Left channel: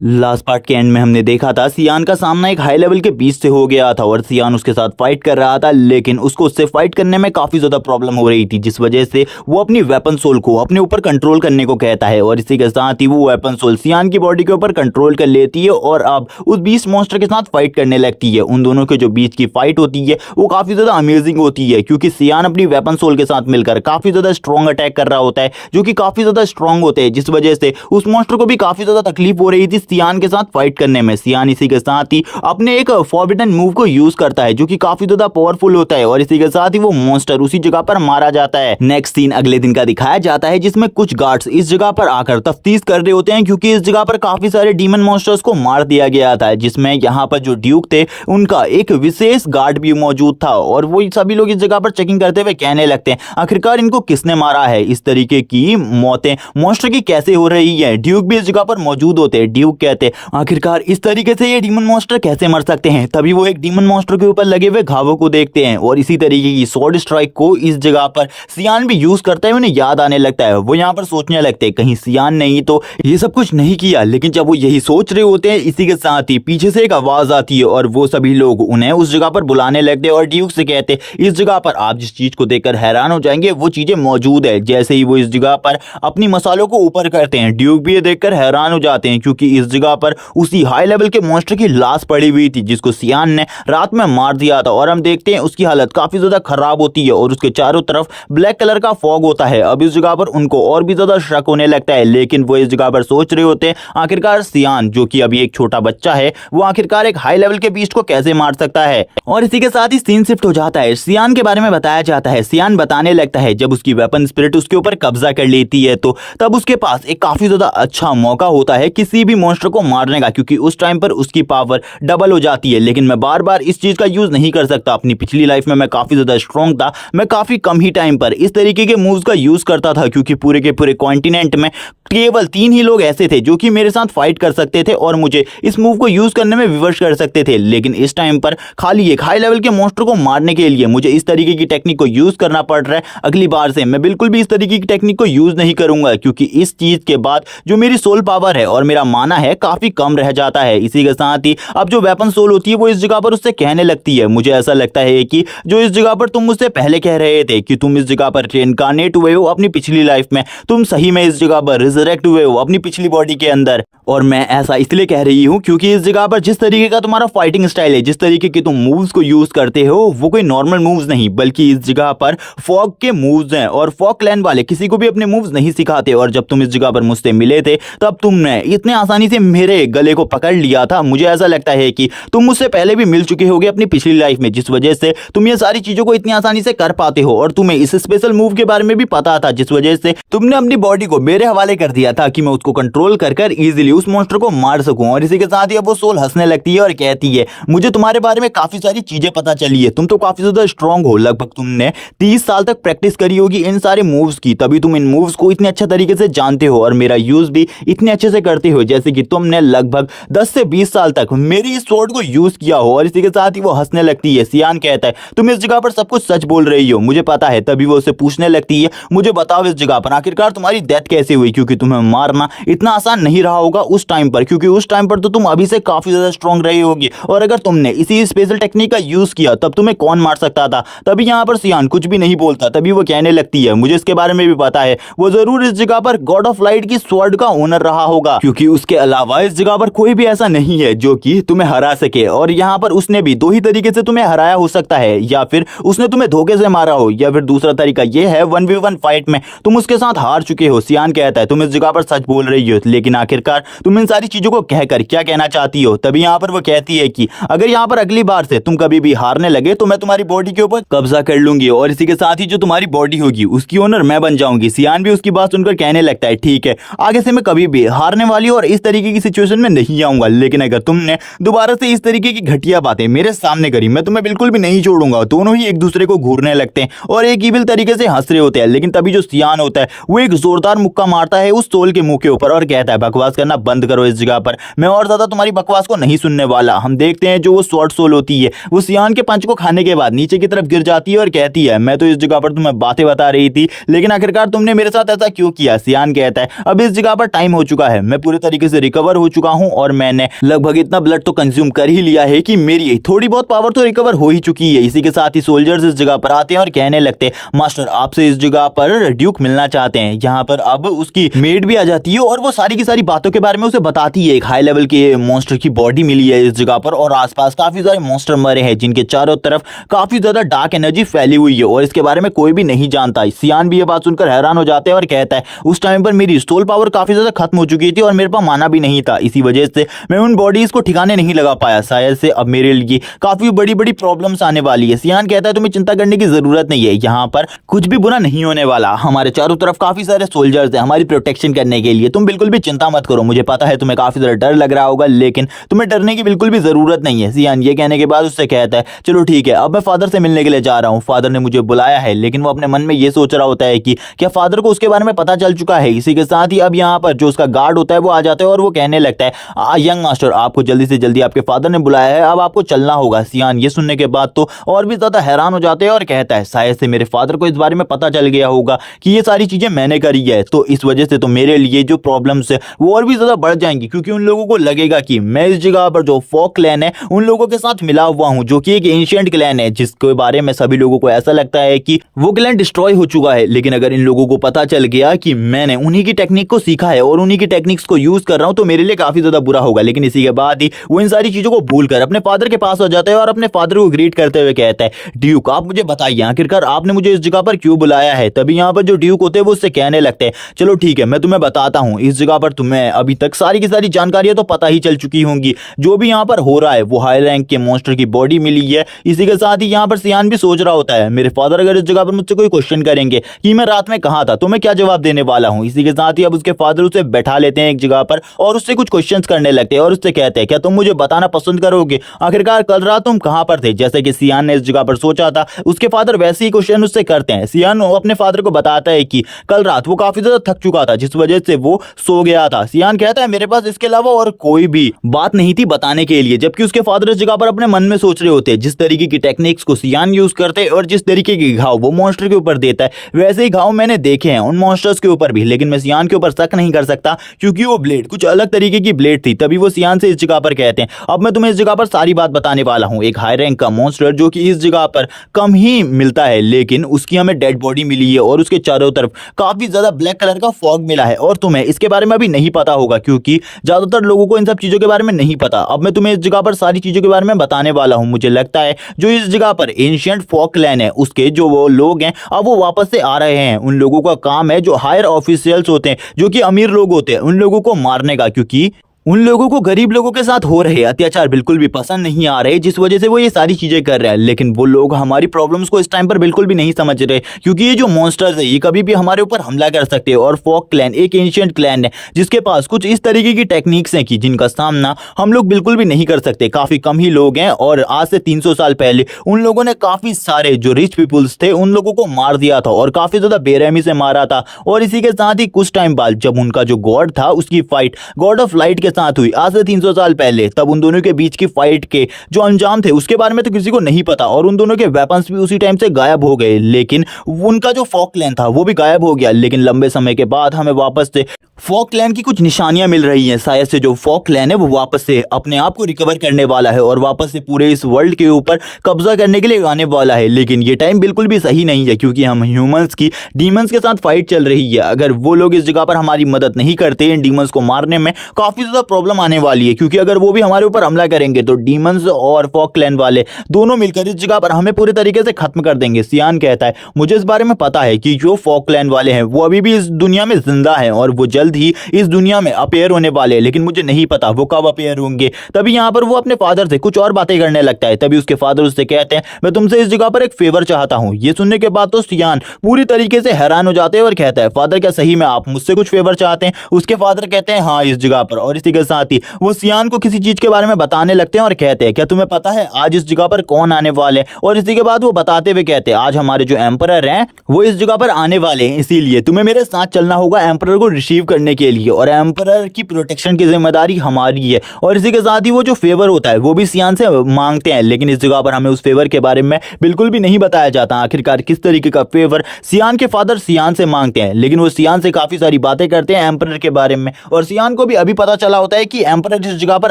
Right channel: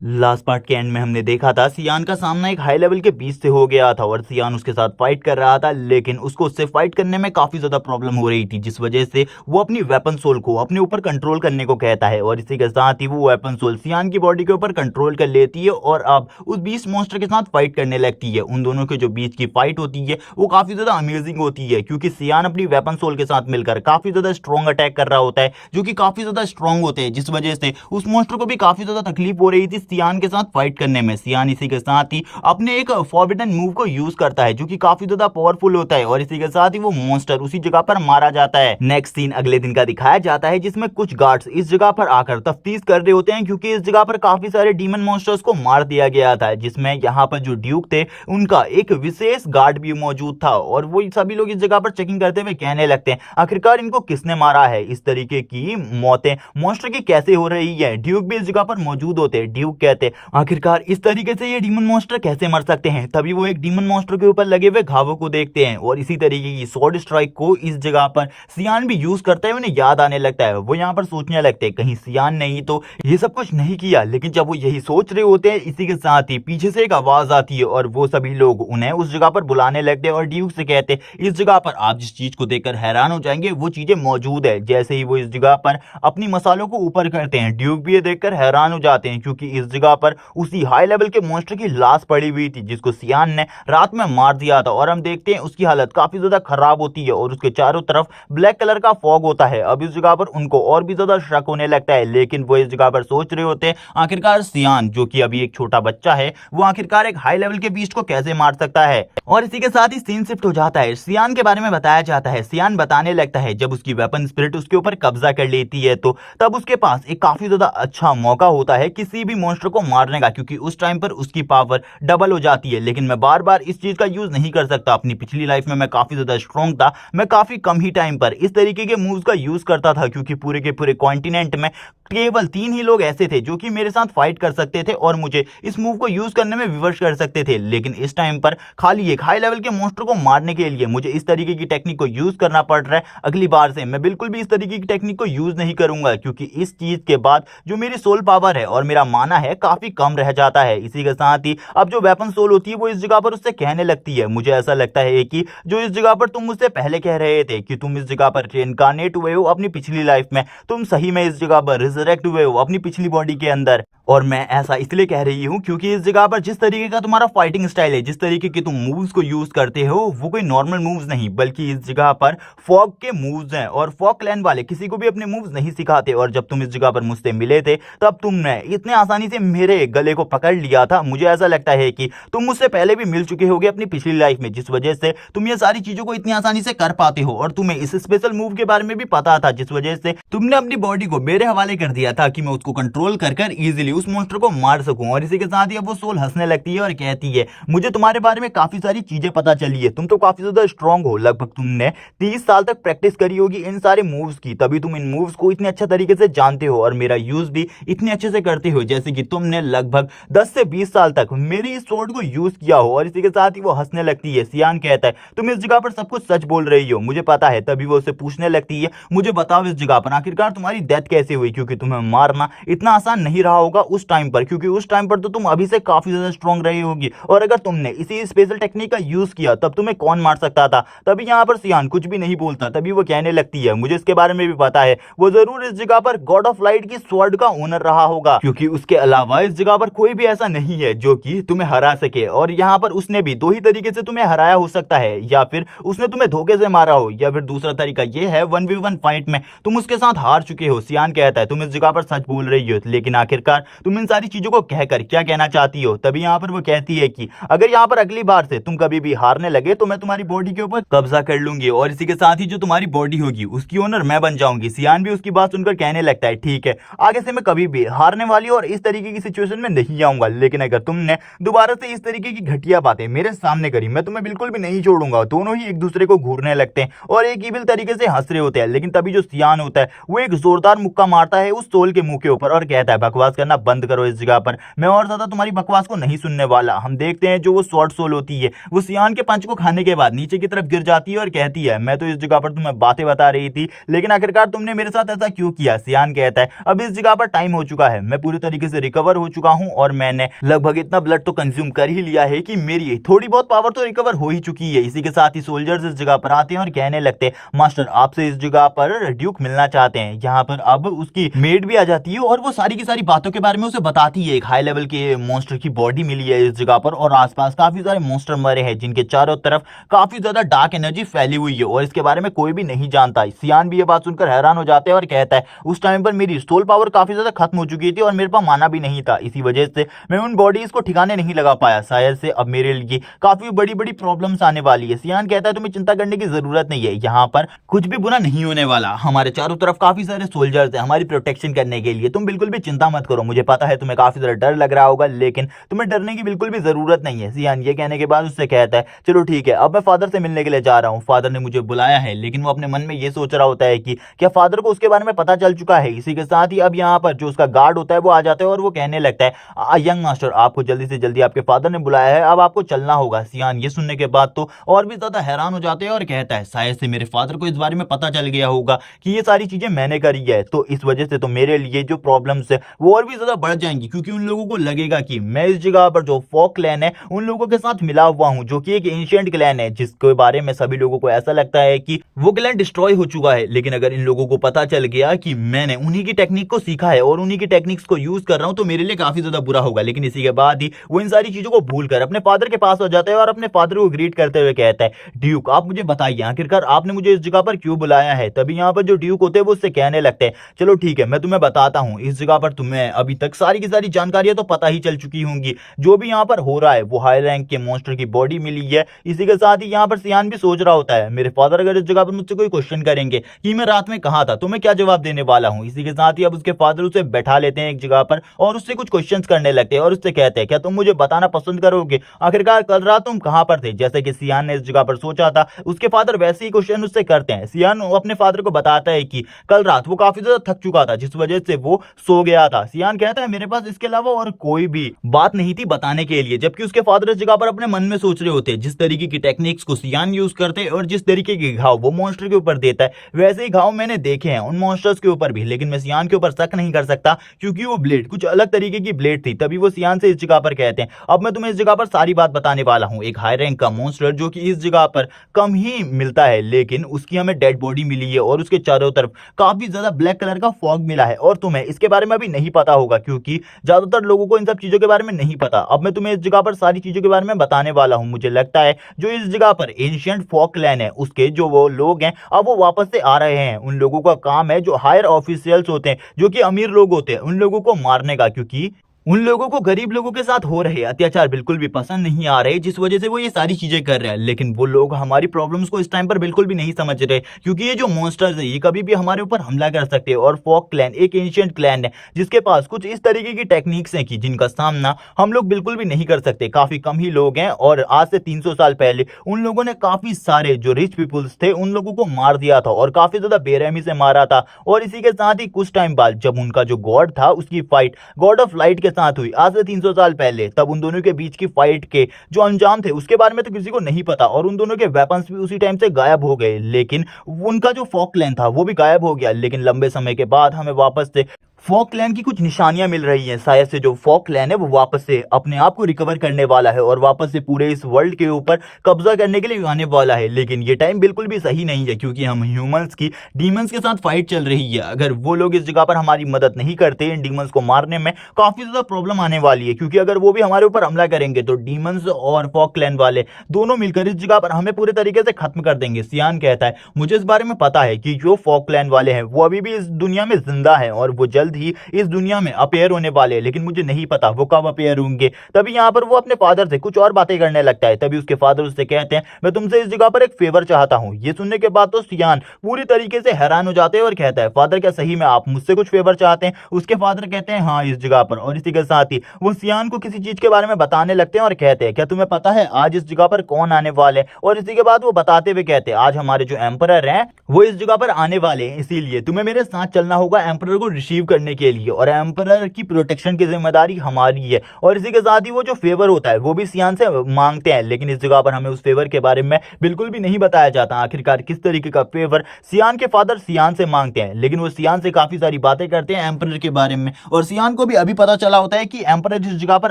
Last part के and में हमने देखा था सियान का सामना एक हाई लेवल के बीच से हो गया था और सियान उसके साथ फाइट कर रहा था, लेकिन उसको उससे फाइट करने में काफी ज्यादा प्रॉब्लम हो रही थी, जिस वजह से वो अपनी वेपन सोल को अपने ऊपर कंट्रोल करने को कहता है और इसी के साथ ही वो वेपन सोल सियान की बॉडी के ऊपर कंट्रोल कर लेती है और अब उस बीस्ट मॉन्स्टर के साथ फाइट करने लगती है। उन दोनों के जो बीच की फाइट होती है वो काफी ज्यादा अमेजिंग होती है, क्योंकि सियान अपनी वेपन सोल के साथ मिलकर काफी ज्यादा स्ट्रॉन्ग अटैक कर रहा होता है, जो कि काफी ज्यादा स्ट्रॉन्ग होते हैं, जिस वजह से उस मॉन्स्टर को भी काफी ज्यादा तकलीफ हो रही थी सियान के साथ फाइट करने में। सियान इसी के साथ ही अपने एक फॉरबिडन मूव को यूज करता है, जो कि काफी ज्यादा पावरफुल होता है और इसी के साथ ही वो मॉन्स्टर उसी जगह पर मारा जाता है। नेक्स्ट सीन अगले दिन का दिखाया जाता है, जिसमें कुछ गार्ड्स इस जगह पर आकर तफ्तीश कर रहे होते हैं, क्योंकि इस जगह पर काफी सारे डीमन मॉन्स्टर्स को मार दिया गया था, जिसमें यहाँ पर जो ड्यूक थे उनका एक विशेष गार्ड भी मौजूद था और वो सभी लोग इस जगह पर चेकिंग करते हुए कहने लगते हैं आखिरकार इनको किसने मारा है, इस तरीके की मौतें मॉन्स्टर की कैसे हो रही है। ड्यूक भी इस जगह पर मौजूद होते हैं। ड्यूक कहते हैं आखिरकार इस तरीके से ये डीमन मॉन्स्टर कैसे मर सकते हैं। तभी वो एक डीमन मॉन्स्टर के ऊपर लगे हुए घावों को देखते हैं और इसी तरीके की स्वॉर्ड स्ट्राइक को इस जगह पर सियान भी यूज करता है। उन्हें याद आने लगता है, वो यहाँ पर सोचने लगते हैं कहीं सियान नहीं तो ये सब कुछ नहीं किया, लेकिन जब वो यही सोच रहे होते हैं इसी के साथ ही पीछे से एक आवाज आती है और वो सभी लोग उन्हें उस जगह पर बुलाने लगते हैं और ड्यूक से कहते हैं इस जगह पर आप जिस चीज को देखकर हैरान हो जाएंगे वो चीजें मौजूद है। जैसे ही वो इस जगह पर अपनी मसालों को ऊपर करते हैं, ड्यूक भी ये देखकर हैरान हो जाते हैं, क्योंकि इस जगह पर उसी हाई लेवल के मॉन्स्टर की लाश पड़ी हुई थी जिसको सियान ने रात में मार दिया था और हम देखते हैं उसकी हालत काफी ज्यादा खराब होती है और उसके चारों तरफ ब्लैक कलर का फॉग होता है। अब इस जगह पर उनको और भी ज्यादा शक होने लगता है, लेकिन वो इस जगह पर सोच रहे होते हैं आखिरकार सियान जो कि अभी एक छोटा बच्चा है वो आखिरकार एक हाई लेवल के बीस्ट को कैसे मार सकता है। और इसी के साथ ही सीन शिफ्ट हो जाता है, सियान के बारे में बताया जाता है। सियान बताने लगता है जब उसकी वेपन स्पिरिट उसके ऊपर कब्जा कर लेती है तो तब उसके पास एक काफी ज्यादा अच्छा मौका होता है किसी भी मॉन्स्टर को मारने का, क्योंकि उस टाइम पर उसकी पावर डबल हो जाती है। लेकिन मैं बार बार इस चीज का यूज नहीं कर सकता। अपनी पिछली लाइफ में मैं काफी ज्यादा स्ट्रॉन्ग था, मैं काफी कम ही टाइम पर इस तरीके के मूव्स का यूज करता था, क्योंकि पूरे के पूरे कॉन्टिनेंट में केवल 3 ही लोग ऐसे थे जो कि मेरे साथ फाइट कर सकते थे और मुझे इस मूव को यूज करने में विवश कर सकते थे। लेकिन इस टाइम पर खाली एक हाई लेवल के मॉन्स्टर को मारने के लिए मुझे इस तरीके की टेक्निक को यूज करना पड़ रहा है। अगली बार से मैं बिल्कुल भी इस तरीके की टेक्निक को यूज नहीं करूंगा, क्योंकि इस चीज के बाद जो मेरी सोल पावर है और मेरा माना है काफी कम रह जाता है। इसी के साथ ही अब जो वेपन सोल होती है वो इस जगह पर उससे कहने लगती है मुझे ऐसा लगता है कि जो इस जगह पर तुम मुझसे पहले कह रहे थे कि तुम इस जगह पर इनकारनेट हुए हो अपनी पिछली लाइफ में, तुम सही में इस जगह पर रिजरेक्ट हुए हो अपनी पिछली बॉडी के अंदर। और मैं ऐसा इसलिए कह रही हूं क्योंकि इस जगह पर जिस तरीके का तुम्हारा फाइटिंग स्टाइल है, जिस तरीके की तुम मूव्स को यूज करते हो वो कोई नॉर्मल मूव्स नहीं बल्कि इस जगह पर फॉग के मूव्स हैं और फॉग क्लैन वाले किसी को भी अपने मूव्स नहीं सिखाते। और जब तुम इस जगह पर मुझसे मिले थे तब तुमने इतने आसानी से मेरे गले को पकड़ लिया था। मुझे ऐसा लगता है कि तुम मुझसे पहले भी मिल चुके होगे अपनी पिछली लाइफ में, जिस वजह से तुम ये सारी चीजों को इतनी आसानी से कर पाते हो और तुम्हें इस स्पेशल मूव के बारे में भी पता था, जिस वजह से तुमने अपनी बॉडी को मेरे हवाले कर दिया था कि मैं उसको कंट्रोल कर कर इजीली उस मॉन्स्टर को मार सकूं। और इसी के साथ ही अब वो सोल हंसने लगती है और कहती है मुझे तुम्हारे बारे में काफी सारी चीजें पता चली है, तुम तो काफी ज्यादा स्ट्रांग हो, लगभग तुमने 30 साल तक प्रैक्टिस करी होगी इन सारे मूव्स की, तभी तुम इन मूव्स को इतने अच्छे तरीके से जानते हो और मेरा यूज भी इतने अच्छे से करते हो, जैसे कि तुमने लगभग 10 से 20 साल तक मेरी इस स्वॉर्ड को यूज किया हो। और इसी के साथ ही वो हंसने लगती है। सियान कहता है तुम इस जगह पर सब कुछ सच बोल रही हो, मुझे पता है। तभी वो उसे पूछने लगती है मुझे बताओ इस जगह पर आखिरकार तुम्हारी डेथ कैसे हुई, क्योंकि तुम्हें मारना इतना आसान नहीं रहा होगा उस टाइम पर, क्योंकि उस टाइम पर तो तुम अभी से काफी ज्यादा स्ट्रांग रही होगी और अगर तुमने इसी स्पेशल टेक्निक का यूज किया तब तुम्हें कौन मार सकता था। तभी यहाँ पर सियान कुछ भी नहीं बोलता। तभी वो कहने लगती है मुझे इसके बारे में भी पता है, वो जरूर इस जगह पर गॉड ऑफ लाइट की स्वॉर्ड का ओनर रहा होगा, क्योंकि उसके अलावा इस जगह पर कोई भी ऐसा नहीं है जो कि तुम्हें हरा सके। और यहाँ पर उसने भी 2 ही तरीके से तुम्हें हराया हो सकता है, या फिर उसने तुम्हें धोखे से मारा हो, या फिर दूसरा तरीका यह है 1v1 फाइट में तुम उसके साथ हार चुके हो। सियान कहता है तुम इस जगह पर सच बोल रही हो, लेकिन आखिरकार तुम इन सारी चीजों को कहकर क्या कहना चाहती हो। तभी यहाँ पर वो कहती है कि अगर यहाँ पर अगली बार से तुम कभी भी हारने लगे तो मैं तुम्हारी बॉडी के ऊपर कब्जा कर लूंगी और इसी के साथ ही जो तुम्हारी बॉडी होगी उसकी ओनर मैं बन जाऊंगी। सियान भी उसकी बात सुनकर कहने लगता है ठीक है, आगे से मैं कभी भी हारने वाली और इस तरीके की सिचुएशन में नहीं आऊंगा, लेकिन अगर तुमने दोबारा से इस तरीके की घटिया बातें मेरे सामने करी मैं तुम्हें बिल्कुल भी नहीं छोड़ूंगा। दोनों ही एक दूसरे को घूरने लगते हैं और एक इविल तरीके से हंस रहे होते हैं। लेकिन तभी जो सियान होता है वो एक जोरदार मुक्का मारता है उस सोल के मुंह के ऊपर और कहता है बकवास करना बंद करो इस जगह पर, मैं और ज्यादा तुम्हारी बकवास को नहीं सुनने वाला। हम देखते हैं जो वो स्वॉर्ड सोल होती है वो सियान के पंच को खाने के बाद नीचे की तरफ गिर जाती है और कहती है मैं तो इस जगह पर तुम्हें बातें बता रही थी, लेकिन आखिरकार तुमने मेरे साथ ऐसा क्यों किया। सियान कहता है अब इस जगह पर टाइम हो चुका है, मैं पूरे तरीके से रिकवर हो चुका हूँ और मैंने लगभग इतना ब्लड तो कंज्यूम कर ही लिया है कि मेरी थोड़ी बहुत पावर तो रिकवर हो ही चुकी है। इसी के साथ ही सोल्जर्स इस जगह पर आते हैं और कहने लगते हैं मास्टर आपसे इस जगह पर ड्यूक मिलना चाहते हैं। यहाँ पर अब उसकी मेड भी आ जाती है और वो सारी की सारी बातों के बारे में उसे बताती है। एक हाई लेवल के मॉन्स्टर की बॉडी मिली है इस जगह पर और आसपास काफी सारे मॉन्स्टर मरे हैं जिनके चारों तरफ काफी ज्यादा डार्क एनर्जी फैली हुई है और इसके बारे में कोई भी नहीं जानता। सियान भी ये बात सुनकर हैरान हो जाते हैं और कहता है उस टाइम पर मेरी स्टोल पावर काफी ज्यादा खत्म हो चुकी थी और मेरे पास माना भी नहीं था, इसी वजह से मैं उन बॉडीज को ठिकाने नहीं लगा पाया। शायद से अब मेरे लिए काफी बड़ी बड़ी प्रॉब्लम्स आने वाली है। सियान कहता है तुम्हें चिंता करने की जरूरत नहीं है, यहाँ पर कुछ भी बुरा नहीं होने वाला। हमारे चारों तरफ काफी सारे सोल्जर्स हैं हमारी प्रोटेक्शन करने के लिए, तुम बिल्कुल भी चिंता मत करो। मुझे पता है तुम्हें काफी ज्यादा डर लग रहा होगा लेकिन तुम्हें डरने की बिल्कुल भी जरूरत नहीं है। सियान ये कहने के बाद उससे कहता है चलो ठीक है अब मैं फादर से मिलने के लिए जा रहा हूँ, फादर ने मुझे बुलाया है। लेकिन वो अपने मन में ये सोच रहा होता है कि क्या फादर को उसके बारे में पता चल चुका है। इसी के साथ ही अब यहाँ पर जो उसका गार्ड होता है वो आ जाता है और वो कहने लगता है यंग मास्टर आपको जल्दी से जल्दी आपके फादर ने बुलाया है, अब आपको चलना होगा। सियान ये सुनने के बाद तो और भी ज्यादा हैरान हो जाते हैं और कहता है शायद से मेरे फादर को इस बारे में पता चल गया होगा कि ये सारी चीजें मैंने करी है, तो इस वजह से तो मेरे लिए जो प्रॉब्लम्स है वो और भी ज्यादा बढ़ जाएंगी क्योंकि उन लोगों को लगेगा कि मैं इस जगह पर जो फॉक क्लैन है उन लोगों के साथ मिला हुआ हूं जो कि एक एंशिएंट क्लैन है जिसके बारे में सभी लोगों को ऐसा लगता है कि वो क्लैन डिस्ट्रॉय हो चुका है। लेकिन अगर इन लोगों को पता चल गया कि मैंने उन्हीं की टेक्निक को सीखा है और उन्हीं की टेक्निक्स को यूज कर रहा हूं तो मेरे लिए काफी ज्यादा बुरा होगा। लेकिन इसी के बाद ही वो इन सारी चीजों को भूलकर अपने फादर के पास आ जाता है और अपने फादर को ग्रीट करते हुए कहता है ड्यूक आप मुझे बताइए आखिरकार आपने मुझे इस जगह पर क्यों बुलाया है। तभी यहाँ पर जो ड्यूक होते हैं वो उससे कहने लगते हैं चलो ठीक है मैं तुम्हें बताता हूँ, इस जगह पर तुम्हें अभी तक सारी की सारी जानकारियां तो पता ही चल चुकी होंगी। जो भी यहाँ पर हो रहा है वो हाई रैंक के मॉन्स्टर की बॉडी मिली है। इसी के साथ ही यहाँ पर सियान भी सोच रहा होता है मेरे फादर अगर इस जगह पर मुझसे कोई क्वेश्चन करेंगे कि मैं रात में कहाँ था तो मैं क्या जवाब देने वाला हूँ। इसी के साथ ही अब उसके फादर उसे बैठा लेते हैं एक जगह पर और उससे कुछ क्वेश्चंस करने लगते हैं और उससे कहते हैं क्या तुम मुझे बताना पसंद करोगे आखिरकार कल रात तुम कहाँ पर थे। जैसे कि सियान ने इस जगह पर सोचा था उसके फादर वैसे ही क्वेश्चन उससे करते हैं। सियान अपने फादर को बताता है कि कल रात वो काफी ज्यादा थक चुका था जिस वजह से वो सो गया था। सियान कहता है मेरे पास इसके अलावा और कोई भी बात नहीं थी बताने के लिए, जबकि उसके फादर इस जगह पर अपने मन में सोच रहे होते हैं जिस तरीके की टेक्निक्स को सियान यूज करते हैं और जिस तरीके के घाव वो मॉन्स्टर के ऊपर देता है वैसे ही घाव मैंने देखे हैं उन मॉन्स्टर्स के ऊपर भी। लेकिन मैं सियान के ऊपर शक नहीं कर सकता क्योंकि वो ब्लेड कुछ अलग तरीके की ब्लेड थी। तभी वो सियान से इस जगह पर कहते हैं अब मैं तुम्हें इस जगह पर सारी बात बताने वाला हूं। एक हाई रैंक का मॉन्स्टर जो कि इस जगह पर कम ही मिलता है लेकिन उसकी हमें डेड बॉडी मिली है और उसके चारों तरफ काफी ज्यादा ब्लैक कलर का फॉग मिला है और तुम्हें इसके बारे में अभी नहीं पता होगा क्योंकि ज्यादातर लोगों को इन सब चीजों के बारे में नहीं पता। अब मैं तुम्हें इस जगह पर सारी चीजों के बारे में बताने वाला हूं। मुझे लगता है जो इस जगह पर एंशिएंट फॉक क्लैन है उसके जो वो लोग हैं अब वो वापस से आ रहे हैं। उन लोगों का काम है जो हायर ऑफिशियल्स होते हैं जो कि अमीर लोग होते हैं उन लोगों को मारने का, क्योंकि उन लोगों को गरीब लोगों के साथ हो रहे अत्याचार बिल्कुल भी पसंद नहीं आ रहे जिस वजह से वो ये सारी चीजें कर रहे हैं। लेकिन वो लोग हमारी प्रॉब्लम्स को इस टाइम पर बिल्कुल भी नहीं समझ रहे क्योंकि ये जो मॉन्स्टर्स है ये कभी भी हमारे ऊपर हमला कर सकते हैं और फॉक क्लैन एक एंशिएंट क्लैन है जिसके पास कुछ इस तरीके की टेक्निक्स हैं कि जिनका सामना हम लोग बिल्कुल भी नहीं कर सकते। काफी कम ही लोग हैं और आज से 300 साल पहले उन लोगों ने काफी सारे जो रिच पीपुल्स थे उन लोगों को मार दिया था और काफी ज्यादा बेरहमी से मारा था। और इसी के साथ ही कुछ टाइम बाद जब उनका जो गॉड था उसकी फाइट गॉड ऑफ लाइट के साथ हुई आज से 300 साल पहले, तब उन दोनों के बीच की फाइट के जो अंजाम थे उसके बारे में तो किसी को नहीं पता और उन दोनों के वेपन्स भी उसी टाइम से गायब हो गए। लेकिन उनका जो फॉक क्लैन था वो भी गायब हो गया। लेकिन लंबे समय के बाद हमें वापस से फॉक क्लैन की कुछ निशानियां मिल रही हैं। शायद से जो फॉक क्लैन है वो वापस से अपने आप को रिकवर करने वाला है और वापस से पूरे इस वर्ल्ड के ऊपर कब्जा करने के लिए आने वाला है। लेकिन ये टाइम बिल्कुल भी सही नहीं है क्योंकि हम ह्यूमंस की डीमंस के साथ फाइट चल रही है। अगर वो लोग इस जगह पर हमारी मदद नहीं करते इन डीमंस को मारने में काफी ज्यादा प्रॉब्लम आने वाली है क्योंकि अगर वो भी हमारे ऊपर हमला करेंगे तो डीमंस और फॉक क्लैन वाले दोनों मिलकर इस जगह पर हमें पूरे तरीके से खत्म कर देंगे। सियान कहता है मुझे इस बारे में पता है कि जो फॉक क्लैन वाले हैं वो अभी भी इस दुनिया में जिंदा है और वो जल्द ही इस दुनिया में अपेयर होने वाले हैं, लेकिन मुझे नहीं पता वो कब अपेयर होंगे। तभी यहाँ पर वो अपने फादर से कुछ और बातें करने लगता है। तभी उसके फादर उससे कहते हैं मैं तुमसे इस जगह पर एक फेवर चाहता हूँ। ये सुनने के बाद तो सियान पूरी तरीके से हैरान हो जाते हैं और कहता है फादर क्या सही में आप मुझसे कुछ फेवर चाहते हैं? उसके फादर कहते हैं हाँ इस जगह पर। और इसी के साथ ही वो सियान को किसी चीज के बारे में बताने लगते हैं और कहते हैं क्या तुम्हें पता है आज इस जगह पर कौन आने वाले? और इसी के बाद वो बताते हुए कहते हैं आज हमारे जो एम्परर हैं वो इस जगह पर आने वाले हैं, इसीलिए तुम्हें मेरे साथ चलना होगा एम्परर को रिसीव करने के लिए और एम्परर की प्रोटेक्शन की जिम्मेदारी हमारी है। और इसी के साथ ही वो जो फेवर होता है वो भी सियान से मांगते हैं, लेकिन इस जगह पर हमें उस फेवर के बारे में बिल्कुल भी नहीं बताया जाता आखिरकार किस तरीके का फेवर सियान के फादर सियान से मांगते हैं। लेकिन वो सियान से काफी सारी बातें करते हैं एम्परर के बारे में और सियान को भी अभी पता चला होता है कि एम्परर इस जगह पर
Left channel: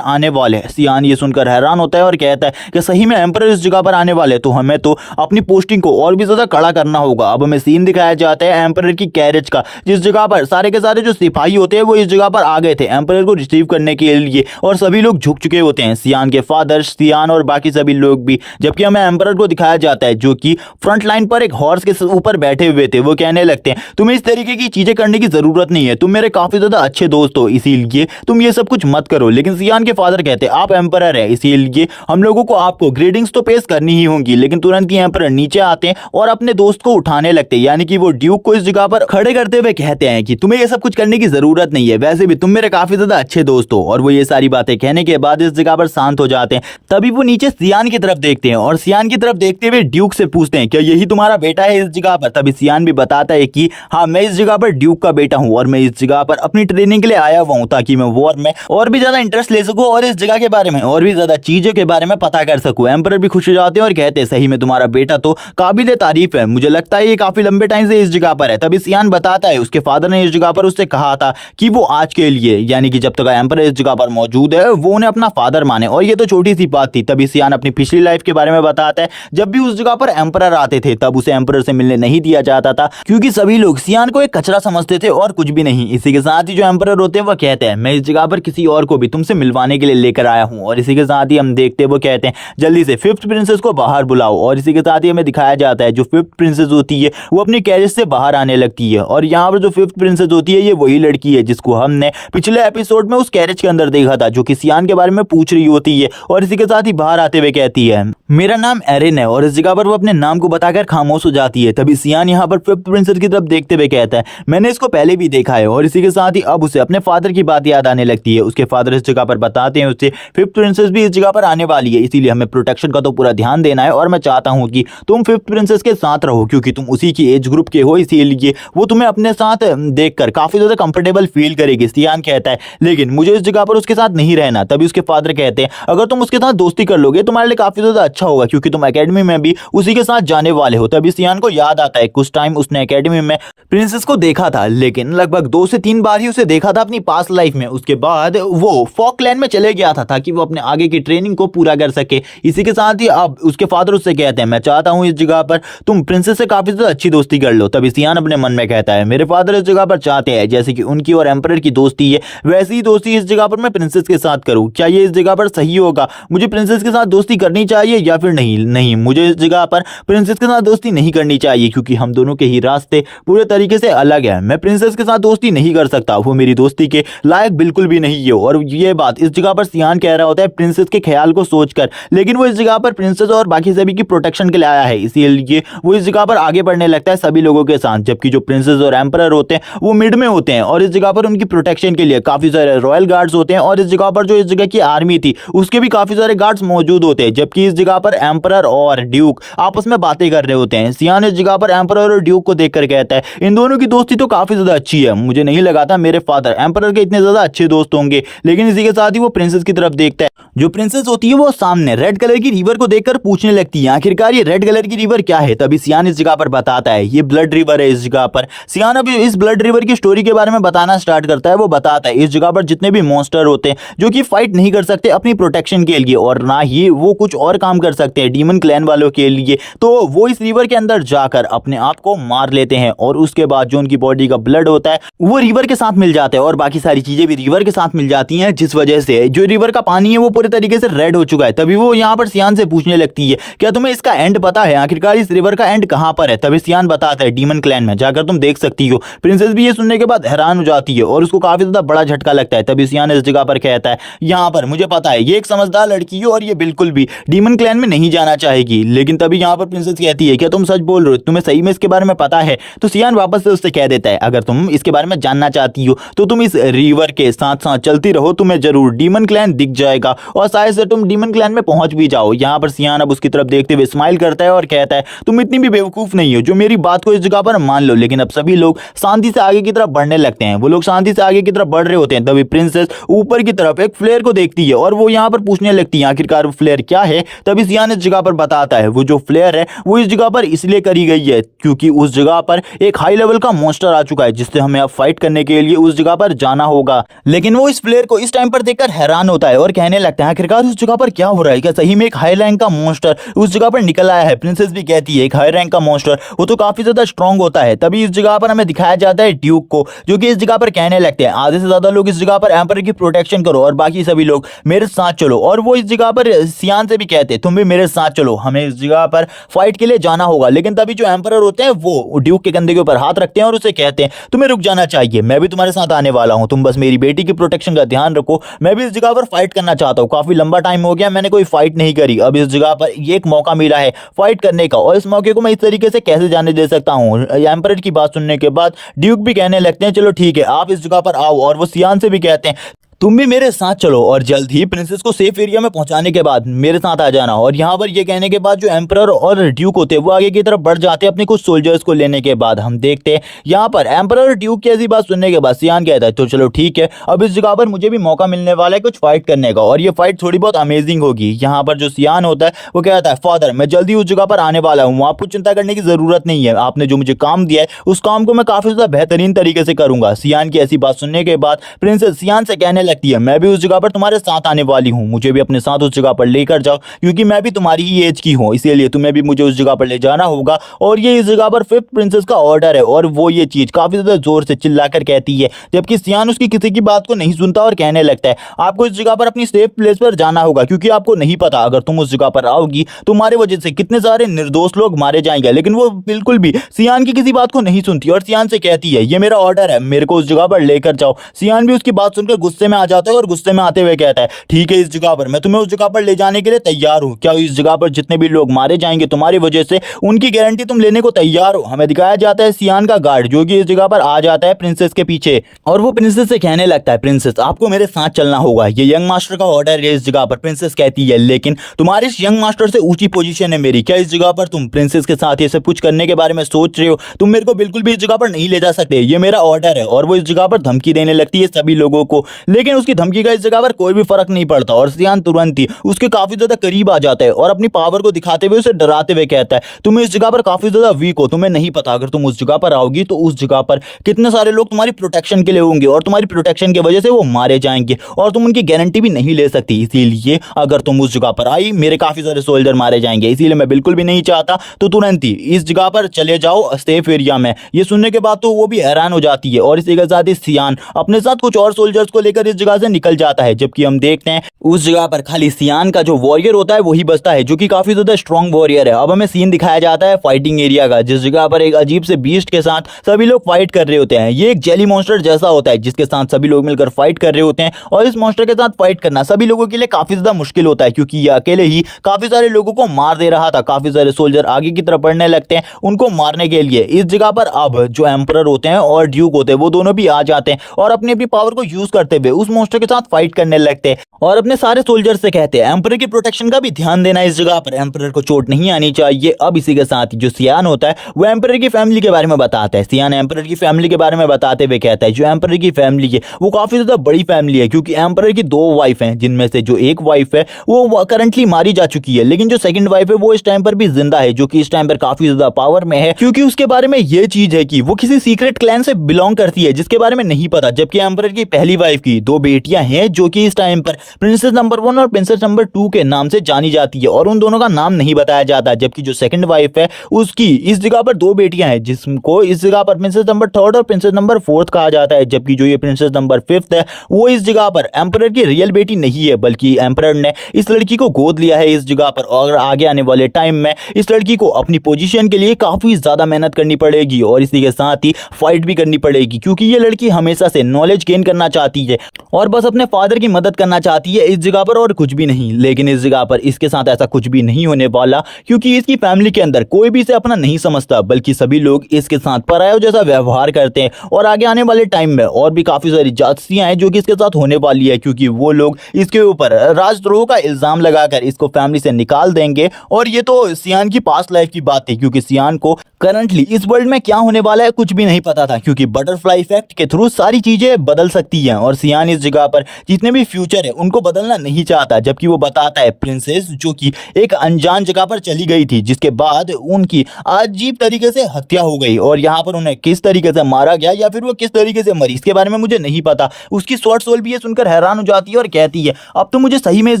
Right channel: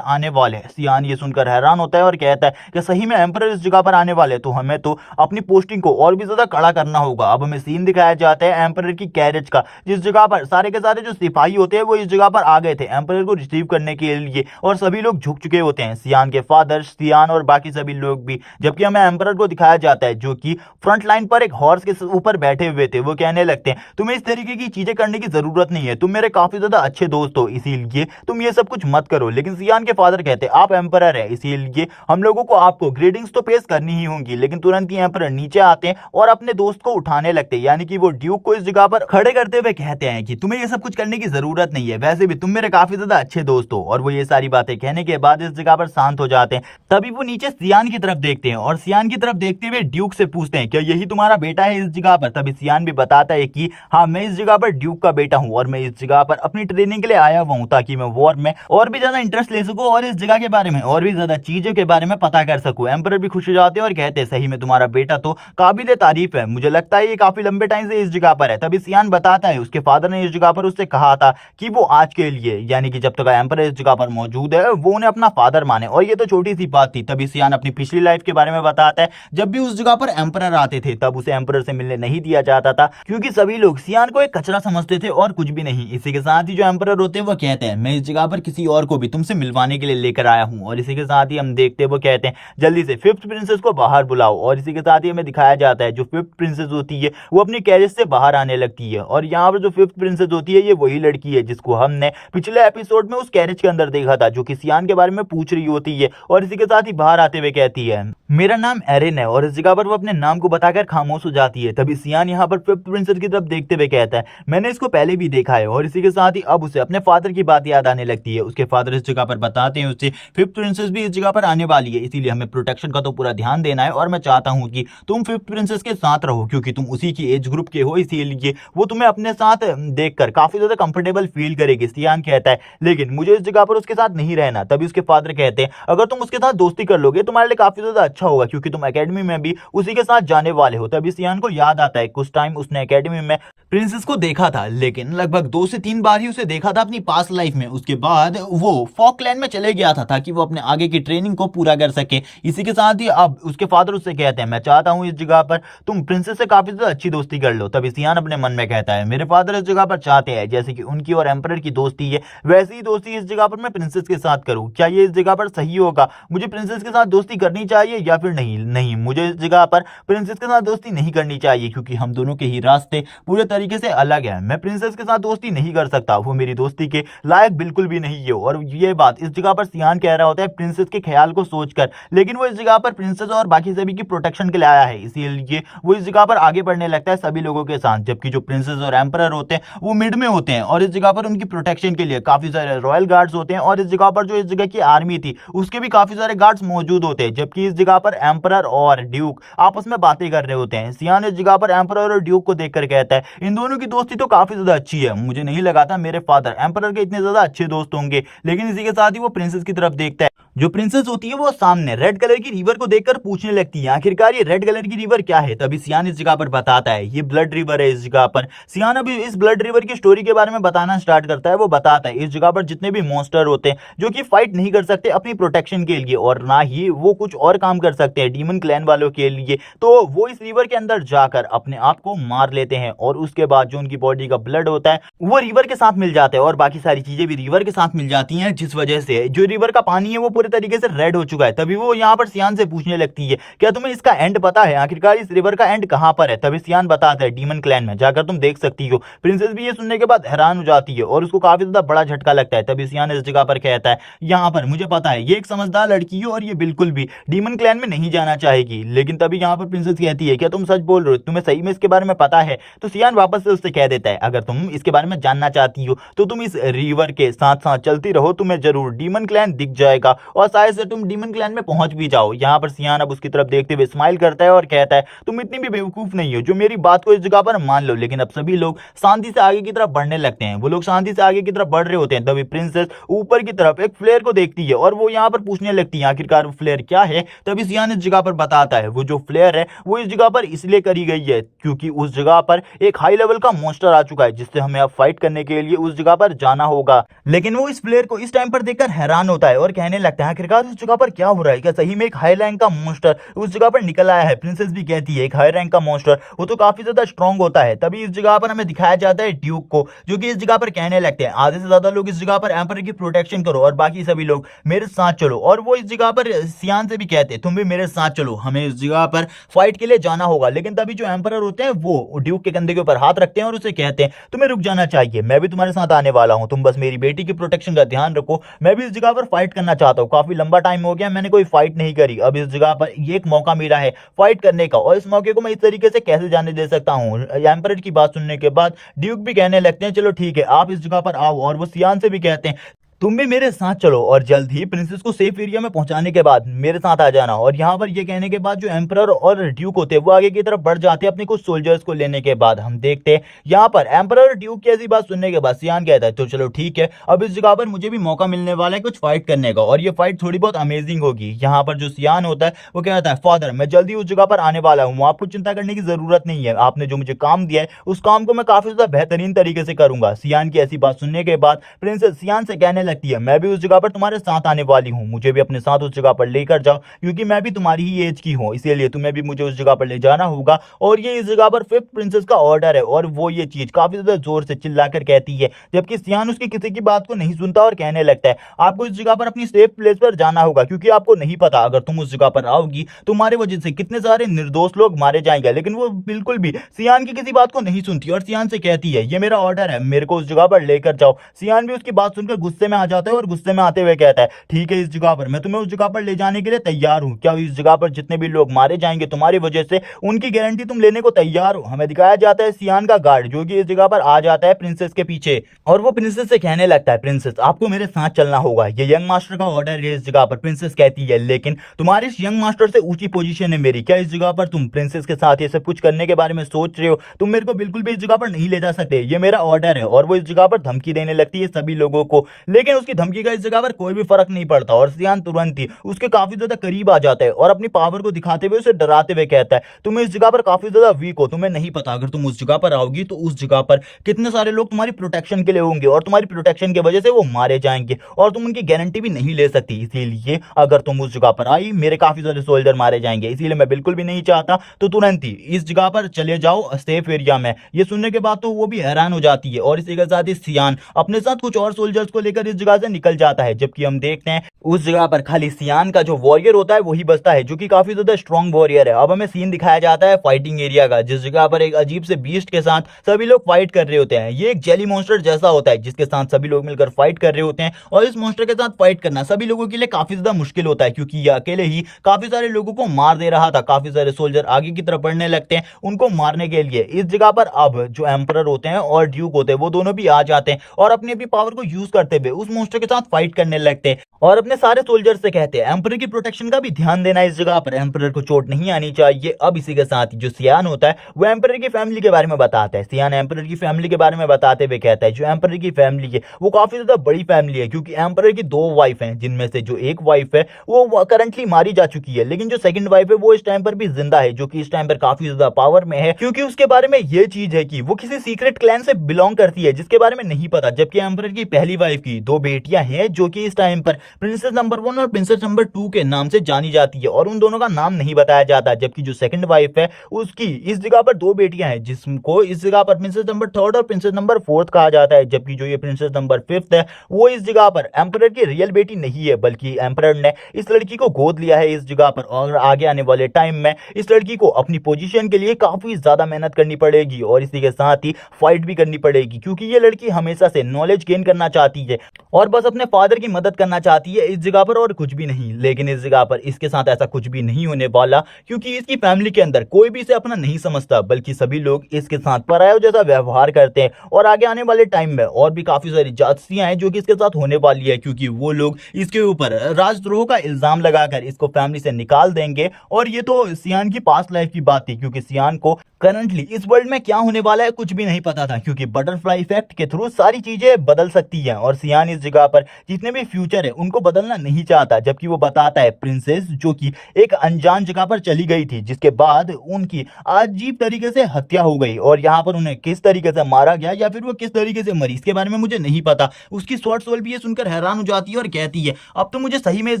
आने वाले हैं। सियान ये सुनकर हैरान होता है और कहता है कि सही में एम्परर इस जगह पर आने वाले हैं, तो हमें तो अपनी पोस्टिंग को और भी ज्यादा कड़ा करना होगा। अब हमें सीन दिखाया जाता है एम्परर की कैरेज का, जिस जगह पर सारे के सारे जो सिपाही होते हैं वो इस जगह पर आ गए थे एम्परर को रिसीव करने के लिए, और सभी लोग झुक चुके होते हैं, सियान के फादर, सियान और बाकी सभी लोग भी। जबकि हमें एम्परर को दिखाया जाता है जो कि फ्रंट लाइन पर एक हॉर्स के ऊपर बैठे हुए थे। वो कहने लगते हैं तुम्हें इस तरीके की चीजें करने की जरूरत नहीं है, तुम मेरे काफी ज्यादा अच्छे दोस्त हो, इसीलिए तुम ये सब कुछ मत करो। लेकिन सियान के फादर कहते हैं आप एम्परर है, इसीलिए हम लोगों को आपको ग्रेडिंग्स तो पेश करनी ही होंगी। लेकिन तुरंत ही एम्परर नीचे आते हैं और अपने दोस्त को उठाने लगते हैं, यानी कि वो ड्यूक को इस जगह पर खड़े करते हुए कहते हैं कि तुम्हें ये सब कुछ करने की जरूरत नहीं है, वैसे भी तुम मेरे काफी ज्यादा अच्छे दोस्त हो। और वो ये सारी बातें कहने के बाद इस जगह पर शांत हो जाते हैं। तभी वो नीचे सियान की तरफ देखते हैं और सियान की तरफ देखते हुए ड्यूक से पूछते हैं क्या यही तुम्हारा बेटा है इस जगह पर। तभी सियान भी बताता है कि हाँ, मैं इस जगह पर ड्यूक का बेटा हूँ और मैं इस जगह पर अपनी ट्रेनिंग के लिए आया हुआ हूँ, ताकि मैं वॉर में और भी ज्यादा इंटरेस्ट ले सकूं और इस जगह के बारे में और भी ज्यादा चीजों के बारे में पता कर सकूं। एम्परर भी खुश हो जाते हैं और कहते हैं सही में तुम्हारा बेटा तो काबिल तारीफ है, मुझे लगता है ये काफी लंबे टाइम से इस जगह पर है। तभी सियान बताता है उसके फादर ने इस जगह पर उससे कहा था कि वो आज के लिए, यानी कि जब तक एम्परर इस जगह पर मौजूद है, वो उन्हें अपना फादर माने। और ये तो छोटी सी बात थी। तभी सियान अपनी पिछली लाइफ के बारे में बताता है, जब भी उस जगह पर एम्परर आते थे तब उसे एम्परर से मिलने नहीं दिया जाता था, क्योंकि सभी लोग सियान को एक कचरा समझते थे और कुछ भी नहीं। इसी के साथ ही जो एम्परर होते हैं वो कहते हैं मैं इस जगह पर किसी और को भी तुमसे मिलवाने के लिए लेकर आया हूँ। और इसी के साथ ही हम देखते हैं वो कहते हैं जल्दी से फिफ्थ प्रिंसेस को बाहर बुलाओ। और इसी के साथ ही हमें दिखाया जाता है जो फिफ्थ प्रिंसेस होती है वो अपनी कैरेज से बाहर आने लगती है। और यहाँ पर जो फिफ्थ प्रिंसेस होती है ये वही लड़की है जिसको हमने पिछले एपिसोड में उस कैरेज के अंदर देखा था, जो कि सियान के बारे में पूछ रही होती है। और इसी के साथ ही बाहर आते हुए कहती है मेरा नाम एरिन है, और इस जगह पर वो अपने नाम को बताकर खामोश हो जाती है। तभी सियान यहाँ पर फिफ्थ प्रिंसेस की तरफ देखते हुए कहता है मैंने इसको पहले भी देखा है। और इसी के साथ ही अब उसे अपने फादर की बात याद आने लगती है। उसके फादर इस जगह पर बताते हैं उससे फिफ्थ प्रिंसेस भी इस जगह पर आने वाली है, इसीलिए हमें प्रोटेक्शन का तो पूरा ध्यान देना है। और मैं चाहता हूँ कि तुम फिफ्थ प्रिंसेस के साथ रहो, क्योंकि तुम उसी की एज ग्रुप के हो, इसीलिए वो तुम्हें अपने साथ देखकर काफी ज्यादा कंफर्टेबल फील करेगी। सियान कहता है लेकिन मुझे इस जगह पर उसके साथ नहीं रहना। तभी उसके फादर कहते हैं अगर तुम उसके साथ दोस्ती कर लोगे तुम्हारे लिए काफी ज्यादा अच्छा होगा, क्योंकि तुम एकेडमी में भी उसी के साथ जाने वाले हो। तभी सियान को याद आता है कुछ टाइम उसने एकेडमी में प्रिंसेस को देखा था, लेकिन लगभग 2 से 3 बार ही उसे देखा था अपनी पास्ट लाइफ में। उसके बाद वो फॉकलैंड में चले गया था ताकि वो अपने आगे की ट्रेनिंग को पूरा कर सके। इसी के साथ ही अब उसके फादर उससे कहते हैं मैं चाहता हूं इस जगह पर तुम प्रिंसेस से काफी ज्यादा अच्छी दोस्ती कर लो। तभी सियान अपने मन में कहता है मेरे फादर इस जगह पर चाहते हैं जैसे कि उनकी और एम्परर की दोस्ती है, वैसी ही दोस्ती इस जगह पर मैं प्रिंसेस के साथ करूं। क्या ये इस जगह पर सही होगा? मुझे प्रिंसेस के साथ दोस्ती करनी चाहिए या फिर नहीं? नहीं, मुझे इस जगह पर प्रिंसेस के साथ दोस्ती नहीं करनी चाहिए, क्योंकि हम दोनों के ही रास्ते पूरे तरीके से अलग है। मैं प्रिंसेस के साथ दोस्ती नहीं कर सकता, वो मेरी दोस्ती के लायक बिल्कुल भी नहीं है। और ये बात इस जगह पर सियान कह रहा होता है प्रिंसेस के ख्याल को सोचकर, लेकिन वो इस जगह पर प्रिंसेस और बाकी सभी की प्रोटेक्शन के लिए आया है, इसीलिए वो इस जगह पर आगे बढ़ने लगता है सभी लोगों के साथ। जबकि जो प्रिंसेस और एम्परर होते हैं वो मिड में होते हैं और इस जगह पर उनकी प्रोटेक्शन के लिए काफी सारे रॉयल गार्ड्स होते हैं। और इस जगह पर जो इस जगह की आर्मी थी उसके भी काफी सारे गार्ड्स मौजूद होते हैं। जबकि इस जगह पर एम्परर और ड्यूक आपस में बातें कर रहे होते हैं। सियान इस जगह पर एम्परर और ड्यूक को देखकर कहता है इन दोनों की दोस्ती तो काफी ज्यादा अच्छी है, मुझे नहीं लगा था मेरे फादर एम्परर के इतने ज्यादा अच्छे दोस्त होंगे। लेकिन इसी के साथ ही वो प्रिंसेस की तरफ देखता है। जो प्रिंसेस होती है वो सामने रेड कलर की रिवर को देखकर पूछने लगती है आखिरकार ये रेड कलर की रिवर क्या है। तभी सियान इस जगह पर बताता है ये ब्लड रिवर है। इस जगह पर सियान अभी इस ब्लड रिवर की स्टोरी के बारे में बताना स्टार्ट करता है। वो बताता है इस जगह पर जितने भी मॉन्स्टर होते हैं जो कि फाइट नहीं कर सकते अपनी प्रोटेक्शन के लिए, और ना ही वो कुछ और काम कर सकते हैं डीमन क्लैन वालों के लिए, तो वो इस रिवर के अंदर जाकर अपने आप को मार लेते हैं। और उसके बाद जो उनकी बॉडी का ब्लड होता है वो रिवर के साथ मिल जाता है और बाकी सारी चीजें भी रिवर के साथ मिल जाती हैं, जिस वजह से जो रिवर का पानी है वो पूरे तरीके से रेड हो चुका है। तभी वो यहाँ पर सियान से पूछने लगती है क्या तुम्हें इसका एंड पता है? आखिरकार इस रिवर का एंड कहां पर है? तभी सियान बताता है डीमन क्लैन में जाकर तुम देख सकती हो। प्रिंसेस भी ये सुनने के बाद हैरान हो जाती है और उसको काफी ज्यादा बड़ा झटका लगता है। तभी सियान इस जगह पर कहता है यहाँ पर मुझे पता है ये एक समझदार लड़की है और ये बिल्कुल भी डीमन क्लैन में नहीं जाना चाहेगी। लेकिन तभी यहाँ पर प्रिंसेस कहती है क्या तुम सच बोल रहे हो? तुम्हें सही में इसके बारे में पता है? तो सियान वापस से उससे कह देता है अगर तुम इसके बारे में जानना चाहती हो तो तुम इस रिवर के साथ साथ चलती रहो, तुम्हें जरूर डीमन क्लैन दिख जाएगा और शायद से तुम डीमन क्लैन में पहुंच भी जाओ। यहाँ पर सियान अब उसकी तरफ देखते हुए स्माइल करता है और कहता है तुम इतनी भी बेवकूफ नहीं हो जो मेरी बात को इस जगह पर मान लो। लेकिन अब सभी लोग शांति से आगे की तरफ बढ़ने लगते हैं। वो लोग शांति से आगे की तरफ बढ़ रहे होते हैं तभी प्रिंसेस ऊपर की तरफ एक फ्लेयर को देखती है और वो यहाँ पर पूछने लगती है आखिरकार वो फ्लेयर क्या है। तभी सियान इस जगह पर बताता है वो जो फ्लेयर है वो इस जगह पर इसलिए करी गई है क्योंकि उस जगह पर एक हाई लेवल का मॉन्स्टर आ चुका है जिससे हमें अब फाइट करने के लिए उस जगह पर जाना होगा। लेकिन वो इस फ्लेयर को इस टाइम पर देखकर हैरान होता है और कहने लगता है आखिरकार उस जगह पर क्या हो रहा है, क्या सही में एक हाई रैंक का मॉन्स्टर उस जगह पर निकल आया है। प्रिंसेस भी कहती है एक हाई रैंक का मॉन्स्टर वो तो काफी ज्यादा स्ट्रांग होता है। तभी इस जगह पर हमें दिखाया जाता है ड्यूक को जो कि इस जगह पर कहने लगते हैं आधे से ज्यादा लोग इस जगह पर एम्पर की प्रोटेक्शन करो और बाकी सभी लोग मेरे साथ चलो। और वो इस जगह पर सियान से भी कहते हैं तुम भी मेरे साथ चलो, हमें इस जगह पर फाइट के लिए जाना होगा। लेकिन तभी जो एम्पर होते हैं वो ड्यूक के कंधे के ऊपर हाथ रखते हैं और उसे कहते हैं तुम्हें रुक जाना चाहिए, मैं भी तुम्हारे साथ आने वाला हूं, तुम बस मेरी बेटी की प्रोटेक्शन का ध्यान रखो। मैं भी इस जगह पर फाइट करना चाहता हूं, काफी लंबा टाइम हो गया मैंने कोई फाइट नहीं करी, अब इस जगह पर ये एक मौका मिला है फाइट करने का और इस मौके को मैं इस तरीके से कैसे जाने दे सकता हूं। एम्पर की बात सुनने के बाद ड्यूक भी कहने लगते हैं चलो ठीक है आप इस जगह पर आओ। और वो सियान से भी कहते हैं तुम भी मेरे साथ चलो और जल्द ही प्रिंसेस को सेफ एरिया में पहुंचाने के बाद मेरे साथ आ जाना। और यहाँ पर ये कहने के बाद जो एम्परर और ड्यूक होते हैं वो आगे की तरफ बढ़ जाते हैं अपने कुछ सोल्जर्स को लेने के बाद। हम देखते हैं यहाँ पर एम्परर और ड्यूक की ऐसी बात सुनने के बाद सियान कहता है तो चलो ठीक है अब इस जगह पर मुझे भी मौका मिलने वाला है कुछ फाइट करने का और ये फाइट थोड़ी बहुत अमेजिंग होगी। यहाँ पर जो सियान होता है वो कहता है फादर मैं जल्दी उस जगह पर आने वाला हूँ, आपको चिंता करने की जरूरत नहीं है, आपने जो मुझे काम दिया है उस काम को मैं काफी ज्यादा बेहतरीन तरीके से करूंगा। सियान की ऐसी बात सुनने के बाद प्रिंसेस सियान से कहने लगती है मैं भी उस जगह पर तुम्हारे साथ आने वाली हूं, मुझे भी अपने साथ उस जगह पर लेकर जाओ क्योंकि मैं भी तुम्हारी ही एज की हूं, इसीलिए तुम्हें भी मुझे उस जगह पर ले जाना होगा। और ये इस जगह पर फिफ्थ प्रिंसेस का ऑर्डर है और वो ये चीज काफी ज्यादा जोर से चिल्लाकर कहती है जबकि सियान उसकी किसी की बात को नहीं सुनता और कहने लगता है आपको इस जगह पर अपनी सेफ प्लेस पर जाना होगा क्योंकि आपको नहीं पता अगर तुम उस जगह पर आओगी तुम्हारे वजह से कितने सारे निर्दोष लोग मारे जाएंगे। लेकिन वो बिल्कुल भी सियान की किसी बात को नहीं सुनती और सियान से कहती है ये मेरा ऑर्डर है मेरे को उस जगह पर लेकर जाओ। सियान भी उसकी बात सुनकर गुस्से में आ जाता है और गुस्से में आते हुए कहता है ठीक है इस जगह पर मैं तुम्हें उस जगह पर ले जाने के लिए तैयार हूं, क्या इस जगह पर जितने भी लोग मारे जाएंगे तुम्हारी वजह से उनकी गारंटी तुम लेने को तैयार हो। हमें दिखाया जाता है सियान का गार्ड जो कि इस जगह पर आ जाता है प्रिंसेस के पीछे और वो प्रिंसेस से कहने लगता है प्रिंसेस आपको मेरे साथ चलना होगा, ये यंग मास्टर का ऑर्डर है इस जगह पर। प्रिंसेस कहती है लेकिन तुम्हारे इस यंग मास्टर से ऊंची पोजीशन है मेरी, क्या इस जगह पर तुम प्रिंसेस के साथ ये सब कुछ करने के बारे में सोच रहे हो, तुम मेरे को बिल्कुल भी इस जगह पर नहीं ले जा सकते, ये मेरा ऑर्डर है। और वो इस जगह पर धमकी देने लगती है सभी लोगों को, लेकिन उसकी धमकी का इस जगह पर कोई भी फर्क नहीं पड़ता और सियान तुरंत ही उसके काफी ज्यादा करीब आ जाता है और अपनी पावर को दिखाते हुए उसे डराते हुए कहता है तुम इस जगह पर काफी ज्यादा वीक हो, तुम्हें नहीं पता अगर तुम उस जगह पर आओगी तो उस जगह पर कितने सारे लोग तुम्हारी प्रोटेक्शन के लिए होंगे और तुम्हारी प्रोटेक्शन की वजह से वो मारे जाएंगे और तुम उनकी गारंटी भी नहीं ले सकती, इसीलिए अगर तुम उस जगह पर आई मेरे काफी सारे सोल्जर मारे जाएंगे, इसीलिए मैं बिल्कुल भी नहीं चाहता तो तुरंत ही इस जगह पर चले जाओ सेफ एरिया में। ये सुनने के बाद तो वो भी हैरान हो जाती है और इसी के साथ ही सियान अपने साथ कुछ और सोल्जर्स को लेकर इस जगह से निकल जाता है। जबकि हम देखते हैं उस जगह पर खाली सियान का जो वॉरियर होता है वही बचता है जो कि काफी ज्यादा स्ट्रॉन्ग वॉरियर है। अब हमें सीन दिखाया जाता है फाइटिंग एरिया का जिस जगह पर एक अजीब से बीस्ट के साथ सभी लोग फाइट कर रहे होते हैं। ये एक जेली मॉन्स्टर जैसा होता है जिसके साथ सभी लोग मिलकर फाइट कर रहे होते हैं और इस मॉन्स्टर के साथ फाइट करना सभी लोगों के लिए काफी ज्यादा मुश्किल होता है क्योंकि ये अकेले ही काफी सारे लोगों को मार दे रहा था। काफी सारे सोल्जर आगे की तरफ बढ़ने लगते हैं उनको मारने के लिए। इस जगह पर अब जो एम्परर होते हैं और ड्यूक होते हैं वो दोनों भी आ जाते हैं और अपनी अपनी पावर को यूज करते हुए उस मॉन्स्टर के साथ फाइट करने लगते हैं और अपने सारे सोल्जर से कहते हैं एम्परर की प्रोटेक्शन का भी ध्यान देना, इस जगह पर एम्परर को चोट नहीं आनी चाहिए। अब इसी के साथ जो सियान होता है वो एम्परर की फैमिली के बारे में बताता है। सियान एम्परर की फैमिली के बारे में बताते हुए कहता है जो एम्परर की फैमिली है वो काफी ज्यादा बड़ी फैमिली है क्योंकि एम्परर की 2 वाइफ हैं जिनमें से जो एक वाइफ है वो करंटली मारी जा चुकी है, लेकिन जो सेकंड वाइफ है वो इस टाइम पर भी जिंदा है जो कि इस टाइम पर काफी ज्यादा पावर में है क्योंकि उसके बारे में ये चीज है कि वो किसी सीक्रेट क्लैन से बिलोंग करती है जिसके बारे में नहीं पता। जबकि एम्परर की पहली वाइफ की 2 बेटियां हैं जो कि इस टाइम पर प्रिंसेस नंबर 1 और प्रिंसेस नंबर 2 के नाम से जानी जाती है और उन दोनों का नाम नहीं बताया जाता। जबकि जो सेकंड वाइफ है उसकी इस जगह पर 2 बेटियां हैं जिसको इस जगह पर प्रिंसेस नंबर 3 और प्रिंसेस नंबर 4 कहा जाता है। जबकि जो ये प्रिंसेस नंबर 5 है वो इस जगह पर एम्परर की रियल बेटी नहीं है बल्कि एम्परर ने इस लड़की को गोद लिया है इस जगह पर और आगे आने वाले टाइम में इस लड़की को अपनी पोजीशन के लिए काफी ज्यादा मेहनत करनी पड़ेगी और इसी के साथ ही फाइट भी करनी पड़ेगी क्योंकि ये लड़की हमेशा से नॉलेज गेन करना चाहती है और बस अपने फादर की मदद करना चाहती है इस जगह पर, और कुछ भी नहीं। लेकिन इस जगह पर इसके साथ ऐसा कुछ भी नहीं होने वाला, क्योंकि इसकी फैमिली के अंदर कोई भी इसे अपना नहीं समझता, बल्कि सभी लोग इसके साथ परायों जैसा व्यवहार करते हैं। और आगे आने वाले टाइम में और भी काफी सारी जासूसियां हैं जो कि इसके साथ होने वाली है, क्योंकि वो लोग इसके ऊपर राजद्रोह का इल्जाम लगाकर इसको फैमिली से निकाल देंगे। और ये तो सियान की पास्ट लाइफ की बात थी, क्योंकि सियान को करंटली इस वर्ल्ड में क्या होने वाला है कुछ भी नहीं पता था, क्योंकि बटरफ्लाई इफेक्ट के थ्रू सारी चीजें बदल सकती हैं। और सियान इस जगह पर जितने भी फ्यूचर है उनको बदलना नहीं चाहता, जबकि वो बताता है प्रिंसेस जो कि एक अनजान जगह पर चली गई थी, जिसके बाद उनकी अजीब तरीके से हत्या हो गई। और यहाँ पर उन्हें किस तरीके से मारा गया या फिर वो किस तरीके से मरी इसके बारे में मुझे नहीं पता। उसकी शॉर्ट सोल भी ये सुनकर हैरान हो जाती है और कहती है अब तो मुझे सही में इस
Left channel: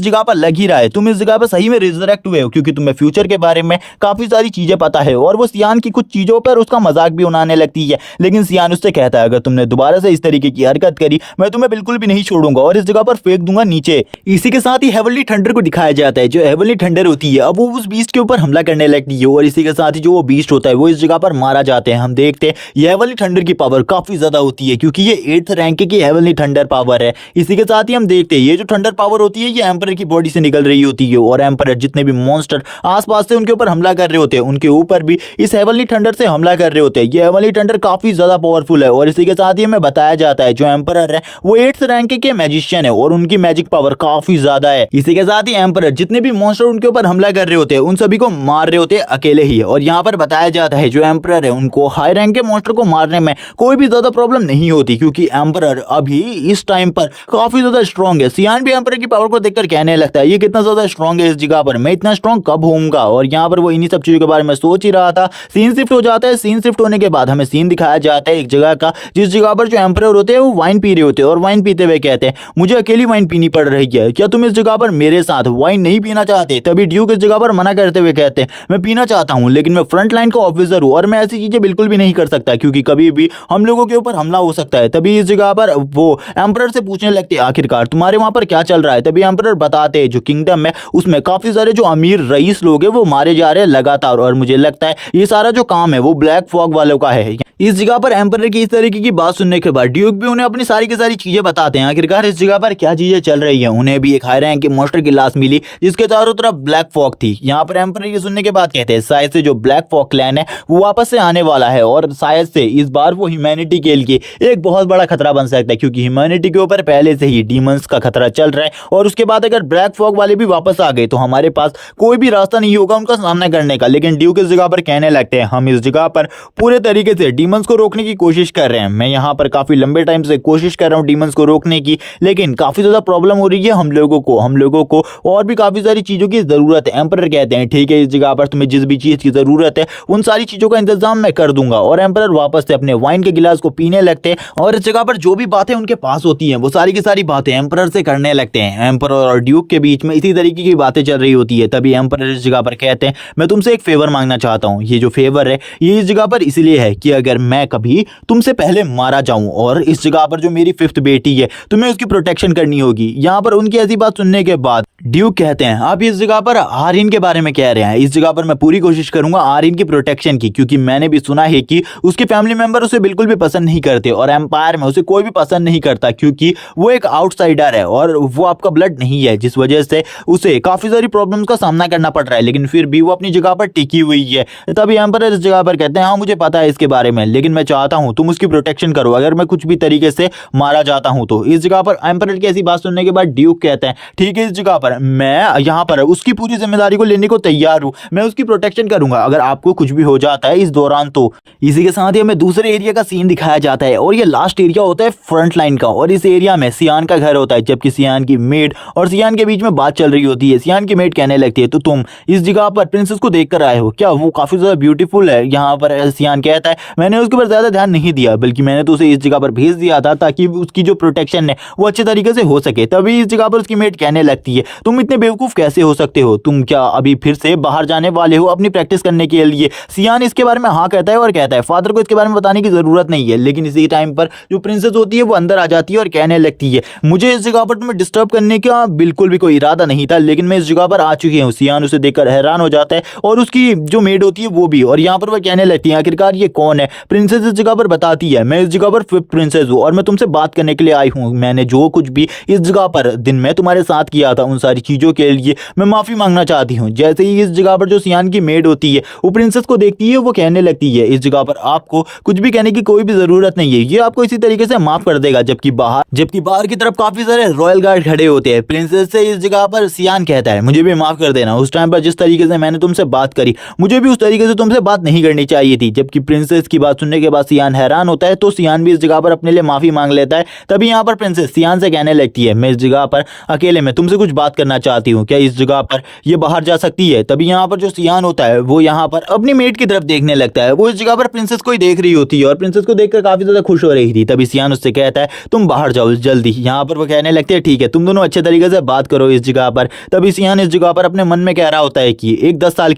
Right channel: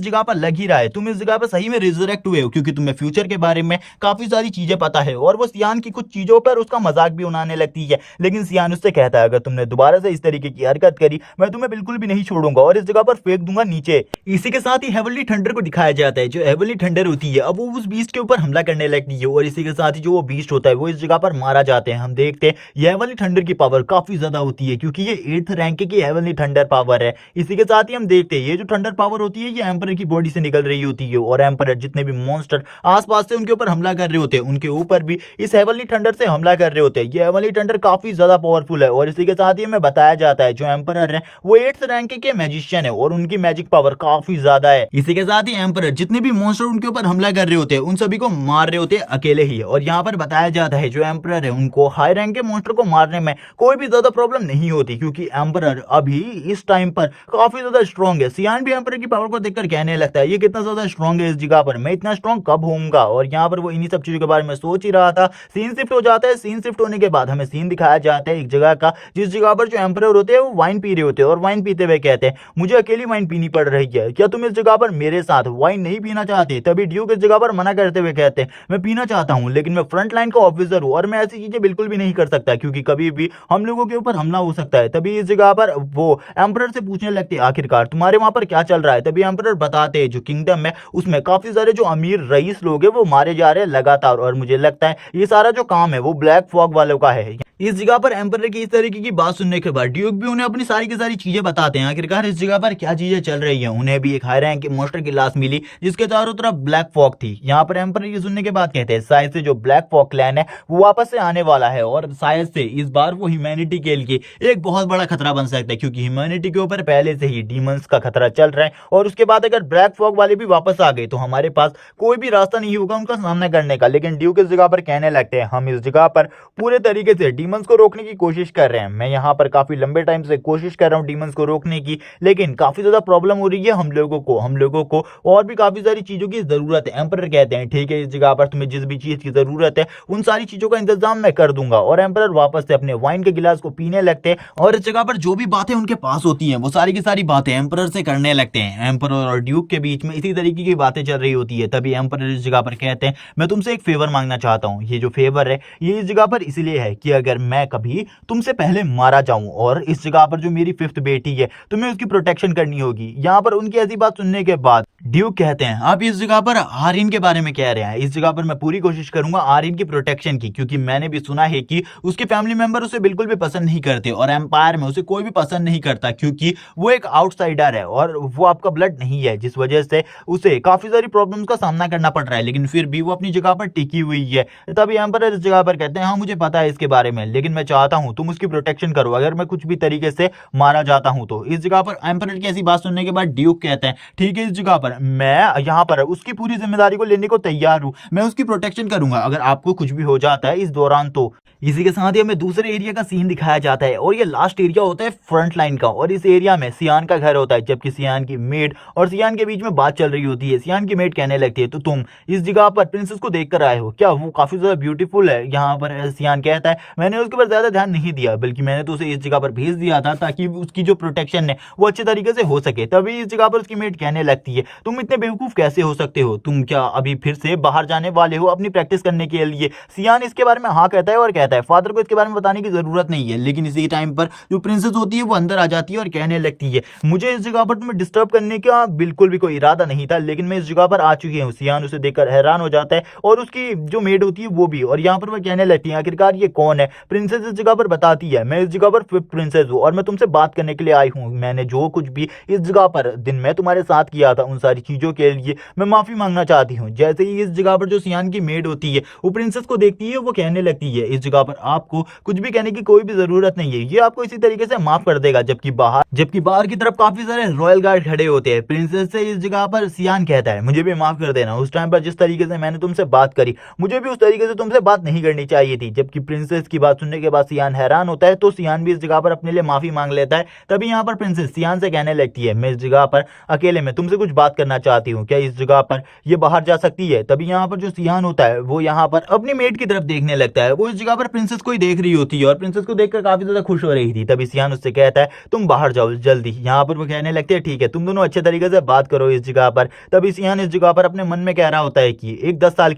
जगह पर लग ही रहा है, तुम इस जगह पर सही में रिजरेक्ट हुए हो, क्योंकि तुम्हें फ्यूचर के बारे में काफी सारी चीजें पता है। और वो सियान की कुछ चीजों पर उसका मजाक भी उड़ाने लगती है, लेकिन सियान उससे कहता है अगर तुमने दोबारा से इस तरीके की हरकत करी मैं तुम्हें बिल्कुल भी नहीं छोड़ूंगा और इस जगह पर फेंक दूंगा नीचे। इसी के साथ ही हेवनली थंडर को दिखाया जाता है। जो हेवनली थंडर होती है अब वो उस बीस्ट के ऊपर हमला करने लगती है, और इसी के साथ ही जो वो बीस्ट होता है वो इस जगह पर मारा जाता है। हम देखते हैं ये हेवनली थंडर की पावर काफी ज्यादा होती है, क्योंकि ये 8th रैंक की हेवनली थंडर पावर है। इसी के साथ ही हम देखते हैं ये जो थंडर पावर होती है ये एम्परर की बॉडी से निकल रही होती है, और एम्परर जितने भी मॉन्स्टर आसपास से उनके ऊपर हमला कर रहे होते हैं उनके ऊपर भी इस हेवनली थंडर से हमला कर रहे होते हैं। ये हेवनली थंडर काफी ज्यादा पावरफुल है। और इसी के साथ ही हमें बताया जाता है जो एम्परर है वो 8th रैंक के मैजिशियन है और उनकी मैजिक पावर काफी ज्यादा है। इसी के साथ ही एम्परर जितने भी मॉन्स्टर उनके ऊपर हमला कर रहे होते हैं उन सभी को मार रहे होते हैं अकेले ही। और यहाँ पर बताया जाता है जो एम्परर है उनको हाई रैंक के मॉन्स्टर को मारने में कोई भी ज्यादा प्रॉब्लम नहीं होती, क्योंकि एम्परर अभी इस टाइम पर काफी ज्यादा स्ट्रॉन्ग है। सियान भी एम्परर की पावर को देखकर कहने लगता है ये कितना ज्यादा स्ट्रॉन्ग है इस जगह पर, मैं इतना स्ट्रॉन्ग कब होऊंगा। और यहाँ पर वो इन्हीं सब चीजों के बारे में सोच ही रहा था। सीन शिफ्ट हो जाता है। सीन शिफ्ट होने के बाद हमें सीन दिखाया जाता है एक जगह का जिस जगह पर जो एम्परर होते हैं वो वाइन पी रहे होते हैं, और वाइन पीते हुए कहते हैं मुझे अकेली वाइन पीनी पड़ रही है, क्या तुम इस जगह पर मेरे साथ वाइन नहीं पीना चाहते। तभी ड्यूक इस जगह पर मना करते हुए कहते हैं मैं पीना चाहता हूं, लेकिन मैं फ्रंट लाइन का ऑफिसर हूं और मैं ऐसी चीजें बिल्कुल भी नहीं कर सकता, क्योंकि कभी भी हम लोगों के ऊपर हमला हो सकता है। तभी इस जगह पर वो एम्परर से पूछने लगते हैं आखिरकार तुम्हारे वहां पर क्या चल रहा है। तभी एम्परर बताते हैं जो किंगडम है उसमें काफी सारे जो अमीर रईस लोग हैं वो मारे जा रहे हैं लगातार, और मुझे लगता है ये सारा जो काम है वो ब्लैक फॉग वालों का है। इस जगह पर एम्परर की इस तरीके की बात सुनने के बाद ड्यूक भी उन्हें अपनी सारी की सारी चीजें बताते हैं आखिरकार इस जगह पर क्या चीजें चल रही है। उन्हें भी एक हाई रैंक के मॉन्स्टर की लाश मिली जिसके चारों तरफ ब्लैक फॉग थी। यहाँ पर एम्परर ये सुनने के बाद कहते हैं शायद से जो ब्लैक फॉग क्लैन है वो वापस से आने वाला है, और शायद से इस बार वो ह्यूमैनिटी के लिए एक बहुत बड़ा खतरा बन सकता है, क्योंकि ह्यूमैनिटी के ऊपर पहले से ही डीमंस का खतरा चल रहा है। और उसके बाद अगर ब्लैक फॉग वाले भी वापस आ गए तो हमारे पास कोई भी रास्ता नहीं होगा उनका सामना करने का। लेकिन ड्यूक इस जगह पर कहने लगते हैं हम इस जगह पर पूरे तरीके से डीमंस को रोकने की कोशिश कर रहे हैं। मैं यहाँ पर काफी लंबे टाइम से कोशिश कर रहा हूँ डीमंस को रोकने की, लेकिन काफी ज्यादा प्रॉब्लम हो रही है हम लोगों को और भी काफी सारी चीजों की जरूरत है। एम्परर कहते हैं ठीक है इस जगह पर तुम्हें जिस भी चीज की जरूरत है उन सारी चीजों का इंतजाम मैं कर दूंगा। और एम्परर वापस से अपने वाइन के गिलास को पीने लगते हैं, और इस जगह पर जो भी बातें उनके पास होती हैं वो सारी की सारी बातें एम्परर से करने लगते हैं। एम्परर और ड्यूक के बीच में इसी तरीके की बातें चल रही होती है। तभी एम्परर इस जगह पर कहते हैं मैं तुमसे एक फेवर मांगना चाहता हूँ। ये जो फेवर है ये इस जगह पर इसलिए है कि अगर मैं कभी तुमसे पहले मारा जाऊं और इस जगह पर जो मेरी 5th बेटी है तुम्हें उसकी प्रोटेक्शन करनी होगी। यहाँ पर उनकी ऐसी बात सुनने के बाद ड्यूक कहते हैं आप इस जगह पर आर्यन के बारे में कह रहे हैं, इस जगह पर मैं पूरी कोशिश करूंगा आर्यन की प्रोटेक्शन की, क्योंकि मैंने भी सुना है कि उसके फैमिली मेंबर उसे बिल्कुल भी पसंद नहीं करते और एम्पायर में उसे कोई भी पसंद नहीं करता, क्योंकि वो एक आउटसाइडर है और वो आपका ब्लड नहीं है, जिस वजह से उसे काफी सारी प्रॉब्लम्स का सामना करना पड़ रहा है। लेकिन फिर भी वो अपनी जगह पर टिकी हुई है। तभी एम्पायर इस जगह पर कहते हैं हाँ मुझे पता है इसके बारे में, लेकिन मैं चाहता हूँ तुम उसकी प्रोटेक्शन करो, अगर मैं कुछ भी तरीके से मारा जाता हूँ तो। इस जगह पर एम्पायर की ऐसी बात सुनने के बाद ड्यूक कहते हैं ठीक है इस जगह पर मैं यहाँ पर उसकी पूरी जिम्मेदारी को लेने को तैयार हूँ, मैं उसकी प्रोटेक्शन करूंगा अगर आपको कुछ भी हो जाता है इस दौरान तो। इसी के साथ ही हमें दूसरे एरिया का सीन दिखाया जाता है और ये लास्ट एरिया होता है फ्रंट लाइन का, और इस एरिया में सियान का घर होता है, जबकि सियान की मेड और सियान के बीच में बात चल रही होती है। सियान की मेड कहने लगती है तो तुम इस जगह पर प्रिंसेस को देख कर आए हो क्या, वो काफी ज्यादा ब्यूटीफुल है। यहाँ पर सियान कहता है मैंने उसके ऊपर ज्यादा ध्यान नहीं दिया, बल्कि मैंने तो उसे इस जगह पर भेज दिया था ताकि उसकी जो प्रोटेक्शन है वो अच्छे तरीके से हो सके। तभी इस जगह पर उसकी मेड कहने लगती है तुम इतने बेवकूफ कैसे हो सकते हो, तुम क्या अभी फिर से बाहर जाने वाले हो अपनी प्रैक्टिस करने के लिए। सियान इसके बारे में हाँ कहता है और कहता है फादर को इसके बारे में बताने की जरूरत नहीं है। लेकिन इसी टाइम पर जो प्रिंसेस होती है वो अंदर आ जाती है और कहने लगती है मुझे इस जगह पर तुम्हें डिस्टर्ब करने का बिल्कुल भी कोई इरादा नहीं था, लेकिन मैं इस जगह पर आ चुकी हूँ। सियान उसे देखकर हैरान हो जाता है और उसकी जो मेड होती है वो भी, और यहाँ पर वह कहने लगती है आखिरकार ये कौन है। प्रिंसेस इस जगह पर बताती है मैं इस जगह पर 5th प्रिंसेस हूँ और मैं तुमसे बात करने के लिए आई आई हूँ। मैंने जो कुछ भी इस जगह पर दिन में तुम्हारे साथ किया था उन सारी चीजों के लिए मैं माफी मांगना चाहती हूँ। जैसे ही इस जगह पर जो सियान की मेड होती है वो प्रिंसेस को देखती है, वो कहने लगती है इस जगह पर आपको कुछ भी कहने की कोई भी जरूरत नहीं है, ये आपको इसी तरीके से माफ कर देगा। जबकि बाहर की तरफ काफी सारे रॉयल गार्ड खड़े होते हैं। प्रिंसेस से इस जगह पर सियान कहता है मुझे भी माफ कर देना, उस टाइम पर जिस तरीके से मैंने तुमसे बात करी मुझे भी उस तरीके से तुमसे बात नहीं करनी चाहिए थी। जबकि प्रिंसेस की बात सुनने के बाद सियान हैरान होता है, तो सियान भी इस जगह पर अपने लिए माफी मांग लेता है। तभी यहाँ पर प्रिंसेस सियान से कहने लगती है मैं इस जगह पर अकेले में तुमसे कुछ बात करना चाहती हूँ, क्या इस जगह पर ये बाहर जा सकती है। तभी यहाँ पर जो सियान होता है वो यहाँ पर अपनी मेट की तरफ देखने लगता है। वो इस जगह पर प्रिंसेस को ही देख रही होती है और प्रिंसेस को देखकर काफी ज्यादा खुश हो रही थी। तभी सियान उससे कहता है तुम बाहर जाओ जल्दी। यहाँ पर वो कहने लगते हैं ठीक है, तुम दोनों अच्छे तरीके से बात करो इस जगह पर। तभी सियान इस जगह पर अपने मन में कह रहा होता है कि एक 10 साल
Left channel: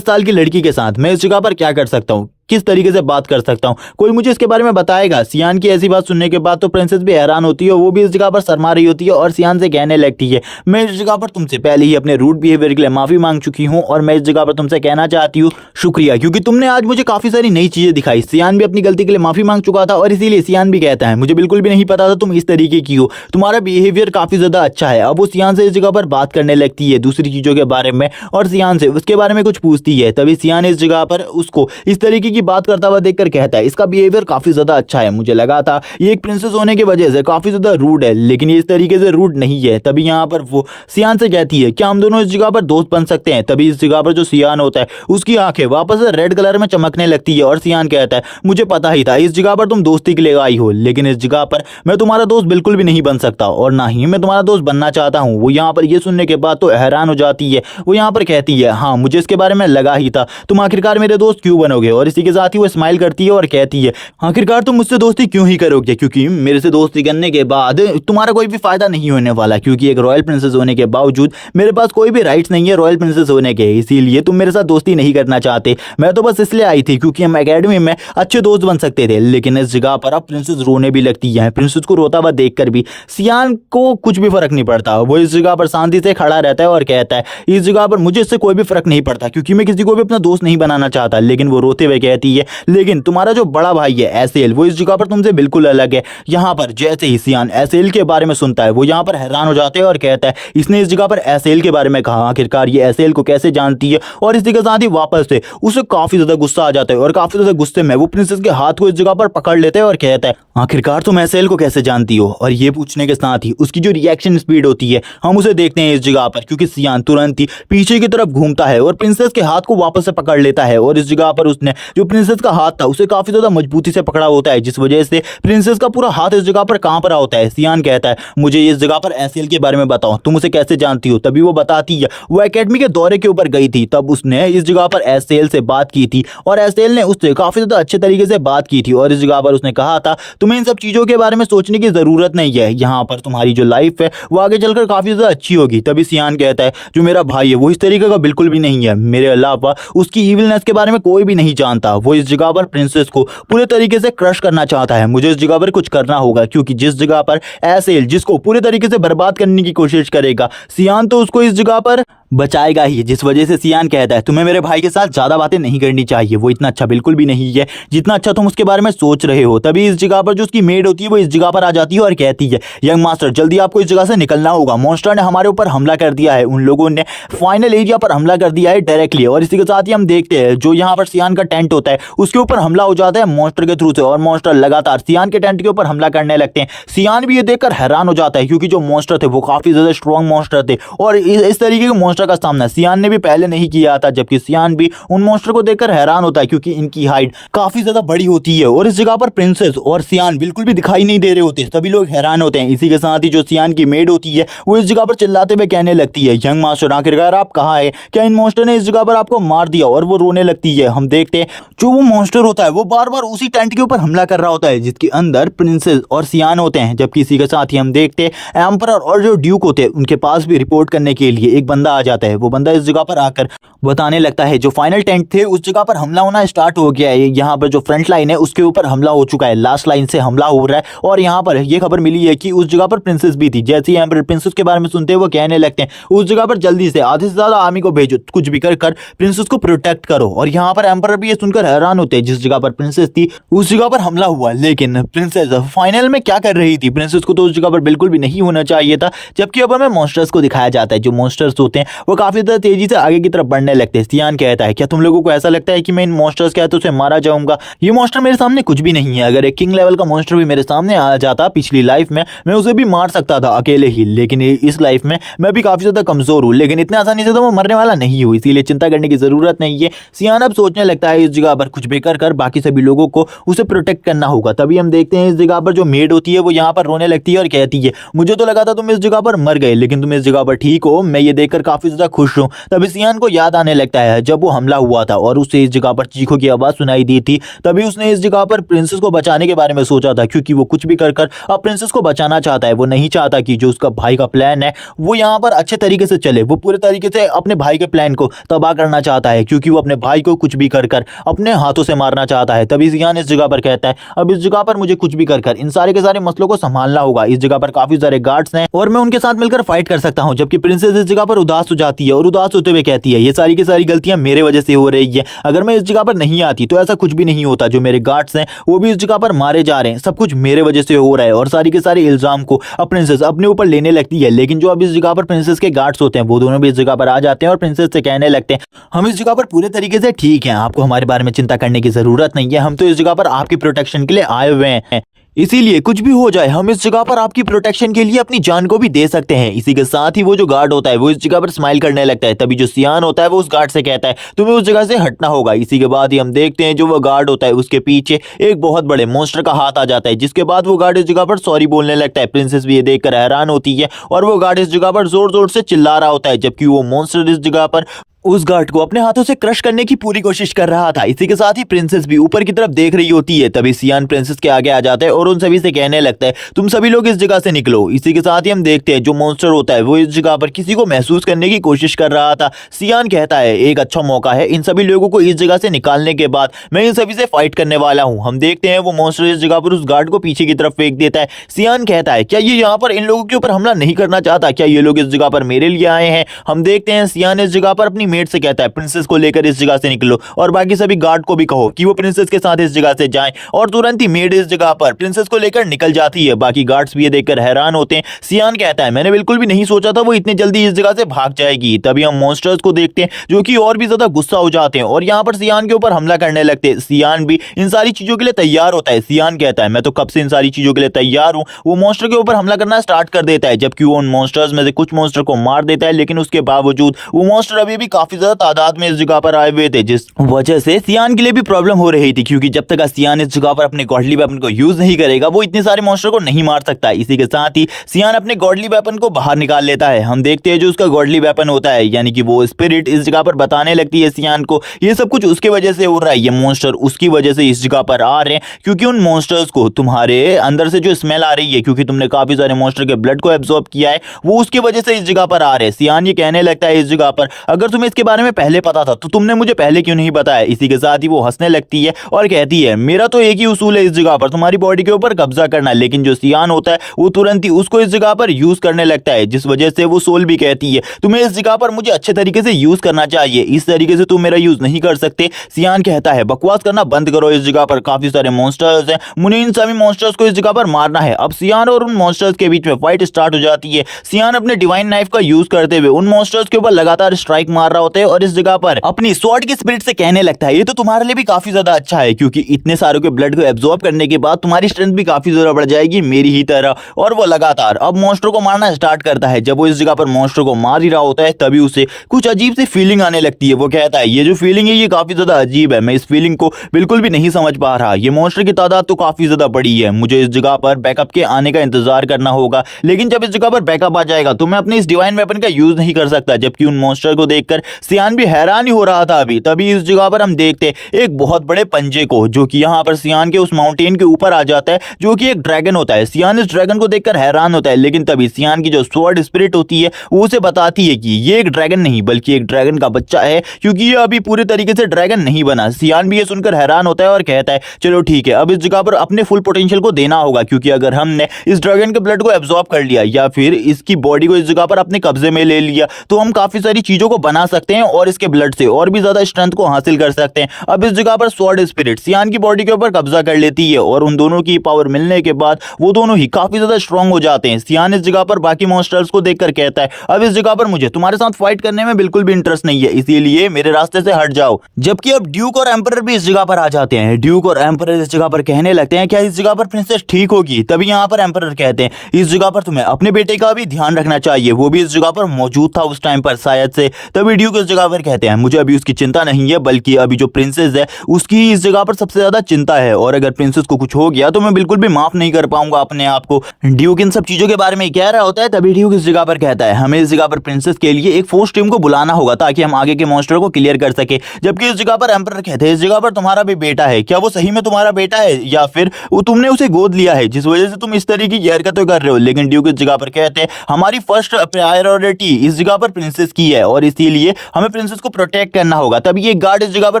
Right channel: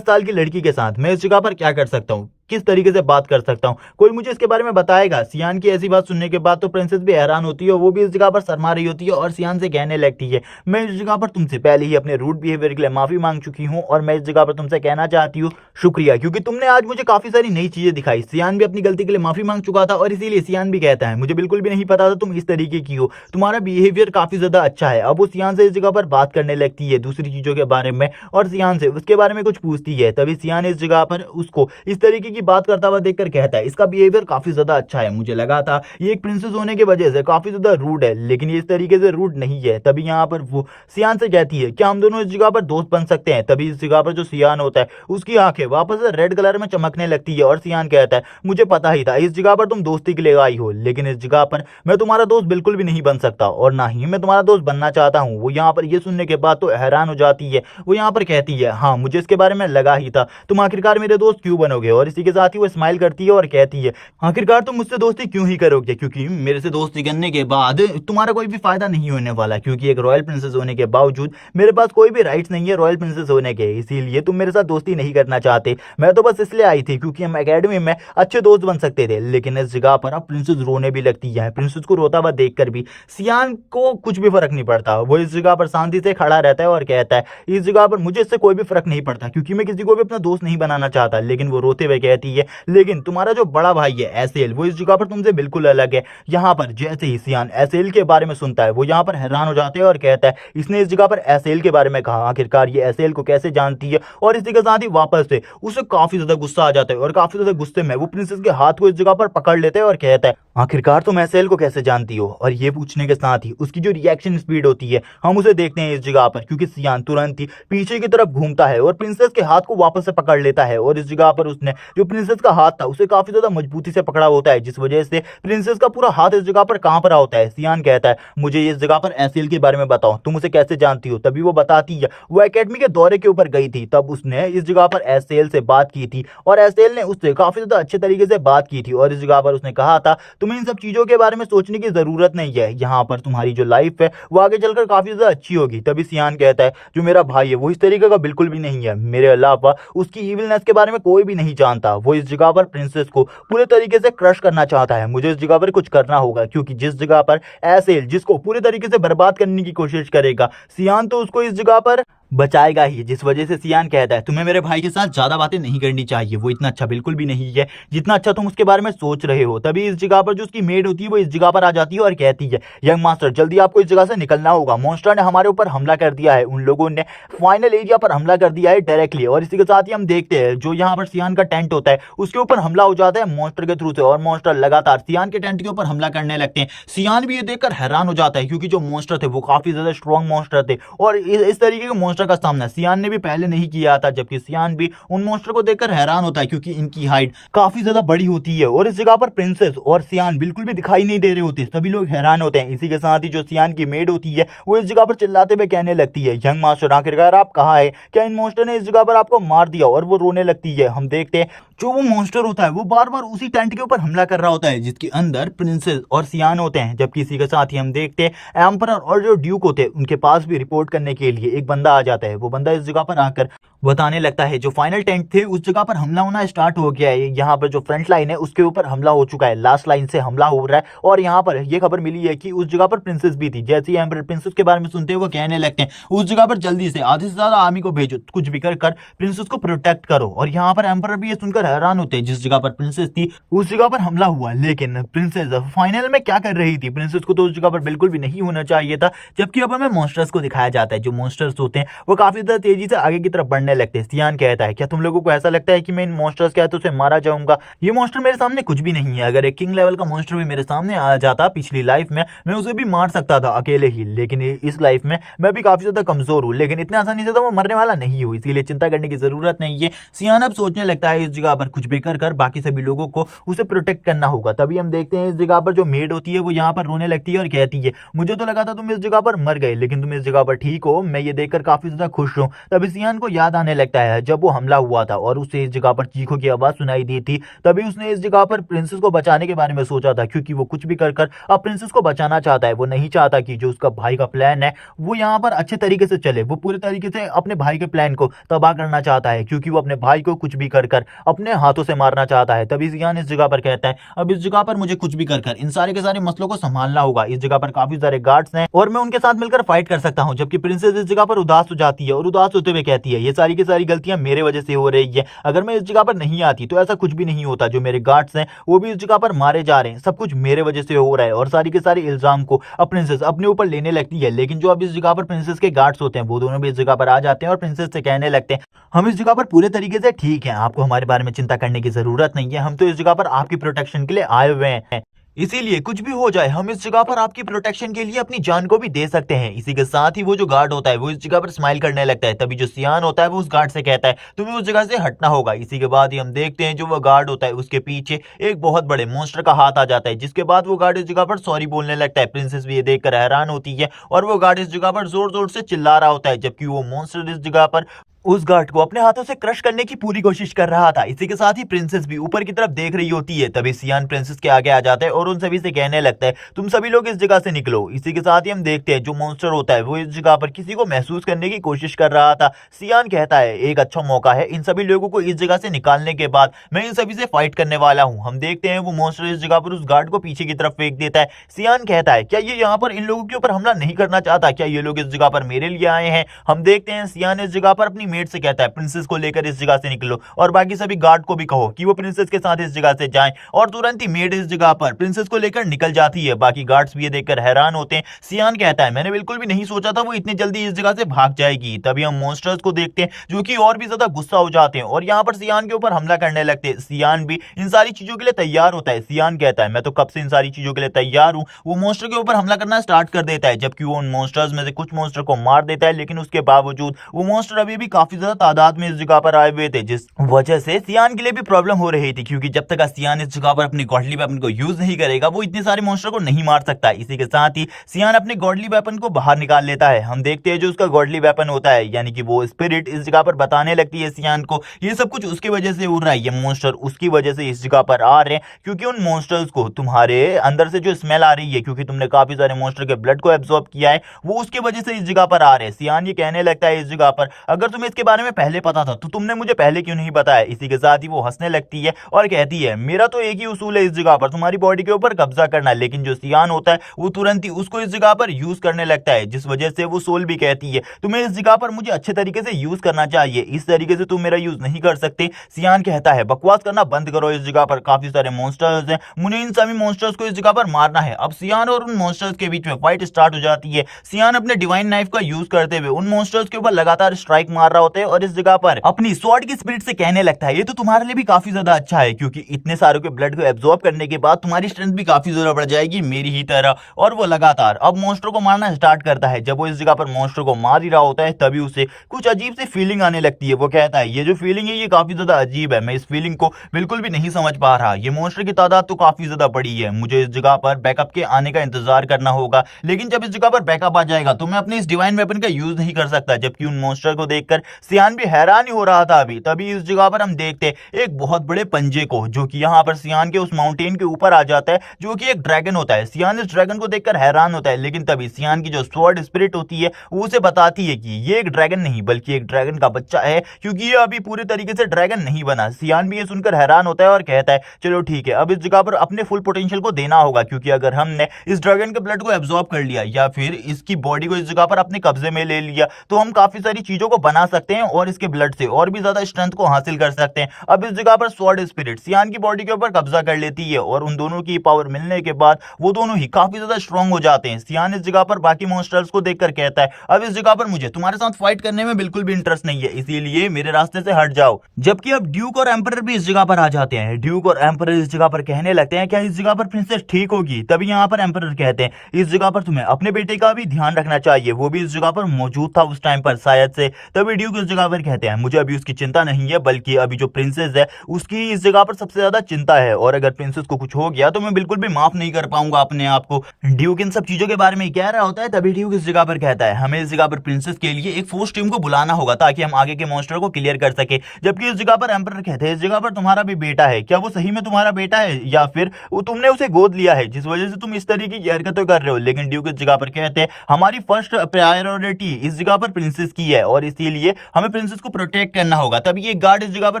की लड़की के साथ मैं इस जगह पर क्या कर सकता हूँ, किस तरीके से बात कर सकता हूँ, कोई मुझे इसके बारे में बताएगा। सियान की ऐसी बात सुनने के बाद तो प्रिंसेस भी हैरान होती है, वो भी इस जगह पर शर्मा रही होती है और सियान से कहने लगती है मैं इस जगह पर तुमसे पहले ही अपने रूड बिहेवियर के लिए माफी मांग चुकी हूँ और मैं इस जगह पर तुमसे कहना चाहती हूँ शुक्रिया, क्योंकि तुमने आज मुझे काफी सारी नई चीजें दिखाई। सियान भी अपनी गलती के लिए माफी मांग चुका था और इसीलिए सियान भी कहता है मुझे बिल्कुल भी नहीं पता था तुम इस तरीके की हो, तुम्हारा बिहेवियर काफी ज्यादा अच्छा है। अब वो सियान से इस जगह पर बात करने लगती है दूसरी चीजों के बारे में और सियान से उसके बारे में कुछ पूछती है। तभी सियान इस जगह पर उसको इस तरीके की बात करता हुआ कर कहता है इसका बिहेवियर काफी ज्यादा अच्छा है, मुझे लगा था ये एक प्रिंसेस होने की वजह से काफी ज्यादा रूड है, लेकिन ये इस तरीके से रूड नहीं है। तभी यहाँ पर वो सियान से कहती है क्या हम दोनों इस जगह पर दोस्त बन सकते हैं। तभी इस जगह पर जो सियान होता है उसकी आंखें वापस से रेड कलर में चमकने लगती है और सियान कहता है मुझे पता ही था इस जगह पर तुम दोस्ती के लिए आई हो, लेकिन इस जगह पर मैं तुम्हारा दोस्त बिल्कुल भी नहीं बन सकता और ना ही मैं तुम्हारा दोस्त बनना चाहता हूँ। वो यहाँ पर ये सुनने के बाद तो हैरान हो जाती है। वो यहाँ पर कहती है हाँ मुझे इसके बारे में लगा ही था, तुम आखिरकार मेरे दोस्त क्यों बनोगे। और इसी के साथ ही वो स्माइल करती है और कहती है आखिरकार तुम मुझसे दोस्ती क्यों ही करोगे, क्योंकि मेरे से दोस्ती करने के बाद तुम्हारा कोई भी फायदा नहीं होने वाला, क्योंकि एक रॉयल प्रिंसेस होने के बावजूद मेरे पास कोई भी राइट्स नहीं है रॉयल प्रिंसेस होने के, इसीलिए तुम मेरे साथ दोस्ती नहीं करना चाहते। मैं तो बस इसलिए आई थी क्योंकि हम एकेडमी में अच्छे दोस्त बन सकते थे, लेकिन इस जगह पर अब प्रिंसेस रोने भी लगती है। प्रिंसेस को रोता हुआ देखकर भी सियान को कुछ भी फर्क नहीं पड़ता, वो इस जगह पर शांति से खड़ा रहता है और कहता है इस जगह पर मुझे इससे कोई भी फर्क नहीं पड़ता, क्योंकि मैं किसी को भी अपना दोस्त नहीं बनाना चाहता। लेकिन वो रोते हुए कहती है लेकिन तुम्हारा जो बड़ा भाई है एसेल वो इस जगह पर तुमसे बिल्कुल अलग है। यहाँ पर जैसे ही सियान एसेल के बारे में सुनता है वो यहाँ पर हैरान हो जाते हैं और कहता है इसने इस जगह पर एसेल के बारे में कहा, आखिरकार ये एसेल को कैसे जानती है। और इसी के साथ ही वापस से उसे काफी ज्यादा गुस्सा आ जाता है और काफी ज्यादा गुस्से में वो प्रिंसेस के हाथ को इस जगह पर पकड़ लेते हैं और कहता है आखिरकार तुम एसेल को कैसे जानती हो। और ये पूछने के साथ ही उसकी जो रिएक्शन स्पीड होती है हम उसे देखते हैं इस जगह पर, क्योंकि सियान तुरंत ही पीछे की तरफ घूमता है और प्रिंसेस के हाथ को वापस से पकड़ लेता है और इस जगह पर उसने जो प्रिंसेस का हाथ था उसे काफी ज्यादा मजबूती से पकड़ा होता है, जिस वजह से प्रिंसेस का पूरा हाथ इस जगह पर कांप रहा होता है। सियान कहता है मुझे इस जगह पर एसेल के बारे में बताओ, तुम उसे कैसे जानती हो। तभी वो बताती है वो एकेडमी के दौरे के ऊपर गई थी, तब उसने इस जगह पर एसेल से बात की थी और एसेल ने उससे काफी ज्यादा अच्छे तरीके से बात की थी और इस जगह पर उसने कहा था तुम्हें इन सब चीजों के बारे में सोचने की जरूरत नहीं है, यहाँ पर तुम्हारी जो लाइफ है वो आगे चलकर काफी ज्यादा अच्छी होगी। तभी सियान कहता है जो मेरा भाई है वो इस तरीके का बिल्कुल भी नहीं है, मेरे अलावा उसकी इविलनेस के बारे में कोई भी नहीं जानता। वो इस जगह पर प्रिंसेस को पूरे तरीके से क्रश करना चाहता है, मुझे इस जगह पर कुछ करना होगा, क्योंकि जिस जगह पर एसेल जिसको पूरे तरीके से बर्बाद करने की कोशिश करेगा सियान तो उसको इस जगह पर बचाएगा ही। जिस वजह से सियान कहता है तुम्हें मेरे भाई के साथ ज्यादा बातें नहीं करनी चाहिए, वो इतना अच्छा बिल्कुल भी नहीं है जितना अच्छा तुम उसके बारे में सोच रहे हो। तभी इस जगह पर जो उसकी मेड होती है वो इस जगह पर आ जाती है और कहती है यंग मास्टर जल्दी आपको इस जगह से निकलना होगा, मॉन्स्टर ने हमारे ऊपर हमला कर दिया है, उन लोगों ने फाइनल एरिया पर हमला कर दिया है डायरेक्टली। और इसी के साथ ही हम देखते हैं जो यहाँ पर सियान का टेंट होता है उसके ऊपर हमला हो जाता है मॉन्स्टर के थ्रू से और मॉन्स्टर लगातार सियान के टेंट के ऊपर हमला करने लगते हैं। सियान भी ये देखकर हैरान हो जाता है क्योंकि जो मॉन्स्टर थे वो काफी ज्यादा स्ट्रॉन्ग मॉन्स्टर थे और इस तरीके के मॉन्स्टर का सामना सियान ने भी पहले नहीं किया था, जबकि सियान भी उन मॉन्स्टर को देखकर हैरान होता है क्योंकि इनकी हाइट काफी ज्यादा बड़ी होती है और इस जगह पर प्रिंसेस और सियान बिल्कुल भी दिखाई नहीं दे रहे होते, सभी लोग हैरान होते हैं। इसी के साथ ही जो सियान की मेड होती है वो इस जगह पर चिल्लाते हुए कहने लगती है यंग मास्टर आखिरकार आप कहाँ है, क्या इन मॉन्स्टर ने इस जगह पर आपको मार दिया। और वो रोने लगती है। हम देखते हैं जो वो मॉन्स्टर होता है वो बार बार उसी टेंट के ऊपर हमला कर रहा होता है जिसके अंदर प्रिंसेस और सियान होते हैं, जबकि इसी के साथ ही हम देखते हैं एम्परर और जो ड्यूक होते हैं उनके पास भी रिपोर्ट करने के लिए एक बंदा आ जाता है। वो बंदा इस जगह पर आकर बताने लगता है जो फाइनल टेंट थे उस जगह पर हमला होना स्टार्ट हो गया है, यहाँ पर जो फ्रंट लाइन है उसके ऊपर हमला हो चुका है, लास्ट लाइन से हमला हो रहा है। और यहाँ पर ये खबर मिली है कि उस जगह पर प्रिंसेस भी थी। जैसे यहाँ पर प्रिंसेस के बारे में सुनते हैं वो कहने लगते हैं उस जगह पर जल्दी से आधे से ज्यादा आर्मी को भेजो, कुछ भी कर प्रिंसेस को प्रोटेक्ट करो। और यहाँ पर एम्पर भी ये सुनकर हैरान होते हैं, जिस जगह पर प्रिंसेस थी उस जगह पर हमला हुआ, लेकिन प्रिंसेस फाइनल में क्या कर रही थी, प्रिंसेस को तो उस जगह पर बिल्कुल भी नहीं होना चाहिए था। जबकि अब हमें मॉन्स्टर्स को दिखाया जाता है, जो मॉन्स्टर्स होते हैं वो काफी ज्यादा तेजी से आगे की तरफ बढ़ने लगते हैं। सियान कहता है क्या तुम लोगों को ऐसा लगता है कि मैं इन मॉन्स्टर्स के हाथों से मारा जाऊंगा? ये मॉन्स्टर मेरे सामने कुछ भी नहीं है। अगर एक किंग लेवल का मॉन्स्टर भी मेरे सामने आ जाता पिछली लाइफ में, मैं उसे भी मार सकता था अकेले ही, लेकिन इस लाइफ में मैं भी काफी ज्यादा कमजोर हूँ, लेकिन इतने आसानी से तो वो मरने वाला नहीं हूँ, इसीलिए चिंता करने की जरूरत नहीं है। सियान अब सोचने लगता है इस जगह पर कुछ भी कर बाकी सभी लोगों को उसे प्रोटेक्ट करना होगा। तभी हम देखते हैं इस जगह पर जो मेड होती है वो यहाँ पर रोने लगती है और कहती है मुझे तो लगा था तुम इस जगह पर मर गए, लेकिन तुम इस जगह पर ठीक हो, मैं ये देखकर काफी ज्यादा खुश हूँ। तभी सियान को याद आने लगता है जब वो हमला हुआ था और उसे इस जगह पर चीखों की आवाज सुनाई दी थी, तभी उसने इस जगह पर प्रिंसेस को बचाने के बारे में सोचा था, क्योंकि वो कुछ भी कर अब प्रिंसेस को बचाना चाहता है। वो नहीं चाहता कि जो उसका भाई का प्लान है वो यहाँ पर अच्छे तरीके से चले, वो पूरे तरीके से अपने भाई के प्लान को तबाह करना चाहता है, क्योंकि वो अपने भाई को कुछ भी कर अपने हाथों से मारना चाहता है। तभी सियान इस जगह पर कहता है अब इस जगह पर मुझे कुछ भी कर इन सारे के सारे मसलों को संभालना होगा। इस जगह पर काफी सारे गार्ड्स हैं और मैं उनके साथ मिलकर फाइट कर सकता हूँ। जबकि प्रिंसेस इस जगह पर उदास हो जाती है और उदास होते हुए कहती है ये सारी की सारी गलतियां मेरे वजह से हो रही है, अगर मैं इस जगह पर नहीं आती तो ऐसा कुछ भी नहीं होता। जो मेरे गार्ड्स हैं वो भी इस जगह पर मारे जा रहे हैं, सब कुछ मेरे वजह से हो रहा है। और सारी के सारे इल्जाम को प्रिंसेस अपने ऊपर लेने लगती है। लेकिन जो अब इस जगह पर प्रिंसेस के गार्ड्स होते हैं वो दोनों भी इस जगह पर आ जाते हैं और प्रिंसेस से कहने लगते हैं हम इस जगह पर पूरे तरीके से ठीक हैं, आपको हमारे बारे में चिंता करने की जरूरत नहीं है, हम तो इस जगह पर आपकी प्रोटेक्शन के लिए आए हुए हैं, इसीलिए कुछ भी हो जाए हम इस जगह पर आपकी प्रोटेक्शन के लिए अपनी जान को भी दे सकते हैं। इसी के साथ ही वो जो गार्ड होता है वो इस जगह पर स्माइल करने लगता है। तभी जो सियान होता है वो उस गार्ड से कहता है तुम्हें उस जगह से हटना होगा। इसी के बाद ही हम देखते हैं जो वो गार्ड होता है उसके पीछे एक बहुत बड़े मॉन्स्टर का हाथ आ जाता है, जिसके बाद वो गार्ड इस जगह पर सॉरी बोलने लगता है। प्रिंसेस भी ये देखकर हैरान होती है और वो गार्ड इस जगह पर जोर जोर से चिल्ला रहा होता है, जबकि वो मॉन्स्टर इस जगह पर उस गार्ड को अपने हाथों से क्रश करने की पूरी कोशिश कर रहा था। इसी के साथ ही प्रिंसेस भी ऊपर की तरफ देख रही होती है। तभी सियान प्रिंसेस के आगे आ जाता है और उन सभी से कहने लगता है तुम सभी लोग इस जगह से निकलो। इसी के साथ ही हम देखते हैं जो मॉन्स्टर होता है वो इस जगह पर किसी को महसूस करने की कोशिश कर रहा था। सियान कहता है एक अच्छा मौका है इन सभी लोगों को इस जगह से निकालने के बाद मैं इन सभी से फाइट करने वाला हूँ। हम देखते हैं वो मॉन्स्टर इस जगह पर उस गार्ड को पीछे की तरफ फेंक देता है। सियान कहता है क्या ये यहाँ पर इन लोगों के ऊपर हमला नहीं करना चाहता, क्या ये लोग इस जगह पर मेरे लिए आए हैं? हम देखते हैं सियान इस जगह पर अपनी मेट से कहता है प्रिंसेस को लेकर इस जगह से निकलो और बाकी सभी गार्ड को भी कहो कि वो प्रिंसेस के साथ इस जगह से जाएं। और तुरंत ही मेड इस जगह पर प्रिंसेस को लेकर निकल जाती है। बाकी गार्ड्स भी ये देखकर हैरान होते हैं। सियान कहता है मैंने बिल्कुल भी नहीं सोचा था वो इतनी जल्दी इस जगह से भाग जाएगी। तभी हम मॉन्स्टर्स को देखते हैं जो कि और भी ज्यादा गुस्सा हो जाते हैं और यहाँ पर सियान के ऊपर हमला करने लगते हैं। सियान भी इन सारी चीजों के लिए तैयार होता है। सियान कहता है मैं तो कब से इन सारी चीजों के लिए तैयार हूँ। वो मॉन्स्टर के ऊपर हमला करना स्टार्ट कर देता है, जबकि वो उन मॉन्स्टर्स में से कुछ मॉन्स्टर को मार देता है, लेकिन उसके बावजूद वो मॉन्स्टर अभी भी काफी ज्यादा तादाद में इस जगह पर आए हुए थे, जिस वजह से सियान के लिए भी प्रॉब्लम हो रही थी, क्योंकि जब तक सियान इस जगह पर अपने गॉडली वेपन को यूज नहीं करेगा वो इतने सारे मॉन्स्टर को नहीं मार सकता। इसी के साथ ही सियान अपने गॉडली वेपन को बाहर निकाल लेता है। हम देखते हैं जो उसका गॉडली वेपन होता है यानी कि वो स्पिरिट इस जगह पर बताने लगती है सियान को ये सब कुछ उसके वजह से हो रहा है, ये मॉन्स्टर उसकी वजह से इस जगह पर आ रहे हैं, क्योंकि उन मॉन्स्टर्स को तुम्हारे अंदर से जो स्मेल आ रही है, क्योंकि तुमने काफी सारे मॉन्स्टर के ब्लड को एब्जॉर्ब किया है, वो उसकी वजह से इस जगह पर आ रहे हैं। सियान ये कहने लगता है इस जगह पर अगर तुम्हें इसके बारे में पहले पता था तो तुमने मुझे पहले क्यों नहीं बताया। इसी के साथ ही वो हंसने लगती है और कहती है मेरा तो एक ही उसूल है इस जगह पर तुम्हारी बॉडी के ऊपर कब्जा करना, लेकिन जो सियान होता है वो तुरंत ही उसको इस जगह पर यूज करने लगता है, जिस वजह से वो सोल भी कहती है तुम्हें इस जगह पर मुझे अच्छे तरीके से यूज करना चाहिए, इस तरीके से तुम मेरा यूज नहीं कर सकते। सियान कहता है बकवास करना बंद करो, इस जगह पर काफी सारे मॉन्स्टर्स हैं, मुझे इन सभी मॉन्स्टर्स को इस जगह पर मारना है। अब सियान और उन मॉन्स्टर्स के बीच में फाइट स्टार्ट हो जाती है। सियान अपने डिवाइन नाइफ का यूज करते हुए उन मॉन्स्टर्स के ऊपर लगातार स्ट्राइक मार रहा होता है और इस जगह पर अपनी स्वॉर्ड की स्पिरिट से कहने लगता है ये तो तुम्हारे लिए भी काफी ज्यादा अच्छा है, क्योंकि इतने सारों के ब्लड को एब्जॉर्ब करने के बाद तुम्हारी स्ट्रेंथ भी काफी ज्यादा बढ़ जाएगी मेरी ही तरह। और वो लगातार अब मॉन्स्टर को मारना स्टार्ट करता है। जब वो इस जगह पर मॉन्स्टर को मार ही रहा होता है तभी उसे कुछ अजीब सी फीलिंग आने लगती है। वो कहता है ये जो फीलिंग है ये काफी ज्यादा अजीब है, मैं इस फीलिंग को बिल्कुल भी नहीं समझ पा रहा, ये मॉन्स्टर की तादाद तो काफी ज्यादा बड़ी है, मुझे इस जगह पर बैकअप के आने का इंतजार करना होगा, लेकिन जब इस जगह पर बैकअप आ जाएगा तो मैं अपने इस डिवाइन वेपन का यूज नहीं कर सकता। जबकि उन मॉन्स्टर को देखकर सियान भी हैरान ही हो रहा था अभी। तभी इस जगह पर हम देखते एक बहुत बड़े पंजे को, जो कि यहाँ पर सियान के उस माउंटेन के ऊपर आ जाता है, जो कि एक ड्रैगन होता है। सियान इस ड्रैगन को देखकर हैरान होता है, लेकिन तभी सियान की जो स्वॉर्ड स्पिरिट होती है वो उसे बताती है कि ये एक ड्रैगन नहीं बल्कि एक ड्रैगन का बच्चा है, क्योंकि ये अभी पूरे तरीके से ड्रैगन नहीं बना। सियान भी ये सुनकर हैरान होता है और कहता है चलो ठीक है, अब इस जगह पर अपने फुल पोटेंशियल को देना होगा, क्योंकि अगर हमने इस ड्रैगन के ब्लड को एब्जॉर्ब कर लिया या फिर इसकी बॉडी को इस जगह पर अपने कब्जे में ले लिया तो हम काफी सारी चीजों को बना सकते हैं और इसके ब्लड से और भी ज्यादा स्ट्रेंथ को हासिल कर सकते हैं। अब इस जगह पर स्वॉर्ड स्पिरिट सियान की बॉडी के ऊपर कब्जा कर लेती है और उन दोनों की पावर मिलने के बाद वो दोनों ही काफी ज्यादा स्ट्रांग हो जाते हैं। सियान इस जगह पर बाकी मॉन्स्टर्स को देखकर कहता है अब इस जगह पर मुझे तुम्हारे साथ फाइट करने में बिल्कुल भी इंटरेस्ट नहीं है, इसीलिए मेरे रास्ते से हट जाओ। जबकि अब ड्यूक और एम्परर भी इस जगह पर आ जाते हैं। ड्यूक और एम्परर इस जगह पर कहने लगते हैं क्या इस जगह पर प्रिंसेस ठीक होगी? तभी यहाँ पर एम्परर कहते हैं इस जगह पर तुम्हें अपने बेटे का भी ध्यान रखना चाहिए, वो भी इस जगह पर मौजूद था उस टाइम पर शायद से। तभी ड्यूक इस जगह पर कहते हैं मुझे अभी उसकी चिंता नहीं है, बल्कि अभी जो प्रिंसेस है उसकी इस जगह पर सबसे ज्यादा चिंता है, और अगर प्रिंसेस को कुछ हो गया तो मैं बिल्कुल भी माफ नहीं कर पाऊंगा अपने आप को। ड्यूक इन सब चीजों के बारे में कह रहा होता है। तभी ड्यूक इस जगह पर कहता है हमें इस जगह पर प्रिंसेस के लिए एक फोर्स टीम को बुलाना होगा ताकि हम आगे के मॉन्स्टर को क्लियर कर सके। जबकि इस जगह पर एम्परर कहते हैं इस जगह पर तुम्हारा भी बेटा है, क्या वो सही में तुम्हारा बेटा है या फिर वो तुमने उसे गोद लिया है जिस वजह से तुम इस तरीके की हरकतें कर रहे हो? लेकिन ड्यूक इस जगह पर कहते हैं हमारी फर्स्ट प्रायोरिटी इस जगह पर प्रिंसेस की है और इसीलिए हमें प्रिंसेस को प्रोटेक्ट करना होगा। तभी एक गार्ड इस जगह पर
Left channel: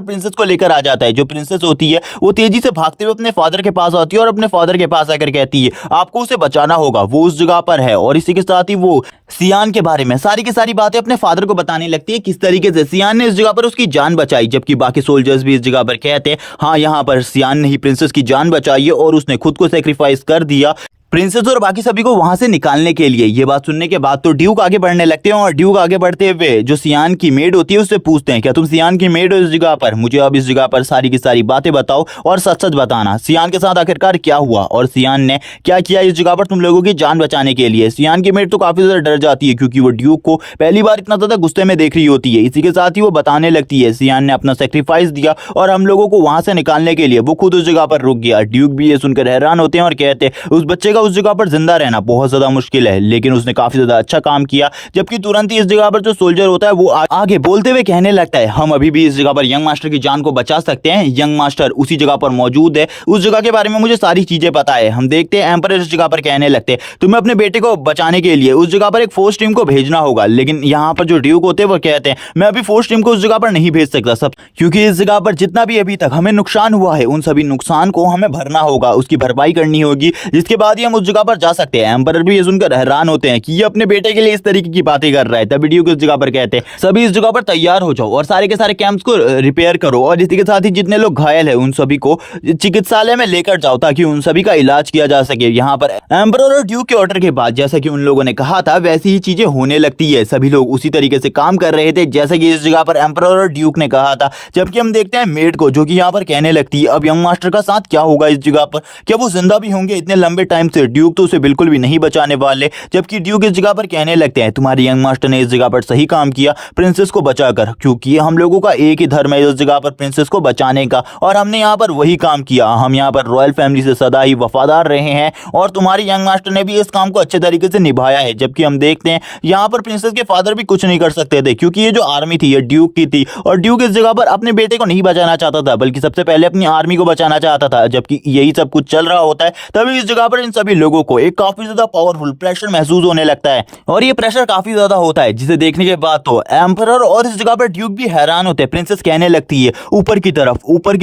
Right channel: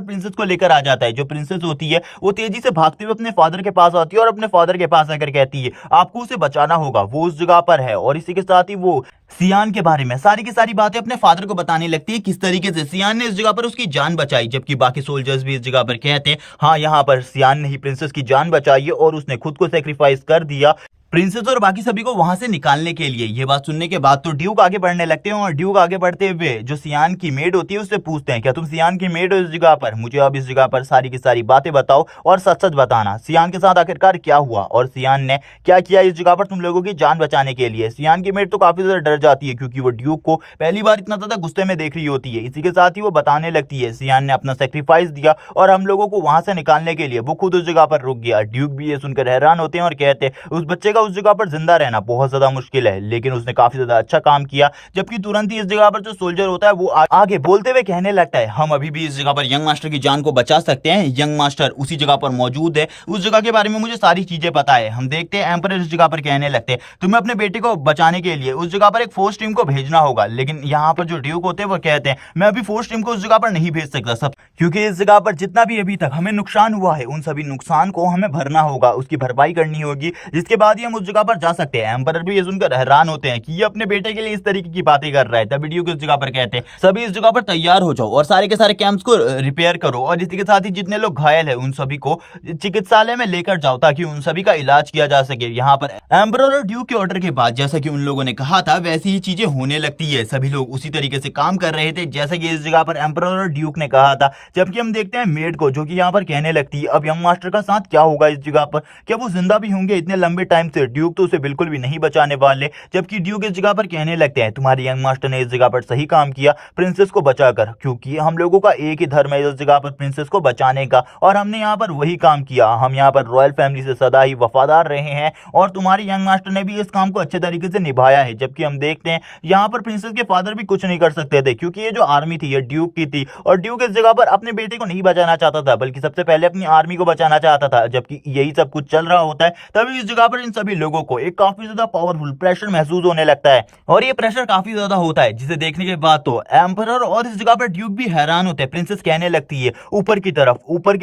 प्रिंसेस को लेकर आ जाता है। जो प्रिंसेस होती है वो तेजी से भागते हुए अपने फादर के पास आती है और अपने फादर के पास आकर कहती है आपको उसे बचाना होगा, वो उस जगह पर है। और इसी के साथ ही वो सियान के बारे में सारी की सारी बातें अपने फादर को बताने लगती है, किस तरीके से सियान ने इस जगह पर उसकी जान बचाई। जबकि बाकी सोल्जर्स भी इस जगह पर कहते हैं हाँ यहाँ पर सियान ने ही प्रिंसेस की जान बचाई है और उसने खुद को सेक्रीफाइस कर दिया प्रिंसेस और बाकी सभी को वहां से निकालने के लिए। ये बात सुनने के बाद तो ड्यूक आगे बढ़ने लगते हैं और ड्यूक आगे बढ़ते हुए जो सियान की मेड होती है उससे पूछते हैं क्या तुम सियान की मेड हो इस जगह पर? मुझे अब इस जगह पर सारी की सारी बातें बताओ और सच सच बताना, सियान के साथ आखिरकार क्या हुआ और सियान ने क्या किया इस जगह पर तुम लोगों की जान बचाने के लिए। सियान की मेड तो काफी ज्यादा डर जाती है क्योंकि वो ड्यूक को पहली बार इतना ज्यादा गुस्से में देख रही होती है। इसी के साथ ही वो बताने लगती है सियान ने अपना सेक्रीफाइस दिया और हम लोगों को वहां से निकालने के लिए वो खुद उस जगह पर रुक गया। ड्यूक भी ये सुनकर हैरान होते हैं और कहते हैं उस बच्चे का उस जगह पर जिंदा रहना बहुत ज्यादा मुश्किल है, लेकिन उसने काफी ज्यादा अच्छा काम किया। जबकि तुरंत ही इस जगह पर जो सोल्जर होता है वो आगे बोलते हुए कहने लगता है हम अभी भी इस जगह पर यंग मास्टर की जान को बचा सकते हैं, यंग मास्टर उसी जगह पर मौजूद है, उस जगह के बारे में मुझे सारी चीजें पता है। हम देखते हैं एम्परर इस जगह पर कहने लगते हैं तुम्हें अपने बेटे को बचाने के लिए उस जगह पर एक फोर्स टीम को भेजना होगा। लेकिन यहाँ पर जो ड्यूक होते हैं वो कहते हैं मैं अभी फोर्स टीम को उस जगह पर नहीं भेज सकता सब, क्योंकि इस जगह पर जितना भी अभी तक हमें नुकसान हुआ है उन सभी नुकसान को हमें भरना होगा, उसकी भरपाई करनी होगी, जिसके बाद ही हम उस जगह पर जा सकते हैं। एम्परर भी सुनकर हैरान होते हैं कि ये अपने बेटे के लिए इस तरीके की बातें कर रहा है। तभी ड्यूक इस जगह पर कहते हैं सभी इस जगह पर तैयार हो जाओ और सारे के सारे कैंप्स को रिपेयर करो और इसी के साथ ही जितने लोग घायल हैं उन सभी को चिकित्सालय में लेकर जाओ ताकि उन सभी का इलाज किया जा सके। यहाँ पर एम्परर और ड्यूक के ऑर्डर के बाद जैसा कि उन लोगों ने कहा था वैसी ही चीजें होने लगती है। सभी लोग उसी तरीके से काम कर रहे थे जैसे कि इस जगह पर एम्परर और ड्यूक ने कहा था। जबकि हम देखते हैं मेड को जो कि यहाँ पर कहने लगती है अब यंग मास्टर का साथ क्या होगा इस जगह पर, क्या वो जिंदा भी होंगे इतने लंबे टाइम से? ड्यूक तो उसे बिल्कुल भी नहीं बचाने वाले। जबकि ड्यूक इस जगह पर कहने लगते हैं तुम्हारे यंग मास्टर ने इस जगह पर सही काम किया प्रिंसेस को बचाकर, क्योंकि हम लोगों का एक ही धर्म है इस जगह पर प्रिंसेस को बचाने का और हमने यहाँ पर वही काम किया। हम यहाँ पर रॉयल फैमिली से सदा ही वफादार रहे हैं और तुम्हारे यंग मास्टर ने भी इस काम को अच्छे तरीके से निभाया है। जबकि हम देखते हैं यहाँ पर प्रिंसेस के फादर भी कुछ नहीं कर सकते थे क्योंकि ये जो आर्मी थी ये ड्यूक की थी और ड्यूक इस जगह पर अपने बेटे को नहीं बचाना चाहता था बल्कि सबसे पहले अपनी आर्मी को बचाना चाहता था। जबकि यही सब कुछ चल रहा होता है तभी इस जगह पर इन सभी लोगों को एक काफी ज्यादा पावरफुल प्रेशर महसूस होने लगता है और ये प्रेशर काफी ज्यादा होता है जिसे देखने के बाद तो एम्परर और इस जगह पर ड्यूक भी हैरान होते हैं। प्रिंसेस कहने लगती है ऊपर की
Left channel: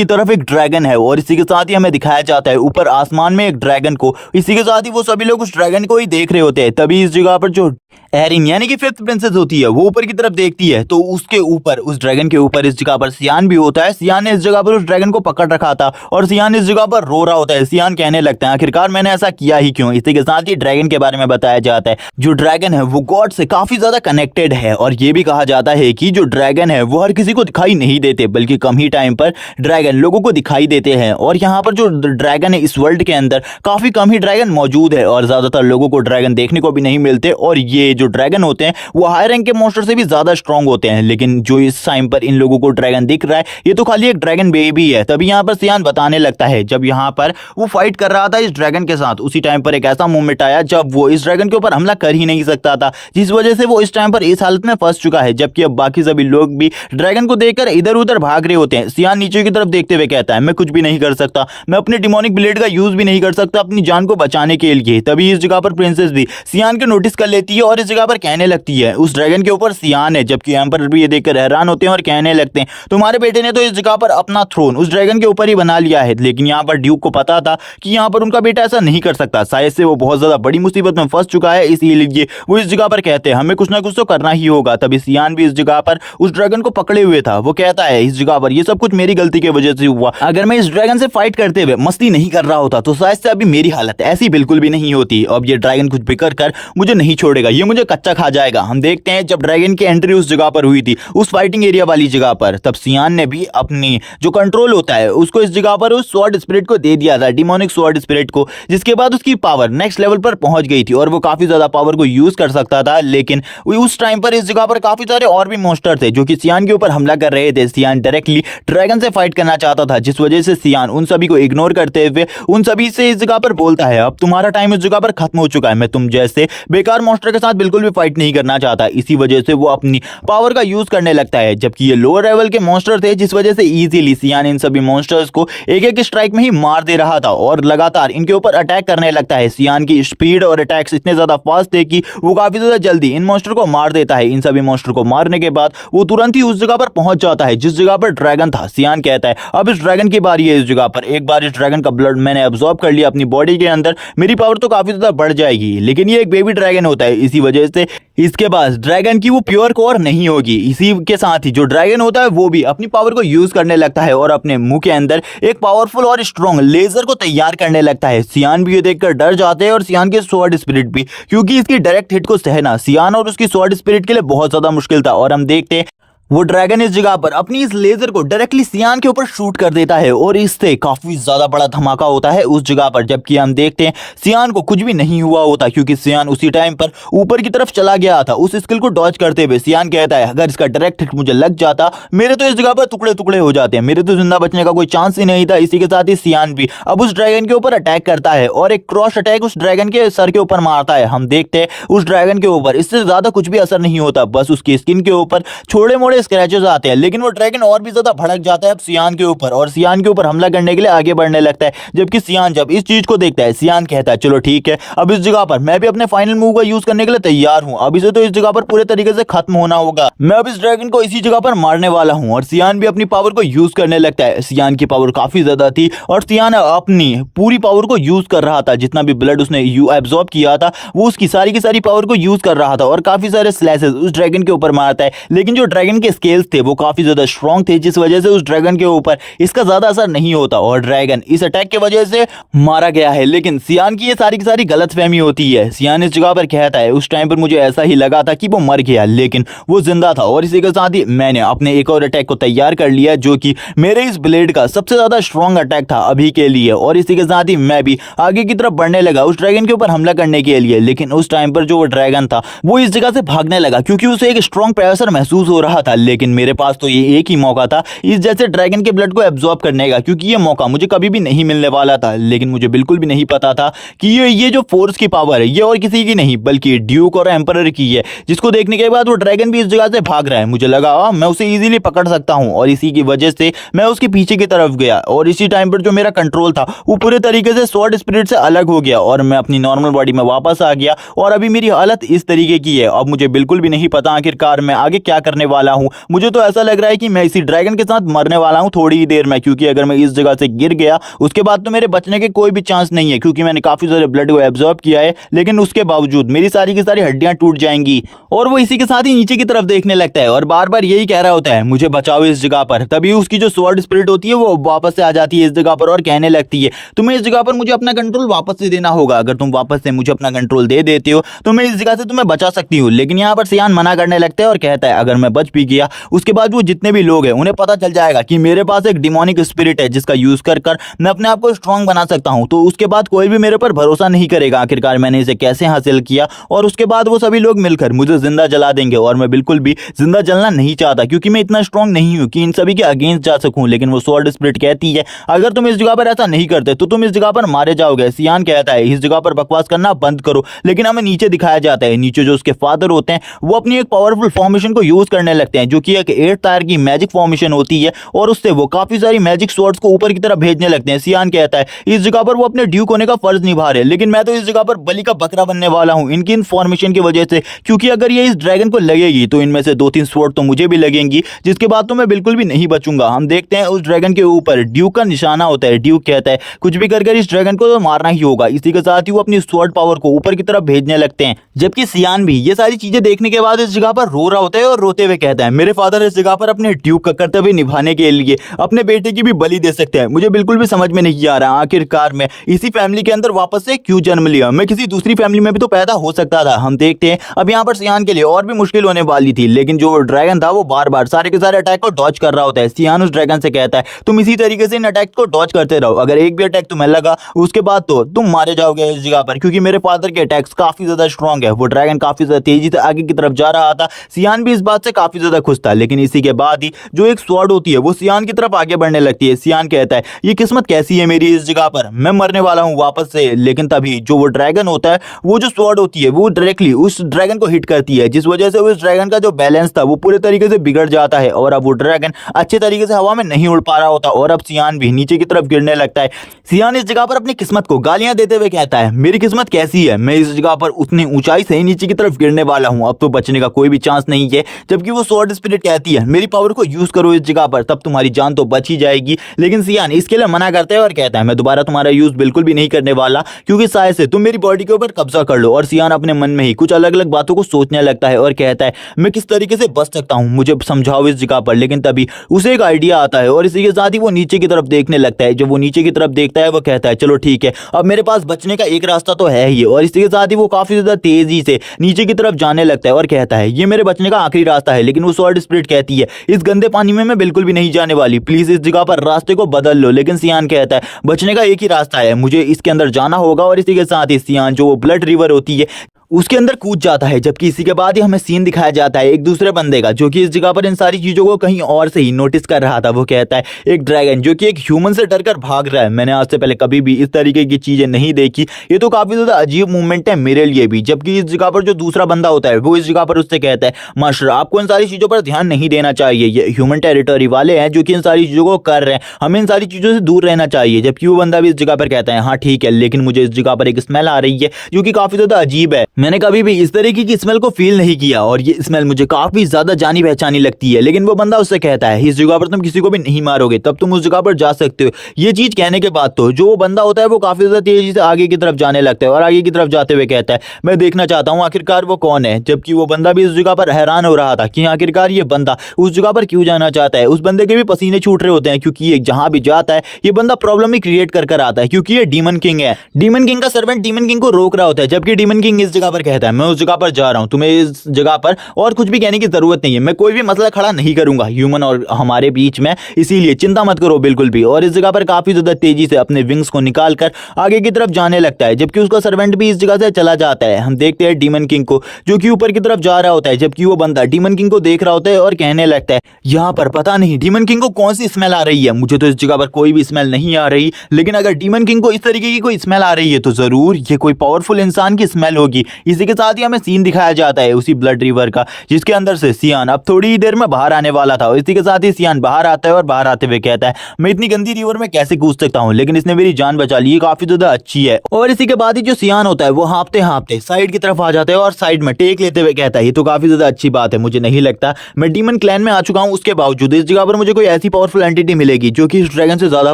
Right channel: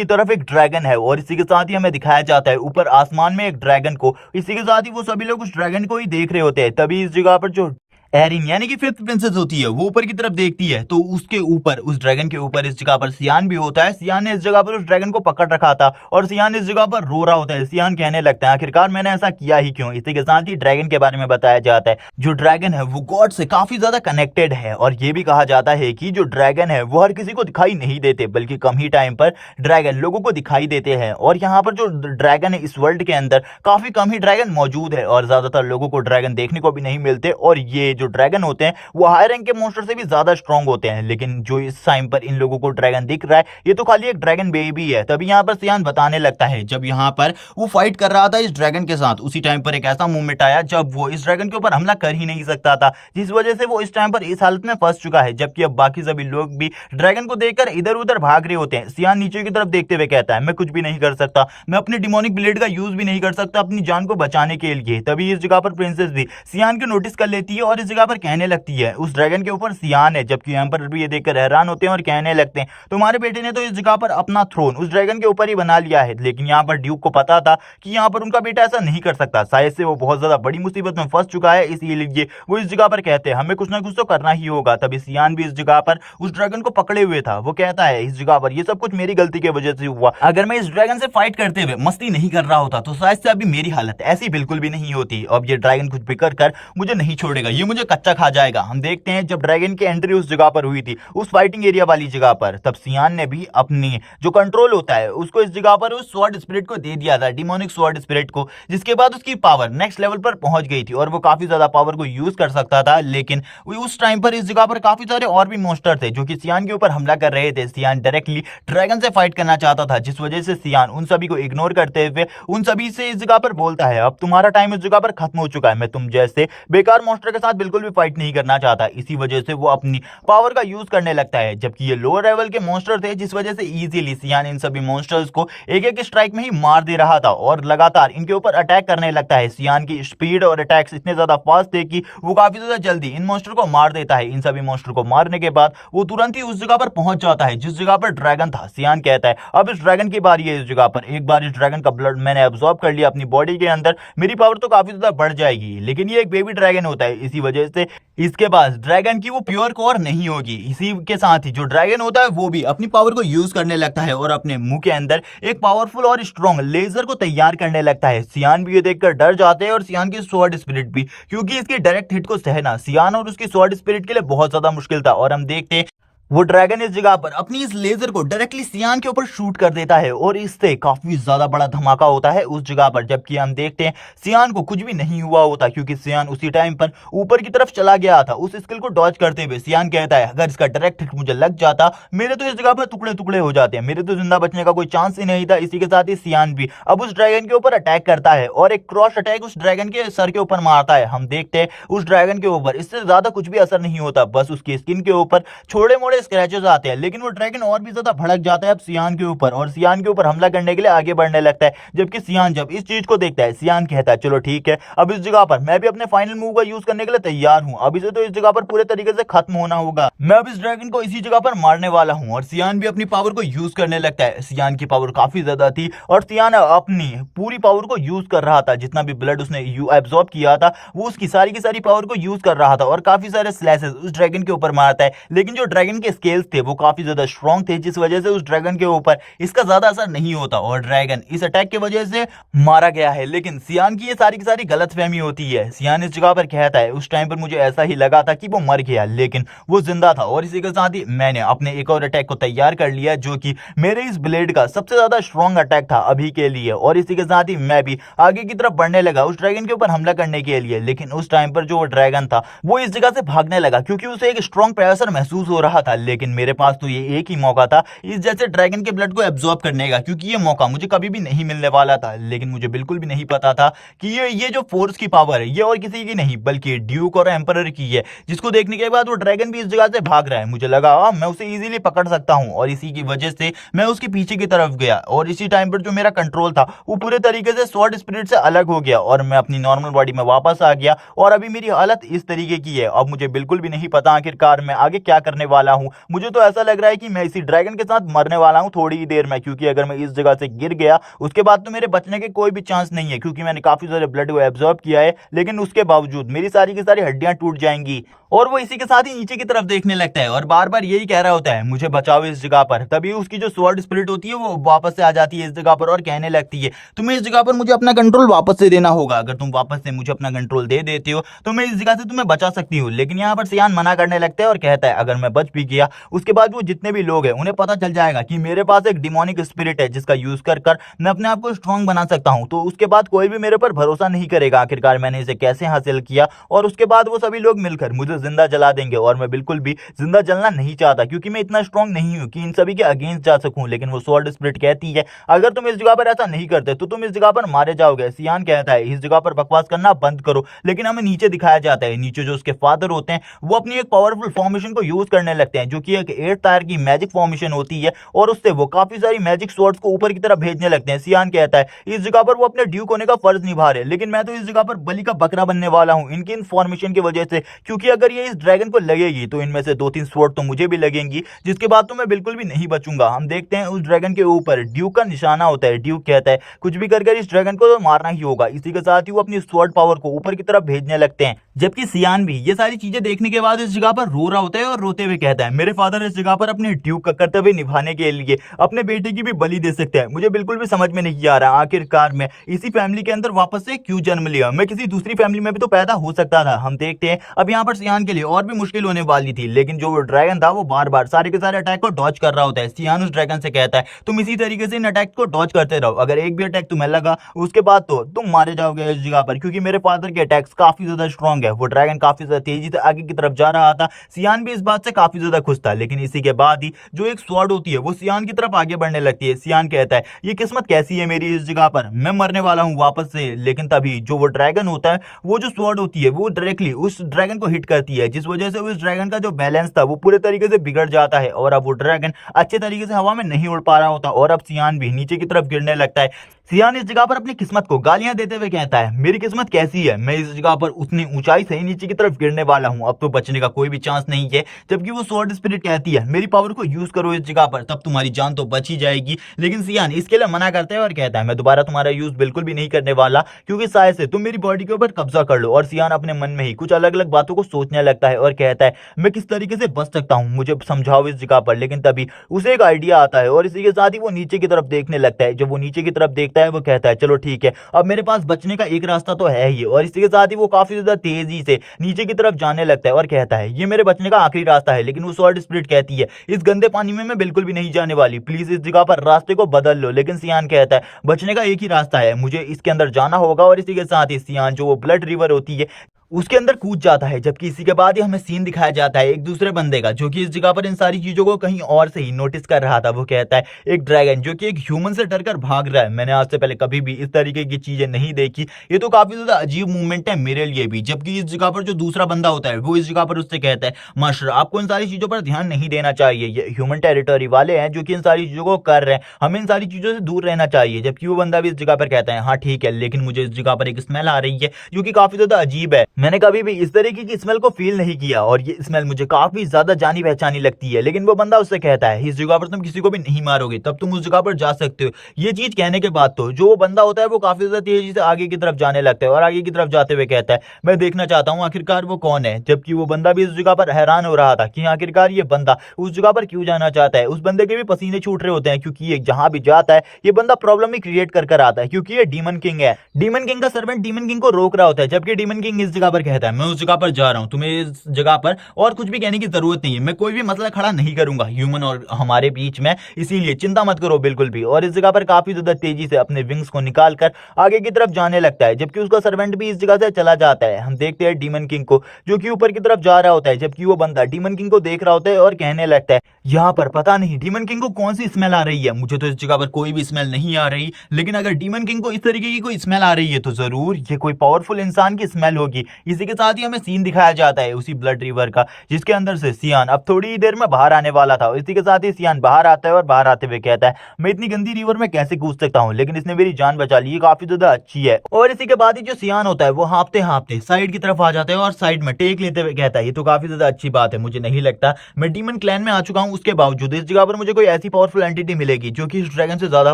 तरफ एक ड्रैगन है और इसी के साथ ही हमें दिखाया जाता है ऊपर आसमान में एक ड्रैगन को। इसी के साथ ही वो सभी लोग उस ड्रैगन को ही देख रहे होते हैं। तभी इस जगह पर जो एरिन यानी कि फिफ्थ प्रिंसेस होती है वो ऊपर की तरफ देखती है तो उसके ऊपर उस ड्रैगन के ऊपर इस जगह पर सियान भी होता है। सियान ने इस जगह पर उस ड्रैगन को पकड़ रखा था और सियान इस जगह पर रो रहा होता है। सियान कहने लगते हैं आखिरकार मैंने ऐसा किया ही क्यों। इसी के साथ ही ड्रैगन के बारे में बताया जाता है जो ड्रैगन है वो गॉड से काफी ज्यादा कनेक्टेड है और ये भी कहा जाता है कि जो ड्रैगन है वो हर किसी को दिखाई नहीं देते बल्कि कम ही टाइम पर ड्रैगन लोगों को दिखाई देते हैं। और यहाँ पर जो ड्रैगन है इस वर्ल्ड के अंदर काफी कम ही ड्रैगन मौजूद है और ज्यादातर लोगों को ड्रैगन देखने को भी नहीं मिलते और ये ये जो ड्रैगन होते हैं वो हाई रैंक के मॉन्स्टर से भी ज्यादा स्ट्रांग होते हैं, लेकिन जो इस टाइम पर इन लोगों को ड्रैगन दिख रहा है ये तो खाली एक ड्रैगन बेबी है। तभी यहाँ पर सियान बताने लगता है जब यहाँ पर वो फाइट कर रहा था इस ड्रैगन के साथ, उसी टाइम पर एक ऐसा मोमेंट आया जब वो इस ड्रैगन के ऊपर हमला कर ही नहीं सकता था, जिस वजह से वो इस टाइम पर इस हालत में फंस चुका है। जबकि अब बाकी सभी लोग भी ड्रैगन को देखकर इधर उधर भाग रहे होते हैं। सियान नीचे की तरफ देखते हुए कहता है मैं कुछ भी नहीं कर सकता, मैं अपने डिमोनिक ब्लेड का यूज भी नहीं कर सकता अपनी जान को बचाने के लिए। तभी इस जगह पर प्रिंसेस भी सियान को नोटिस कर लेती है और इस जगह पर कहने लगती है उस ड्रैगन के ऊपर सियान है। जबकि एम्परर भी ये देखकर हैरान होते हैं और कहने लगते हैं तुम्हारे बेटे ने तो इस जगह पर अपना थ्रोन उस ड्रैगन के ऊपर ही बना लिया है। लेकिन यहाँ पर ड्यूक को पता था कि यहाँ पर उनका बेटा ऐसा नहीं कर सकता, शायद से वो बहुत ज्यादा बड़ी मुसीबत में फंस चुका है, इसीलिए वो इस जगह पर कहते हैं हमें कुछ ना कुछ तो करना ही होगा। तभी सियान भी इस जगह पर उस ड्रैगन को पकड़े हुए था। वो कहता है इस जगह पर ये सब कुछ मेरी गलती की वजह से हुआ, अगर मैं इस ड्रैगन से फाइट करते हुए मस्ती नहीं कर रहा होता तो शायद से अभी मेरी हालत ऐसी बिल्कुल भी नहीं होती। अब ये ड्रैगन कुछ बिकर कर मुझे नहीं छोड़ेगा, ये मुझे कच्चा खा जाएगा। हम देखते हैं जब ड्रैगन की एंट्री उस जगह पर हुई थी उस फाइटिंग एरिया वाली जगह पर, तब सियान ने भी अपनी जो कंट्रोल होता है उसको इस जगह पर उस स्वॉर्ड स्पिरिट को दे दिया था, डिमोनिक स्वॉर्ड स्पिरिट को, जिसके बाद उसकी पावर नेक्स्ट लेवल पर पहुंच गई थी और वो काफी ज्यादा पावर को यूज कर सकता था। लेकिन उस टाइम पर इस जगह पर काफी सारे और भी मॉन्स्टर थे जो कि सियान के ऊपर हमला कर रहे थे। सियान डायरेक्टली ड्रैगन से फाइट करना चाहता था, जिस वजह से सियान उन सभी को इग्नोर करते हुए उन सभी से इस जगह पर बोलता है अब तुम्हारा टाइम इस जगह पर खत्म हो चुका है, मैं तुम जैसे बेकार मॉन्स्टर के साथ बिल्कुल भी फाइट नहीं करना चाहता। इसी वजह से वो अपनी पावर का यूज करने लगता है। जबकि ये लोअर लेवल के मॉन्स्टर थे, जिस वजह से इजीली सियान इन सभी मॉन्स्टर्स को एक एक स्ट्राइक में ही मार दे रहा था और लगातार इनके ऊपर अटैक करने लगता है। सियान की स्पीड और अटैक्स इतने ज्यादा फास्ट थे कि वो काफी ज्यादा जल्दी इन मॉन्स्टर को मार देता है। इन सभी मॉन्स्टर को मारने के बाद वो तुरंत ही उस जगह पर पहुंच जाता है जिस जगह पर ड्रैगन था। सियान कहता है अब इस ड्रैगन की बारी है इस जगह पर, एक बार इस ड्रैगन का ब्लड मैंने अब्सॉर्ब कर लिया अपनी बॉडी के अंदर, मेरी पावर तो काफी ज्यादा बढ़ जाएगी। लेकिन ये एक बेबी ड्रैगन होता है, इसी वजह से इसके पास ड्रैगन की वो प्योर कोर नहीं होगी। इसी के साथ ही जो ड्रैगन होता है वो भी अपनी पावर को यूज करने लगता है और अपने मुंह के अंदर एक पावरफुल और स्ट्रॉन्ग लेजर को तैयार करने लगता है। सियान भी ये देखकर डर जाते हैं और सियान के स्वॉर्ड स्पिरिट भी, क्योंकि इसकी डायरेक्ट हिट को सहना सियान और उसकी स्वॉर्ड स्पिरिट के लिए बहुत ज्यादा मुश्किल था। और हम देखते हैं वो ड्रैगन इस जगह पर अपनी इस लेजर को डायरेक्टली सियान के ऊपर शूट कर देता है और इससे काफी ज्यादा बड़ा धमाका होता है उस जगह पर। जबकि हम देखते हैं सियान को कुछ भी नहीं हुआ होता, क्योंकि सियान उसी टाइम पर ऊपर की तरफ चला गया था उस स्किल को डॉज करते हुए। सियान कहता है अगर इसका डायरेक्ट हिट मुझे लग जाता मेरे तो इस जगह पर टुकड़े टुकड़े हो जाते हैं, मेरे तो जिंदा बचने का कोई चांस ही नहीं था। इसी के साथ ही सियान भी अब उस ड्रैगन के ऊपर अटैक करता है और एक क्रॉस अटैक उस ड्रैगन के सर के ऊपर मारता है। हम देखते हैं उस ड्रैगन के ऊपर इससे ज्यादा कुछ भी असर नहीं होता, बस उसकी स्किन के ऊपर छोटे मोटे स्क्रैचेस आते हैं। लेकिन वो ड्रैगन और भी ज्यादा भड़क जाता है अब सियान के ऊपर और सियान के ऊपर हमला करने के लिए आगे बढ़ने लगता है। जबकि सियान जब इस चीज को देखता है सियान कहता है चलो ठीक है, अब इस जगह पर मैं भी अपने फाइनल मूव का यूज करने के लिए तैयार हूं, अब इसे तो इस जगह पर पूरे तरीके से खत्म होना होगा, मैं अब इस ड्रैगन को इसी जगह पर मारने वाला हूं। और सियान भी अपनी पावर को यूज करने लगता है। सियान की पावर काफी ज्यादा थी और सियान अपनी पूरी पावर को यूज कर रहा था, जितना भी ब्लड उसने एब्जॉर्ब किया था वो उसकी सारी की सारी पावर को यूज कर रहा था और काफी सारे स्लैशेस उस ड्रैगन के ऊपर मारता है। लेकिन जो ड्रैगन के स्केल्स थे वो काफी ज्यादा स्ट्रॉन्ग थे, जिस वजह से उस ड्रैगन के ऊपर इसका ज्यादा असर नहीं होता और ड्रैगन इस अटैक की वजह से मारा गया है। लेकिन सियान की ये सारी की सारी गलतफहमी होती है। सियान इस जगह पर कहता है उस टाइम पर मुझे ऐसा ही लगा था कि वो मर गया, लेकिन वो जिंदा था और इसी के साथ ही मैंने अपने एक और अटैक को तैयार कर लिया जो कि मेरे इस ब्लेड का सबसे ज्यादा स्ट्रॉन्ग अटैक था अभी के लिए। और इसी के साथ ही मैं भी आगे की तरफ बढ़ने लगा उस ड्रैगन के ऊपर हमला करने के लिए। लेकिन उस टाइम पर जो वो ड्रैगन था वो इस जगह से भागने लगा क्योंकि उसे एक स्ट्रॉन्ग प्रेशर महसूस हो रहा था। लेकिन मेरे पास तो ये एक ही मौका था इस जैसे ड्रैगन के ब्लड को एब्जॉर्ब करने का, क्योंकि ये मौका मुझे कभी भी नहीं मिलने वाला था। लेकिन मुझे बिल्कुल भी नहीं पता था कि ये जो फोर्स की पावर है ये और किसी की नहीं बल्कि ड्यूक और एम्परर की है, जिसको देखने के बाद वो ड्रैगन भी इस जगह से भाग रहा है। मुझे लगा मैं उसे इजीली पकड़ सकता हूं और इसी की वजह से मैं उसके पीछे की तरफ गया और इसी टाइम पर जो मेरा कंट्रोल था वो पूरे तरीके से स्वॉर्ड स्पिरिट से अलग हो गया और मैं अपनी नॉर्मल बॉडी में वापस आ गया और अभी मेरी हालत इस तरीके की है। अब मुझे बिल्कुल भी नहीं पता आखिरकार मैं आगे क्या करने वाला हूं। मुझे तो ऐसा लग रहा है कि मैं इसी ड्रैगन के साथ मरने वाला हूं थोड़ी ही देर में, क्योंकि अगर मैं इस जगह से गिर गया उसके बाद तो मेरे बचने के कोई भी चांस नहीं है, क्योंकि मैंने काफी सारे ब्लड को एब्जॉर्ब किया है। लेकिन उसके बावजूद मेरी सारी की सारी हड्डियां टूट जाएंगी और वो इसी के साथ ही नीचे की तरफ देखने लगता है और बार बार यही कह रहा होता है मुझे बचाओ इस जगह पर। तभी उसकी जो स्वॉर्ड स्पिरिट होती है वो वापस से आ जाती है इस जगह पर और कहने लगती है तुम्हें इस जगह पर मुझे अपना कंट्रोल वापस से देना होगा, अगर तुम वापस से मुझे अपना कंट्रोल दे देते हो तो मैं इस जगह से तुम्हें बचा सकती हूँ। लेकिन यहाँ पर सियान मना करने लगता है और कहता है अगर मैं बच भी गया, उसके बाद वो जितने भी लोग हैं उन्हें पता चल जाएगा कि मेरे पास एक डिमोनिक स्पिरिट है जिसका यूज कर कर मैं अपने आप को स्ट्रांग बना सकता हूं। तो उसके बाद कोई भी मेरे पर भरोसा नहीं करेगा आखिरकार मैंने इसे कैसे हासिल किया, और उसके बाद वो सभी लोग मिलकर मुझे जिंदा जला देंगे। और मैं बिल्कुल भी जिंदा जलना नहीं चाहता क्योंकि मैं इतना स्ट्रांग नहीं हूं कि इन सभी के अगेंस्ट जा सकूं। लेकिन वो स्वॉर्ड स्पिरिट कहती है अगर तुम इस जगह पर ऐसा नहीं करते तो तुम इस जगह पर मारे जाओगे। सियान कहता है इस जगह पर बकवास करना बंद करो, लेकिन हमें नीचे दिखाया जाता है। नीचे जो उसके फादर होते हैं वो अपनी एक पावरफुल फॉर्मेशन को यूज करने लगते हैं जो कि एक 8 टायर की मैजिक फॉर्मेशन होती है, और उससे वो काफी सारी मैजिक स्वॉर्ड्स को ऊपर की तरफ भेजने लगते हैं। सियान कहता है इस जगह पर वो अपने ड्यूक होने का फर्ज निभा रहे हैं, लेकिन मैं तो इस जगह पर बलि का बकरा बनने वाला हूं इनकी इनफॉर्मेशन की वजह से, क्योंकि अगर ये इस ड्रैगन को लगेगी तो इनमें से 2-3 स्वॉर्ड तो मुझे भी लगेंगी, जिसके बाद तो मैं बिल्कुल भी नहीं बचूंगा। हम देखते हैं उस ड्रैगन के ऊपर ड्यूक का निशाना होता है। ड्यूक कहता है कुछ भी कर इस ड्रैगन को तो मारना ही होगा। इसी के साथ ही वो अपनी स्वॉर्ड पावर को ऊपर की तरफ भेजने लगते हैं, जबकि सियान भी ये सारी चीजें देखने के बाद इस जगह पर रो रहा होता है और रोते हुए कहता है मेरे फादर इस जगह पर अपने ड्यूक का कर्तव्य निभाने के लिए अपने बेटे की भी बलि दे सकते हैं। मुझे बिल्कुल भी समझ में नहीं आ रहा आखिरकार मैं इसी फैमिली के अंदर वापस से क्यों जन्म लिया, मैं किसी दूसरी फैमिली में भी तो पैदा हो सकता था। हम देखते हैं अब यहाँ पर सियान के लिए और भी मुश्किल होने वाली थी, लेकिन जो ड्रैगन था वो बार बार सारे के सारे अटैक को डॉज कर रहा होता है। सियान उस ड्रैगन से कहता है तुम इसी तरीके से इन अटैक को डॉज करते रहो, अगर एक भी अटैक तुम्हें लगा उसके बाद तो तुम मारे जाओगे इस जगह पर, क्योंकि मेरे फादर के अटैक्स काफी ज्यादा स्ट्रॉन्ग है। वो ड्रैगन काफी ज्यादा तेजी से आगे की तरफ जा रहा था। सियान भी इस बात से काफी ज्यादा खुश था, लेकिन इसी के बाद ही जो एक स्वॉर्ड होती है वो सियान की तरफ आगे बढ़ने लगती है। सियान कहता है ये किस्मत कैसी है मेरी इस जगह पर, मैं मरने वाला हूं वापस से। लेकिन तभी जो वो ड्रैगन होता है वो जो स्वॉर्ड होती है वो डायरेक्टली उस ड्रैगन को हिट करती है, जिस वजह से उस ड्रैगन का जो बैलेंस था वो पूरे तरीके से बिगड़ जाता है और अब वो ड्रैगन अच्छे तरीके से हवा में नहीं उड़ पा रहा होता और अब सियान भी नीचे की तरफ गिरने लगता है। सियान इस जगह पर अपनी किस्मत को गालियां देते हुए कहता है मेरी किस्मत कैसी है, मैं इस जगह पर उतनी ऊंचाई से नीचे की तरफ गिरने वाला हूं, अब तो बचने का कोई भी चांस नहीं है। जबकि वो स्वॉर्ड स्पिरिट कहती है मेरी पावर को यूज करो इस जगह पर, तब तुम्हारी जान तो बच ही जाएगी। लेकिन सियान इसके लिए मना करता है और कहता है मैं दोबारा तुम्हारा यूज बिल्कुल भी नहीं करने वाला, क्योंकि शायद से तुम मेरी बॉडी के ऊपर कब्जा कर लो। और सियान अपने मन में ही कुछ अलग अलग बातों को सोचने लगता है और कहता है मैं किस तरीके से बच सकता हूं, मुझे समझाओ इस जगह पर। लेकिन तभी उसे एक आइडिया आता है और इसी के साथ ही वो नीचे की तरफ देखने लगता है। जब वो नीचे की तरफ देखता है वो कहता है चलो ठीक है, अब मेरे पास बचने का एक रास्ता तो है ही। और इसी के साथ ही वो काफी ज्यादा तेजी से नीचे की तरफ जाने लगता है और कहता है ये मेरे बचने का आखिरी रास्ता है। लेकिन वो स्वॉर्ड स्पिरिट कहती है इस गंदे पानी में मैं बिल्कुल भी नहीं जाने वाली, प्लीज इस जगह पर रास्ते को बदल लो। लेकिन सियान कहता है बचने का एक ही रास्ता है, मुझे इसके अंदर जाना होगा। और इसी के साथ ही सियान जो ब्लड रिवर होती है उसके अंदर कूद जाता है। जबकि इसी के बाद ही हमें सीन दिखाया जाता है एक दूसरे बंदे का जो कि इस जगह पर इन सारी चीजों को कहीं और से ही नोटिस कर रहा था। वो कहता है एक ड्रैगन जो कि एक ह्यूमन से डरकर भाग रहा है, मैंने आज से पहले कभी भी इस तरीके की चीजें नहीं देखी, ये तो काफी ज्यादा अजीब मूवमेंट है मेरे लिए भी। जबकि इस जगह पर जो दूसरा बंदा होता है वो इस जगह पर उससे कहता है मास्टर आपको इन सारी चीजों पर ध्यान नहीं देना चाहिए, ये ह्यूमन टेरिटरी वाले हैं जो कि इन सारी चीजों को कर रहे हैं, हमें इन सारी चीजों से दूर रहना चाहिए। जबकि वो बंदा भी इस जगह पर कहता है हाँ ठीक है, लेकिन मुझे इस जगह पर एक स्मेल आ रही है जो कि काफी ज्यादा अजीब है, मैंने कभी भी इस तरीके की स्मेल को फील नहीं किया और ये स्मेल मुझे काफी ज्यादा जानी पहचानी लगती है। लेकिन वो बंदा उससे कहता है इस जगह पर तुम किसी को भी नहीं मारोगे, तब तुम उस जगह पर जा सकते हो। ये चीज कहने के बाद तो जो वो बंदा होता है वो काफी ज्यादा तेजी से आगे की तरफ जाने लगता है और आगे की तरफ जाते हुए कहता है मैं देखना चाहता हूँ आखिरकार वो कौन है। जबकि वो बंदा भी उस जगह पर हैरान हो रहा था कि आखिरकार ये बंदा उस जगह पर क्यों जाना चाहता है। उस बंदे के भी पसीने छूट रहे होते हैं क्योंकि ये जहां भी जाता है ये बंदा प्रॉब्लम ही क्रिएट कर कर आता है, क्योंकि ये डीमन किंग है। डीमन किंग का सर्वेंट डीमन किंग को रोक रहा होता है, जबकि डीमन किंग इस जगह पर कहता है मैं उस जगह पर जा रहा हूं, तुम्हें इस जगह पर और कुछ भी कहने की जरूरत नहीं है, मैं कोई भी मसला खड़ा नहीं करूंगा ह्यूमन और हमारे बीच में, इसीलिए चिंता मत करो बिल्कुल भी। और इस जगह पर काफी ज्यादा तेजी से अपने विंग्स को निकालकर आगे की तरफ जाने लगता है, जबकि उसका सर्वेंट भी इस जगह से चला जाता है। हम देखते हैं डीमन किंग को जो कि ऊपर की तरफ जा रहा होता है, जबकि वो बंदा डीमन किंग को देख रहा होता है और कहने लगता है यहाँ पर पता नहीं डीमन किंग को कौन सी स्मेल आ रही है, मुझे तो इस जगह पर कोई भी स्मेल नहीं आ रही, लेकिन अगर डीमन किंग को इस तरीके की कोई स्मेल आ रही है तो जरूर ये कोई पावरफुल इंसान की स्मेल होगी। इसी के साथ ही हमें सीन दिखाया जाता है उसी ब्लड रिवर का, जिसके अंदर से सियान अब थोड़ी ही देर में बाहर आने वाला था। और इसी के साथ ही सियान बाहर आता है और बाहर आते हुए कहता है मैं इतनी गंदी रिवर में कैसे कूद सकता हूँ, लेकिन इसने मेरी जान बचा ली, काफी ज्यादा अच्छी है। और इसी के बाद ही जो सियान होता है वो हाँपते हाँपते साइड की तरफ आ जाता है और साइड में टेक लेते हुए कहता है ये तो काफी ज्यादा अच्छी बात है, मुझे नहीं लगता मैं डीमन क्लैन में आ चुका हूँ, उसके बावजूद इस जगह पर मुझे कोई ऐसी पावरफुल एंटिटी मिलेगी जो कि इस ड्रैगन से ज्यादा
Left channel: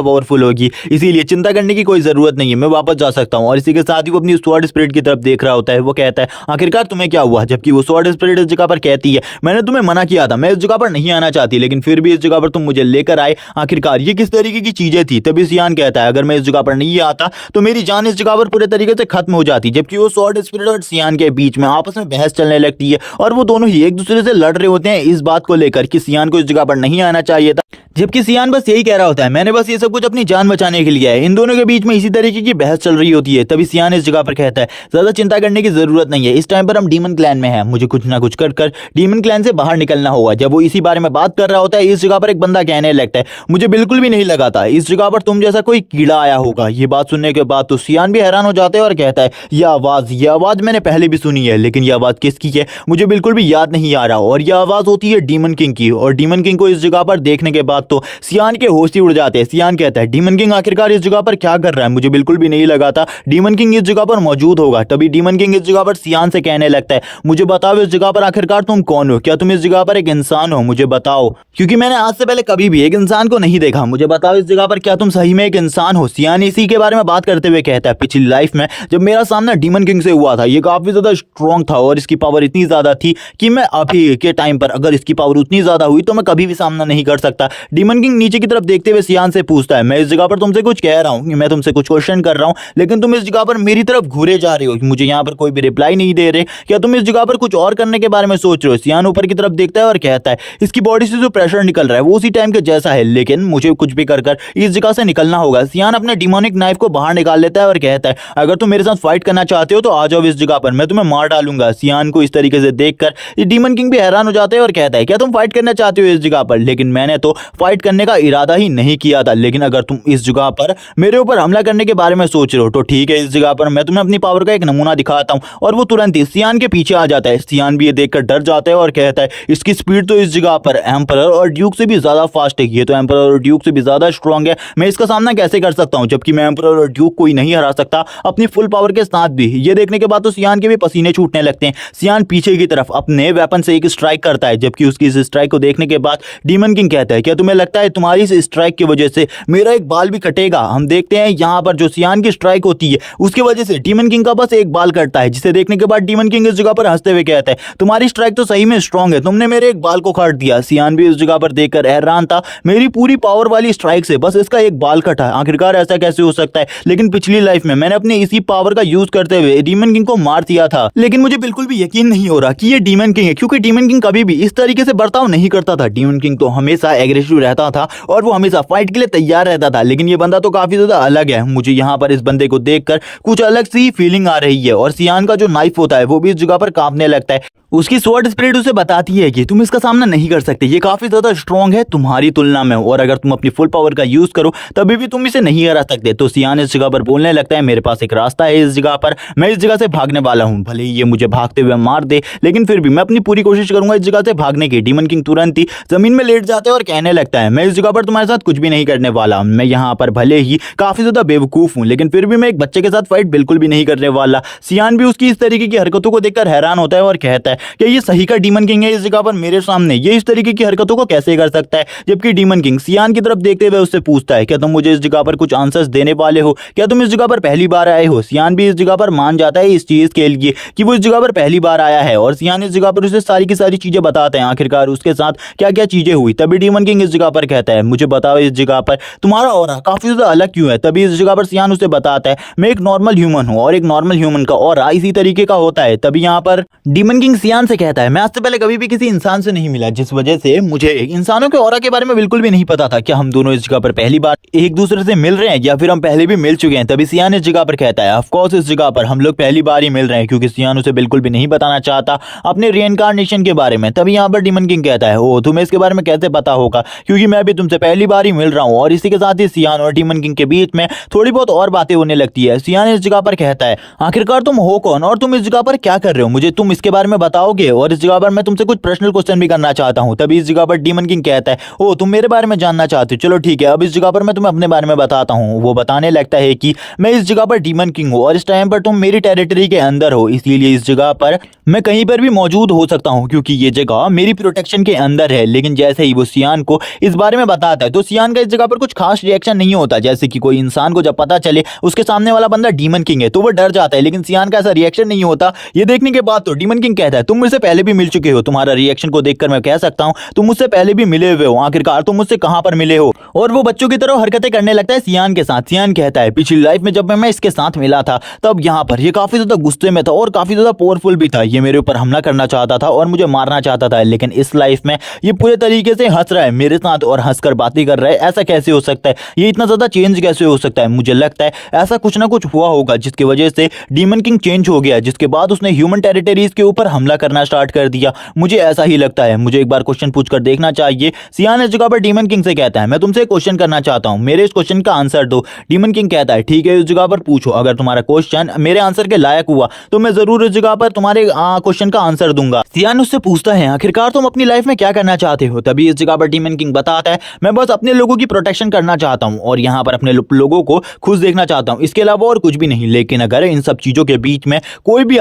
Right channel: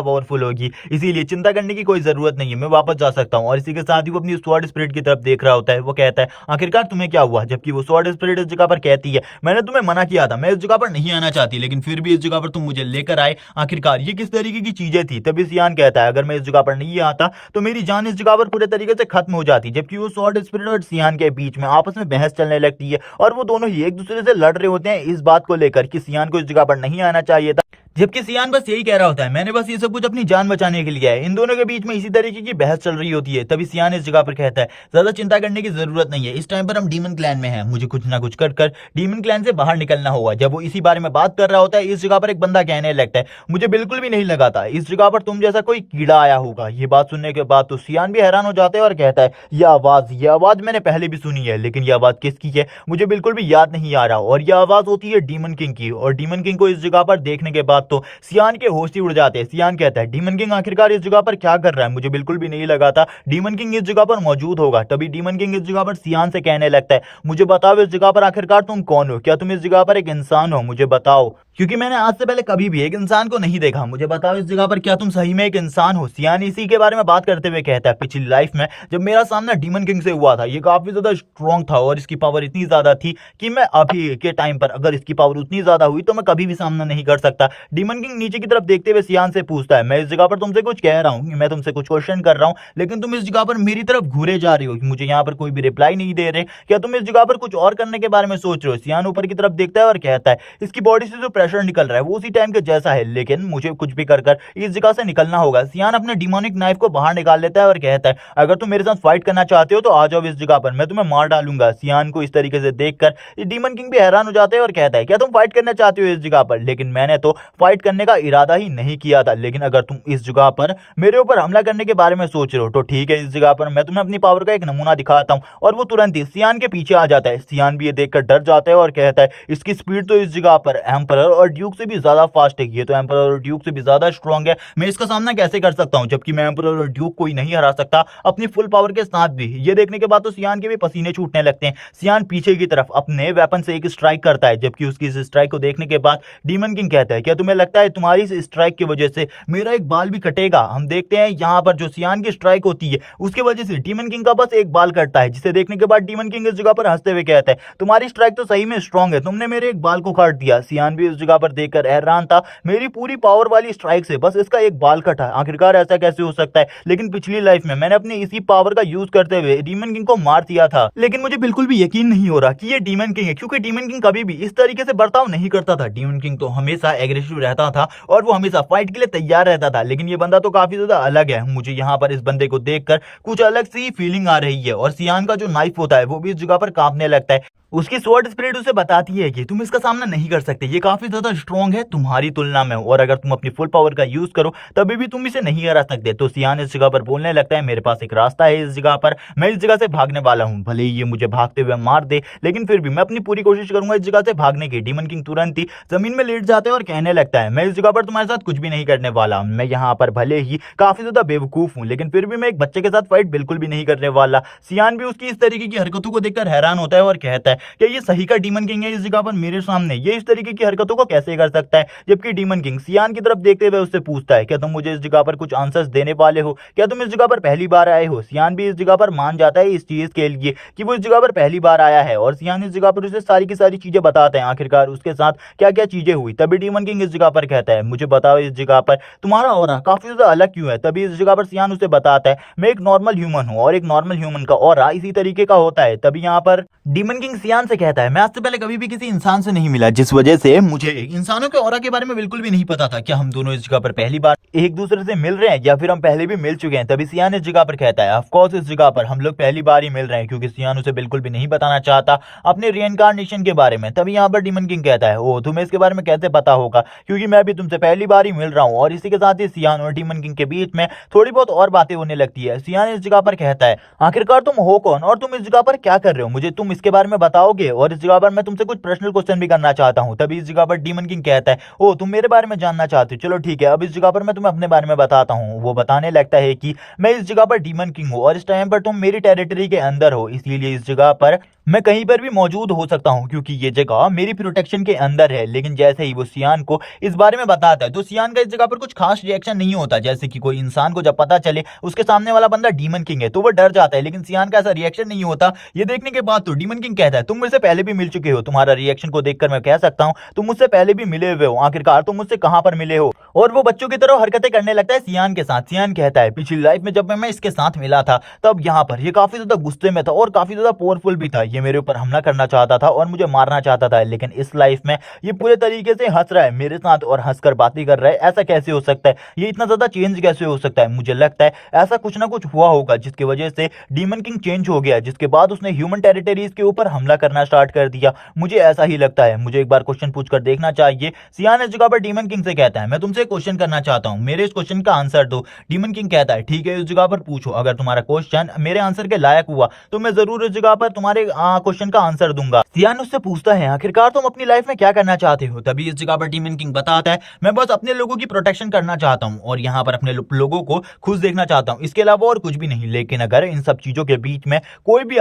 पावरफुल होगी, इसीलिए चिंता करने की कोई जरूरत नहीं है, मैं वापस जा सकता हूँ। और इसी के साथ ही वो अपनी स्वॉर्ड स्पिरिट की तरफ देख रहा होता है, वो वो कहता है आखिरकार तुम्हें क्या हुआ, जबकि वो स्वॉर्ड स्पिरिट इस जगह पर कहती है मैंने तुम्हें मना किया था, मैं इस जगह पर नहीं आना चाहती, लेकिन फिर भी इस जगह पर तुम मुझे लेकर आए, आखिरकार ये किस तरीके की चीजें थी। तभी सियान कहता है अगर मैं इस जगह पर नहीं आता तो मेरी जान इस जगह पर पूरे तरीके से खत्म हो जाती। जबकि वो स्वॉर्ड स्पिरिट और सियान के बीच में आपस में बहस चलने लगती है और वो दोनों ही एक दूसरे से लड़ रहे होते हैं इस बात को लेकर कि सियान को इस जगह पर नहीं आना चाहिए था, जबकि सियान बस यही कह रहा होता है मैंने बस ये सब कुछ अपनी जान बचाने के लिए है। इन दोनों के बीच में इसी तरीके की बहस चल रही होती है। तभी सियान इस जगह पर कहता है ज्यादा चिंता करने की जरूरत नहीं है, इस टाइम पर हम डीमन क्लैन में हैं, मुझे कुछ ना कुछ कर डीमन क्लैन से बाहर निकलना होगा। जब वो इसी बारे में बात कर रहा होता है इस जगह पर एक बंदा कहने लगता है मुझे बिल्कुल भी नहीं लगा था इस जगह पर तुम जैसा कोई कीड़ा आया होगा। ये बात सुनने के बाद तो सियान भी हैरान हो जाता है और कहता है ये आवाज मैंने पहले भी सुनी है, लेकिन ये आवाज किसकी है मुझे बिल्कुल भी याद नहीं आ रहा। और ये आवाज होती है डीमन किंग की। और डीमन किंग को इस जगह पर देखने के बाद तो सियान के होश ही उड़ जाते हैं। सियान कहता है डीमन किंग आखिरकार इस जगह पर क्या कर रहा है, मुझे बिल्कुल भी नहीं लगा था डीमन किंग इस जगह पर मौजूद होगा। तभी डीमन किंग इस जगह पर सियान से कहने लगता है मुझे बताओ इस जगह पर आखिरकार तुम कौन हो, क्या तुम इस जगह पर एक इंसान हो, मुझे बताओ, क्योंकि मैंने आज से पहले कभी भी एक इंसान को नहीं देखा, मुझे बताओ इस जगह पर क्या तुम सही में एक इंसान हो। सियान इसी के बारे में बात करते हुए कहता है पिछली लाइफ में जब मेरा सामना डीमन किंग से हुआ था ये काफी ज्यादा स्ट्रॉन्ग था और इसकी पावर इतनी ज्यादा थी कि मैं अभी के टाइम पर अगर इसकी पावर उतनी ज्यादा हुई तो मैं कभी भी सामना नहीं कर सकता। डीमन किंग नीचे की तरफ देखते हुए सियान से पूछता है मैं इस जगह पर तुमसे कुछ कह रहा हूँ, मैं तुमसे कुछ क्वेश्चन कर रहा हूँ, लेकिन तुम इस जगह पर मेरी तरफ घूरे जा रहे हो, मुझे यहाँ पर कोई भी रिप्लाई नहीं दे रहे, क्या तुम इस जगह पर कुछ और करने के बारे में सोच रहे हो। सियान ऊपर की तरफ देखता है और कहता है इसकी बॉडी से जो प्रेशर निकल रहा है वो उसी टाइम के जैसा है, लेकिन मुझे कुछ भी कर इस जगह से निकलना होगा। सियान अपने डिमोनिक नाइफ को बाहर निकाल लेता है और कहता है अगर तुम मेरे साथ फाइट करना चाहते हो तो आ जाओ इस जगह पर, मैं तुम्हें मार डालूंगा। सियान को इस तरीके से देखकर ये डीमन किंग भी हैरान हो जाता है और कहता है क्या तुम फाइट करना चाहते हो इस जगह पर, लेकिन मैंने तो फाइट करने का इरादा ही नहीं किया था, लेकिन अगर तुम इस जगह पर मेरे ऊपर हमला करने के बारे में सोच रहे हो तो ठीक है, इस जगह पर मैं तुम्हें अपनी पावर का एक नमूना दिखाता हूं। और वो तुरंत ही सियान के पीछे आ जाता है। सियान भी ये देखकर डर जाता है और कहता है इसकी स्पीड तो इस जगह पर एम्परर और ड्यूक से भी ज्यादा फास्ट है, ये तो एम्परर और ड्यूक से भी ज्यादा स्ट्रांग है, मैं इसका सामना कैसे कर सकता हूं, जबकि मैं एम्परर और ड्यूक को ही नहीं हरा सकता अपनी फुल पावर के साथ भी। ये देखने के बाद तो सियान के भी पसीने छूटने लगते हैं। सियान पीछे की तरफ अपने वेपन से एक स्ट्राइक करता है, जबकि उसकी इस स्ट्राइक को देखने के बाद डीमन किंग कहता है क्या तुम्हें लगता है तुम्हारी इस स्ट्राइक की वजह से मेरा एक बाल भी कटेगा। हम देखते हैं यहाँ पर जो सियान की स्ट्राइक होती है उसकी वजह से डीमन किंग का बस एक बाल कटता है, जिसे देखने के बाद डीमन किंग इस जगह पर हंसते हुए कहता है तुम्हारी स्ट्राइक तो सही में स्ट्रांग है, तुमने मेरे एक बाल को काट दिया। सियान भी इस जगह पर देखकर हैरान था, मेरी पूरी पावर वाली स्ट्राइक से बस इसका एक बाल कटा है, आखिरकार ऐसा कैसे हो सकता है। लेकिन पिछली लाइफ में मैंने अपने इसी पावर का यूज करते हुए डीमन किंग को मार दिया था, लेकिन मुझे बिल्कुल भी यकीन नहीं हो रहा कि ये डीमन किंग है, क्योंकि डीमन किंग कभी भी इस तरीके से बर्ताव नहीं करता था। डीमन किंग तो हमेशा एग्रेसिव रहता था और वो हमेशा फाइट के लिए तैयार रहता था, लेकिन ये बंदा तो काफी ज्यादा अलग है। मुझे यहाँ पर इस बंदे को देखकर कुछ अलग सी फीलिंग आ रही है। और सियान का जो नाइफ होता है वो भी इस जगह पर कांपने लगता है। उसकी स्वॉर्ड स्पिरिट उसे बताती है कि तुम इसका सामना नहीं कर सकते, ये काफी ज्यादा स्ट्रांग है तुम्हारी तुलना में, और अगर तुम अपनी फुल पावर का यूज करो तभी भी तुम इसे नहीं हरा सकते। तो सियान इस जगह पर बोलने लगता है मेरे पास एक रास्ता है इस जगह पर, मैं इस जगह से भागने वाला हूँ, भले ही ये मुझे भागते हुए मार दे लेकिन फिर भी मैं अपनी पूरी कोशिश करूंगा इस जगह से भागने की। डीमन किंग तुरंत ही जमीन में लेट जाता है और कहने लगता है मैं इस जगह पर तुम्हारे साथ कुछ भी नहीं करने वाला, मैं यहाँ पर भले ही काफी ज्यादा बेवकूफ हूँ लेकिन फिर भी मैं एक बच्चे के साथ फाइट बिल्कुल भी नहीं करने वाला। सियान भी उसकी इस तरीके की हरकतों को देखकर हैरान होता है और कहता है कि ये सही का डीमन किंग है इस जगह पर मेरे सामने, ये इस तरीके की हरकतों को कैसे कर सकता है। जबकि डीमन किंग सियान की तरफ देखते हुए उससे पूछता है क्या तुम मुझे इस जगह पर कुछ आंसर्स देने वाले हो, क्या तुम इस जगह पर पहली बार आए हो। सियान भी इस जगह पर मान जाता है इस चीज के लिए कि वो इस जगह पर पहली बार आया है, और सियान इस जगह पर उसे सारी की सारी चीजें बताते हैं आखिरकार उसके साथ क्या क्या चीजें हुई। तभी डीमन किंग इस जगह पर कहता है मुझे बताओ इस जगह पर तुम्हारा ऑरा काफी ज्यादा अलग क्यों है। तभी इस जगह पर सियान उसे बताता है मैं एक नॉर्मल ह्यूमन हूँ और एक नॉर्मल ह्यूमन का ऑरा इसी तरीके का होता है। तभी यहाँ पर डीमन किंग सियान से कहता है मैं आज से पहले कभी भी किसी इंसान से नहीं मिला, जिस वजह से मुझे इंसानों के ऑरा के बारे में बिल्कुल भी नहीं पता था। क्या हम दोनों इस जगह पर पहली बार एक दूसरे से मिल रहे हैं या फिर हम पहले भी मिल चुके हैं। तभी सियान इस जगह पर कहता है ऑफ कोर्स इस जगह पर हम लोग पहली बार ही मिल रहे हैं, क्योंकि सियान उसे बिल्कुल भी नहीं बताना चाहता अपने रीइंकार्नेशन के बारे में। तभी यहाँ पर डीमन किंग कहता है ओ तुम्हें इसके बारे में कैसे पता होगा, क्योंकि मैं भी तुमसे पहली बार ही मिल रहा हूँ। और इसी के साथ ही सियान और डीमन किंग के बीच में थोड़ी बहुत और बातें होने लगती है। सियान इस जगह पर कहता है आखिरकार तुम हो कौन और तुम इस जगह पर क्या कर रहे हो, मुझे तुम इसके बारे में बताओगे, और इस जगह पर मैं तुमसे कुछ पर्सनल क्वेश्चन भी करना चाहता हूं। तभी इस जगह पर डीमन किंग कहता है ओ तुम मेरे बारे में जानना चाहते हो, चलो ठीक है अब इस जगह पर मैं तुम्हें अपने बारे में बताता हूं। वो बताने लगता है कि मैं इस जगह पर डीमन किंग हूं और इस टाइम पर तुम मेरी टेरिटरी के अंदर हो, इसीलिए इस जगह पर मैं कहीं पर भी मौजूद हो सकता हूं क्योंकि ये जगह मेरी प्रोटेक्शन के अंदर है। लेकिन जैसे ही वो सियान को इस बारे में बताता है। तो सियान का इस जगह पर कुछ खास रिएक्शन नहीं होता, जैसे कि कोई इंसान को जब पता चले उसके सामने वाला बंदा डीमन किंग है तो वो डर जाता है, लेकिन सियान का ऐसा रिएक्शन नहीं होता। ये देखने के बाद तो डीमन किंग कहता है तुम मुझसे पहले भी मिल चुके हो, तुम्हारा रिएक्शन को देखकर मैं कह सकता हूं तुम मुझसे पहले भी मिले हुए हो, आखिरकार तुम मुझसे कहां पर मिले हो। और वो बच्चों की तरह हरकतें करने लगता है सियान के साथ। सियान कहता है पिछली लाइफ में जब मैं इसके साथ मिला था तब यहाँ पर ये काफी ज्यादा गुस्से में था और काफी ज्यादा पावरफुल भी था, ये मेरे ऊपर हमला करना चाहता था और मुझे मारना चाहता था, लेकिन इस लाइफ में ये पूरे तरीके से हंस रहा है मेरे साथ और हंसकर बातें कर रहा है। ऐसा कैसे हो सकता है, ये इतना ज्यादा चेंज कैसे हो सकता है? मुझे लगता है ऐसा कुछ ना कुछ हुआ होगा जिसकी वजह से डीमन किंग चेंज हो गया, जिसके बाद उसने ह्यूमन टेरिटरीज के ऊपर हमला करना स्टार्ट कर दिया। मुझे ऐसा ही लगता है, मुझे एक बार क्वेश्चन पूछकर देखना चाहिए। सियान इस जगह पर डीमन किंग से कहता है मैं तुमसे क्वेश्चन करना चाहता हूं, मेरे इस क्वेश्चन का आंसर दो। डीमन किंग कहता है ठीक है इस जगह पर पूछो, अगर तुम्हारा क्वेश्चन मेरे आंसर के लायक हुआ तो मैं जरूर इस जगह पर तुम्हारे क्वेश्चन का आंसर दूंगा। सियान उससे पूछता है आखिरकार तुम अपनी लाइफ में क्या करना चाहते हो? तभी इस जगह पर डीमन किंग बताता है मैं बस अपने लोगों की प्रोटेक्शन करना चाहता हूं और यहाँ पर अपने लोगों को खुश देखना चाहता हूं, इसके अलावा और कुछ भी नहीं। लेकिन अगर इन सब चीजों के बीच में कोई भी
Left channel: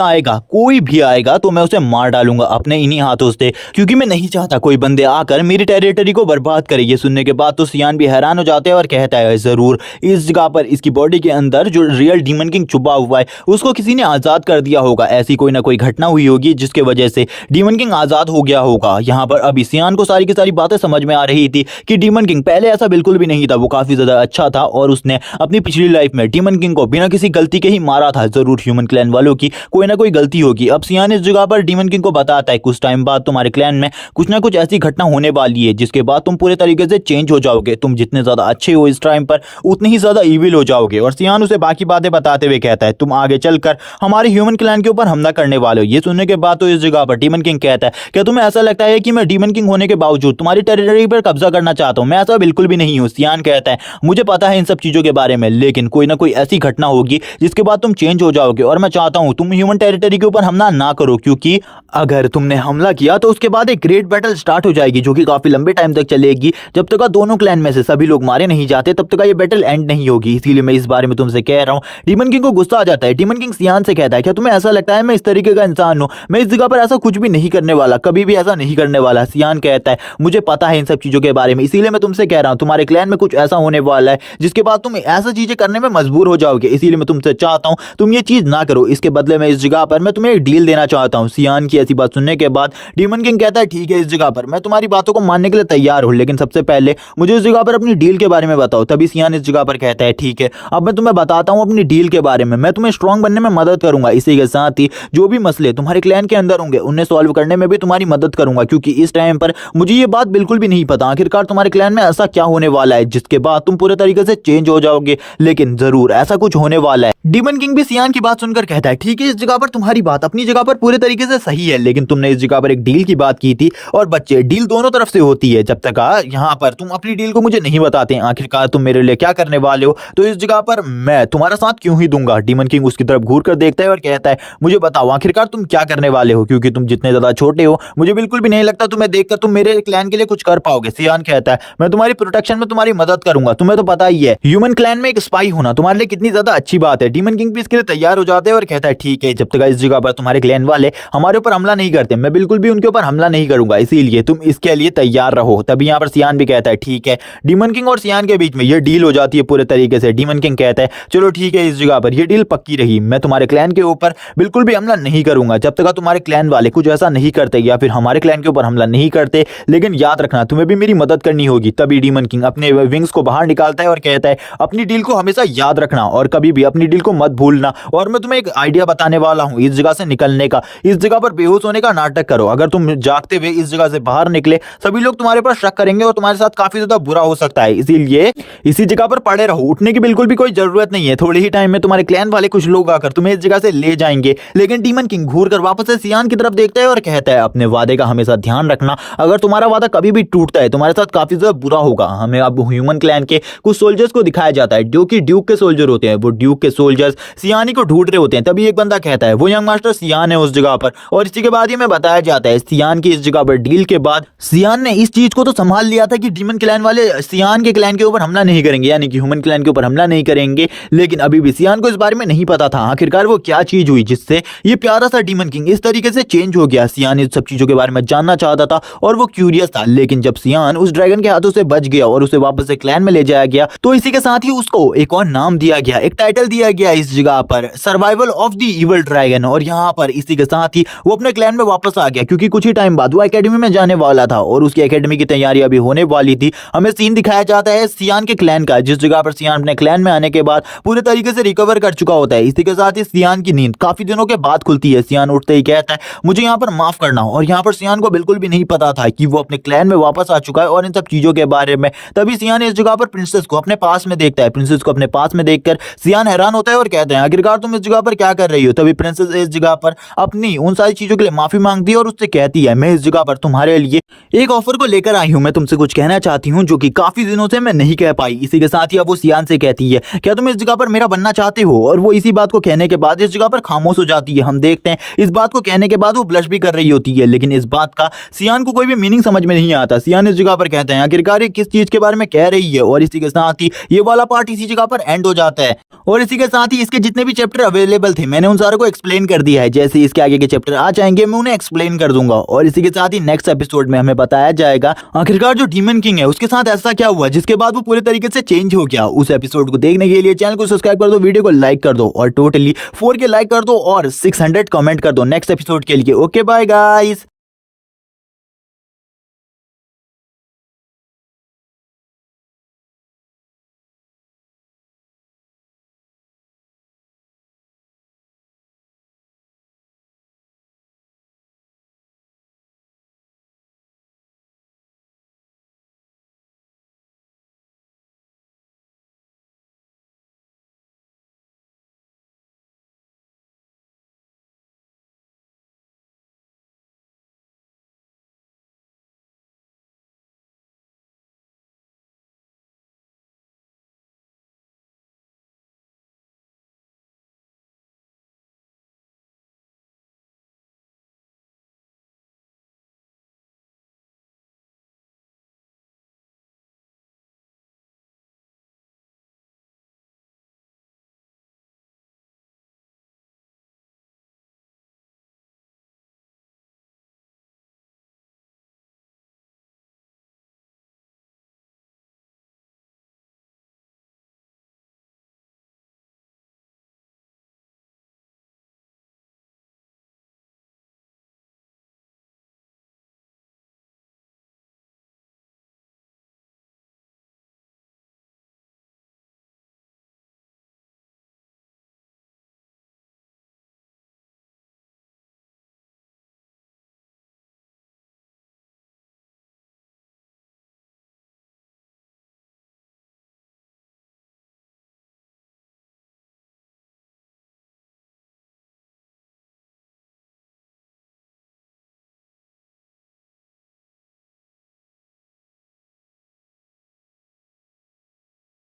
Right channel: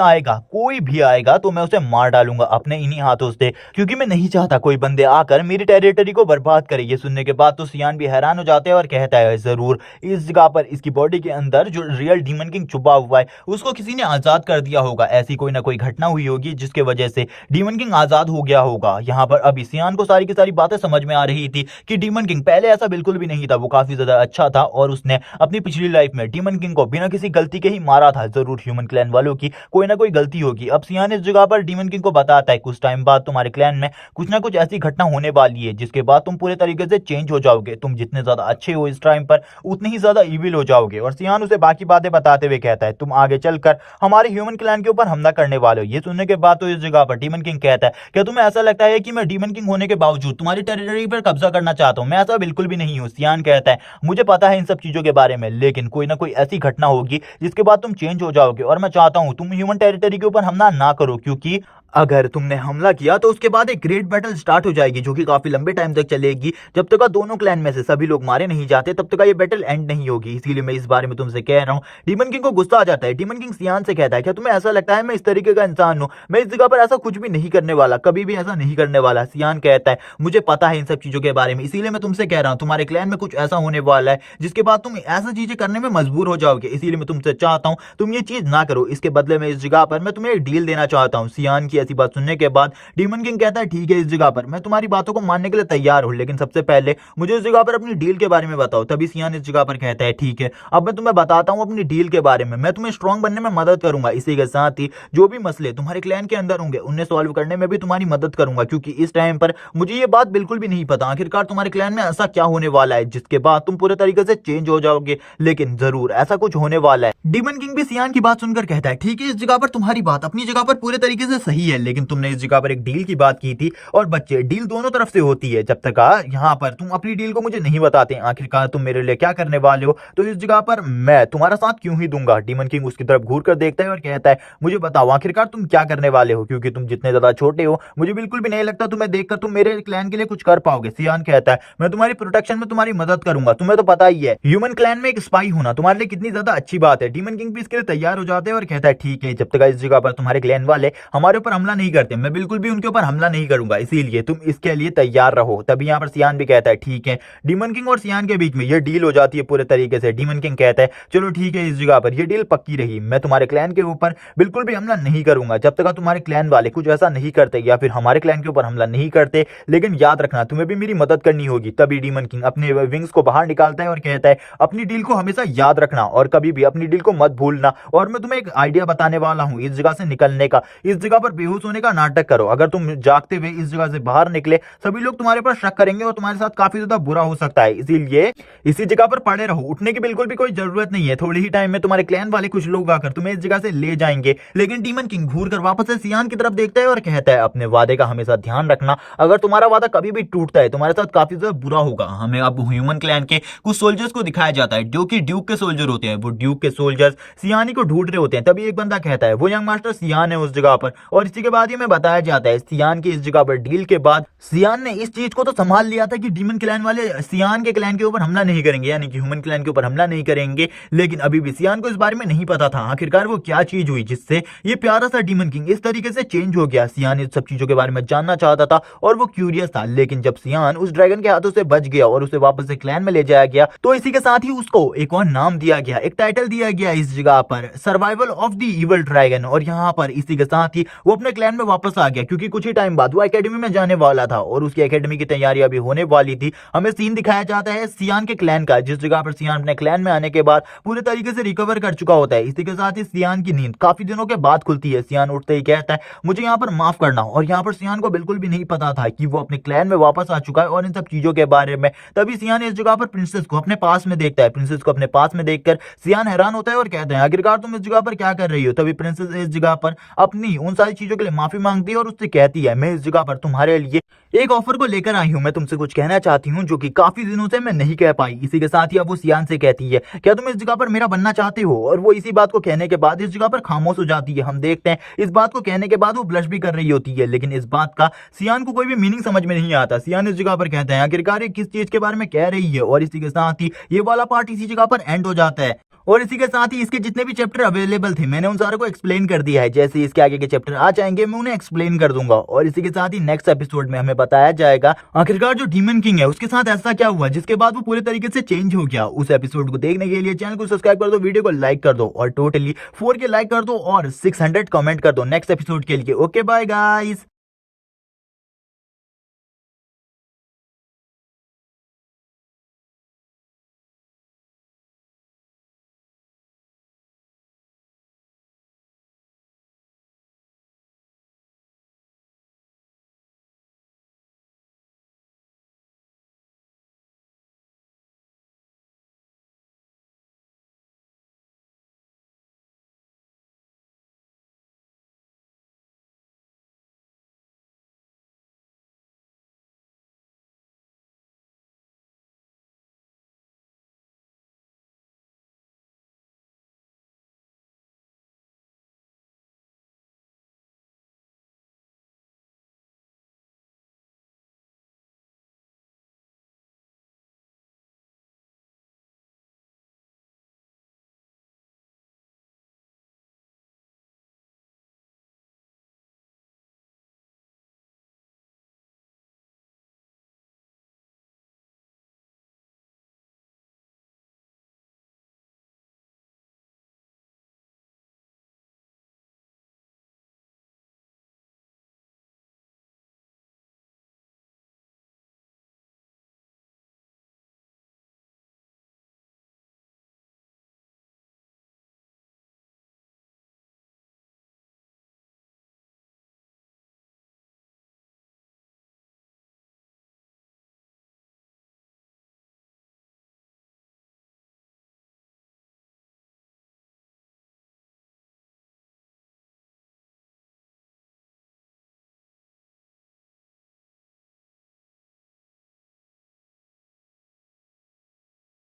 आएगा तो मैं उसे मार डालूंगा अपने इन्हीं हाथों से, क्योंकि मैं नहीं चाहता कोई बंदे आकर मेरी टेरिटरी को बर्बाद करे। ये सुनने के बाद तो सियान भी हैरान हो जाते हैं और कहता है जरूर इस जगह पर इसकी बॉडी के अंदर जो रियल डीमन किंग छुपा हुआ है उसको किसी ने आजाद कर दिया होगा, ऐसी कोई ना कोई घटना हुई होगी जिसके वजह से डीमन किंग आजाद हो गया होगा। यहाँ पर अभी सियान को सारी की सारी बातें समझ में आ रही थी कि डीमन किंग पहले ऐसा बिल्कुल भी नहीं था, वो काफी ज्यादा अच्छा था और उसने अपनी पिछली लाइफ में डीमन किंग को बिना किसी गलती के ही मारा था। जरूर ह्यूमन क्लैन वालों की कोई ना कोई गलती होगी। अब सियान इस जगह पर डीमन किंग को बताता है कुछ टाइम बाद तुम्हारे क्लैन में कुछ ना कुछ ऐसी घटना होने वाली है जिसके बाद तुम पूरे तरीके से चेंज हो जाओगे, तुम जितने ज्यादा अच्छे हो इस टाइम पर उतने ही ज्यादा इविल हो जाओगे। और सियान उसे बाकी बातें बताते हुए कहता है तुम आगे चलकर हमारे ह्यूमन क्लैन के ऊपर हमला करने वाले हो। ये सुनने के बाद तो इस जगह पर डीमन किंग कहता है क्या तुम्हें ऐसा लगता है कि मैं डीमन किंग होने के बावजूद तुम्हारी टेरिटरी पर कब्जा करना चाहता हूं? मैं ऐसा बिल्कुल भी नहीं हूं। सियान कहता है मुझे पता है इन सब चीजों के बारे में, लेकिन कोई ना कोई ऐसी घटना होगी जिसके बाद तुम चेंज हो जाओगे और मैं चाहता हूं तुम ह्यूमन टेरिटरी के ऊपर हमला ना करो, क्योंकि अगर तुमने हमला किया तो उसके बाद एक ग्रेट बैटल स्टार्ट हो जाएगी जो कि काफी लंबे टाइम तक चलेगी। जब तक दोनों क्लैन में से सभी लोग मारे नहीं जाते तब तक ये बैटल एंड नहीं होगी, इसीलिए मैं इस बारे में तुमसे कह रहा हूं। डीमन किंग को गुस्सा आ जाता है। डीमन किंग सियान से कहता है क्या तुम्हें ऐसा लगता है मैं इस तरीके का इंसान हूं? मैं इस जगह पर ऐसा कुछ भी नहीं करने वाला, कभी भी ऐसा नहीं करने वाला। सियान कहता है मुझे पता है इन सब चीजों के बारे में, इसीलिए मैं तुमसे कह रहा हूं तुम्हारे क्लैन में कुछ ऐसा होने वाला है जिसके बाद तुम ऐसा चीजें करने में मजबूर हो जाओगे, इसीलिए मैं तुमसे चाहता हूं तुम ये चीज ना करो। इसके बदले में इस जगह पर मैं तुम्हें एक डील देना चाहता हूं। सियान की ऐसी बात सुनने के बाद डीमन किंग कहता है ठीक है इस जगह पर मैं तुम्हारी बातों को मानने के लिए तैयार हूं, लेकिन सबसे पहले मुझे इस जगह पर अपनी डील के बारे में बताओ। तभी सियान इस जगह पर कहता है ठीक है अब मैं तुम्हें बताता हूं अपनी डील के बारे में, मैं तुम्हें स्ट्रांग बनने में मदद करूंगा, इसी के साथ ही जो भी मसले तुम्हारे क्लैन के अंदर होंगे उन्हें सॉल्व करने में भी तुम्हारी मदद करूंगा, क्योंकि इस टाइम पर मुझे ये बात बिल्कुल भी नहीं पता आखिरकार तुम्हारे क्लैन में ऐसा क्या होने वाला है जिसके बाद तुम पूरे तरीके से चेंज हो जाओगे, लेकिन जरूर ऐसा कुछ होने वाला है। डीमन किंग भी सियान की बात सुनकर कहता है ठीक है इस जगह पर तुम्हारी बात अपनी जगह पर पूरे तरीके से सही है, लेकिन तुमने इस जगह पर एक डील की बात की थी और बच्चे डील दोनों तरफ से होती है, जब तक यहाँ पर तुम अपनी डील को मुझे नहीं बताते आखिरकार तुम मेरे लिए क्या करने वाले हो तो इस जगह पर मैं तुम्हारा साथ क्यों ही दूंगा। डीमन किंग उसकी तरफ घूर कर देखता है और कहता है मुझे बताओ आखिरकार तुम क्या करने वाले हो, क्योंकि तुम जितने ज्यादा छोटे हो मुझे बिल्कुल भी नहीं लगता तुम्हें देखकर तुम मेरे क्लैन के लिए कुछ कर पाओगे। सियान कहता है मैं तुम्हारी प्रोटेक्शन में तुम्हारी मदद करूंगा, तुम्हें तो पता ही है ह्यूमन क्लैन में एक स्पाई होना तुम्हारे लिए कितनी ज्यादा अच्छी बात है। डीमन किंग भी इसके लिए तैयार हो जाते हैं और कहता है ठीक है जब तक इस जगह पर तुम्हारे क्लैन वाले हमारे ऊपर हमला नहीं करते मैं बिल्कुल भी उनके ऊपर हमला नहीं करूंगा, इसीलिए तुम इसके लिए तैयार रहो। तभी यहाँ पर सियान भी कहता है ठीक है। डीमन किंग और सियान के बीच में यह डील हो जाती है पूरे तरीके से। डीमन किंग कहता है चलो ठीक है इस जगह पर यह डील पक्की रही, मैं तुम्हारे क्लैन के ऊपर बिल्कुल भी हमला नहीं करूंगा जब तक तुम्हारे क्लैन वाले कुछ ऐसा नहीं करते या फिर हमारे क्लैन के ऊपर हमला नहीं करते, लेकिन याद रखना तुम्हें भी मेरी मदद करनी होगी। तभी डीमन किंग अपने विंग्स को बाहर निकालता है और कहता है अपनी डील को हमेशा याद रखना और कभी भी अपनी डील को मत भूलना। और मैं तुम्हें एक आइडिया बताने वाला हूं इस जगह से निकलने का, इस जगह पर बेहोश होने का नाटक करो, अगर तुम जागते हुए इस जगह से बाहर निकले सभी लोग तुम्हारे पर शक करेंगे और तुम्हारे साथ काफी ज्यादा बुरा हो सकता है, इसीलिए इसी जगह पर पड़े रहो, उठने की बिल्कुल भी कोई जरूरत नहीं है। थोड़े ही टाइम में तुम्हारे क्लैन वाले कुछ लोग आकर तुम्हें इस जगह से ले जाएंगे। लेकिन डीमन किंग घूर कर वापस से सियान की तरफ देखता है और कहता है अपने वादे का हमेशा ध्यान रखना, अगर तुम्हारा वादा कभी भी टूटता है तुम्हारे साथ काफी ज्यादा बुरा होगा। हमें अब ह्यूमन क्लैन के कुछ सोल्जर्स को दिखाया जाता है जो कि ड्यूक के सोल्जर होते हैं, वो ड्यूक के सोल्जर सोल्जर्स सियानी को ढूंढ रहे होते हैं। तभी एक बंदा कहता है वो यंग मास्टर सियान है उस जगह पर, और इसी के बाद ही हमें बताया जाता है सियान की इस जगह पर डील के बाद सियान ने इस चीज को तो संभाल लिया था कि डीमन क्लैन वाले सियान के क्लैन के ऊपर हमला नहीं करेंगे, यानी कि ह्यूमन क्लैन के ऊपर हमला नहीं करेंगे। लेकिन अभी भी सियान को इस बारे में नहीं पता था आखिरकार वो क्या चीज हुई जिससे ये प्यारा सा डीमन किंग इस तरीके से चेंज हो गया। सियान इस सब चीजों के बारे में जानना चाहता था और वो क्यूरियस था, लेकिन जब सियान उस ड्रैगन के हाथों से बच गया और उसे वापस से क्लैन में ले जाया गया तो इसी के साथ ही उसको एक और नाम दिया गया, एक टाइटल दिया गया इस जगह पर, survival of the evil dragon. और यहाँ पर इसी के साथ ही वो अपने क्लैन में वापस आ गया, क्योंकि कुछ ही टाइम बाद वो एकेडमी में जाने वाला था और उसकी एकेडमी की तैयारी अभी होने वाली थी। हमें सीन दिखाया जाता है सियान के क्लैन का, जिस जगह पर सियान अपने क्लैन में आने के बाद पूरे तरीके से रिकवर कर चुका होता है। इसी के साथ ही सियान की नींद काफी दिनों के बाद खुलती है। सियान उठते ही कहता है मुझे यहाँ पर माफ करना, और यहाँ पर सियान को बिल्कुल भी नहीं पता था कि वो अपने क्लैन में वापस आ चुका है और इन सब चीजों के बारे में। तभी सियान इस जगह पर प्रिंसेस को अपने पास में देखता है। प्रिंसेस को अपने पास में देखकर सियान हैरान होता है और कहते हैं आखिरकार तुम इस जगह पर क्या कर रही हो। तभी प्रिंसेस इस जगह पर अपनी उन सारी चीजों के लिए माफी मांगती है और उससे कहती है मैं इस जगह पर तुम्हारे लिए एक ऑफर को लेकर आई हूं, मैं तुमसे कुछ कहना चाहती हूं जो कि काफी दिनों से मैं नहीं कह पाई। इसी के साथ ही अब वो सियान से कहती है क्या तुम इस जगह पर मेरा बनना चाहते हो, और वो इसी बात को कहने के बाद इस जगह पर खामोश हो जाती है। हम देखते हैं इस बात को कहने के बाद वो ब्लश भी कर रही होती है, लेकिन इस बात का सियान को कोई भी मीनिंग समझ में नहीं आता। सियान इस जगह पर कहते हैं आखिरकार ये किस चीज के बारे में कह रही है, और इसी के साथ ही ये वाला पार्ट इसी जगह पर एंड हो जाता है। और इसी के साथ ही इसके जितने भी चैप्टर अवेलेबल थे मैंने उन सारों को एक्सप्लेन कर दिया है। जैसे इसके आगे के चैप्टर आ जाएंगे मैं उन्हें एक्सप्लेन कर दूंगा, और इसी के साथ ही नेक्स्ट एपिसोड में हमें बताया जाएगा आखिरकार जो डीमन किंग है उसके साथ ऐसा क्या हुआ जिसके बाद वो पूरे तरीके से चेंज हो गया। उस एपिसोड को देखने के लिए चैनल को सब्सक्राइब कर दो, वीडियो को लाइक कर दो और टोटली 4 के लाइक कर दो और 600 कमेंट कर दो नेक्स्ट एपिसोड के लिए। Okay bye guys.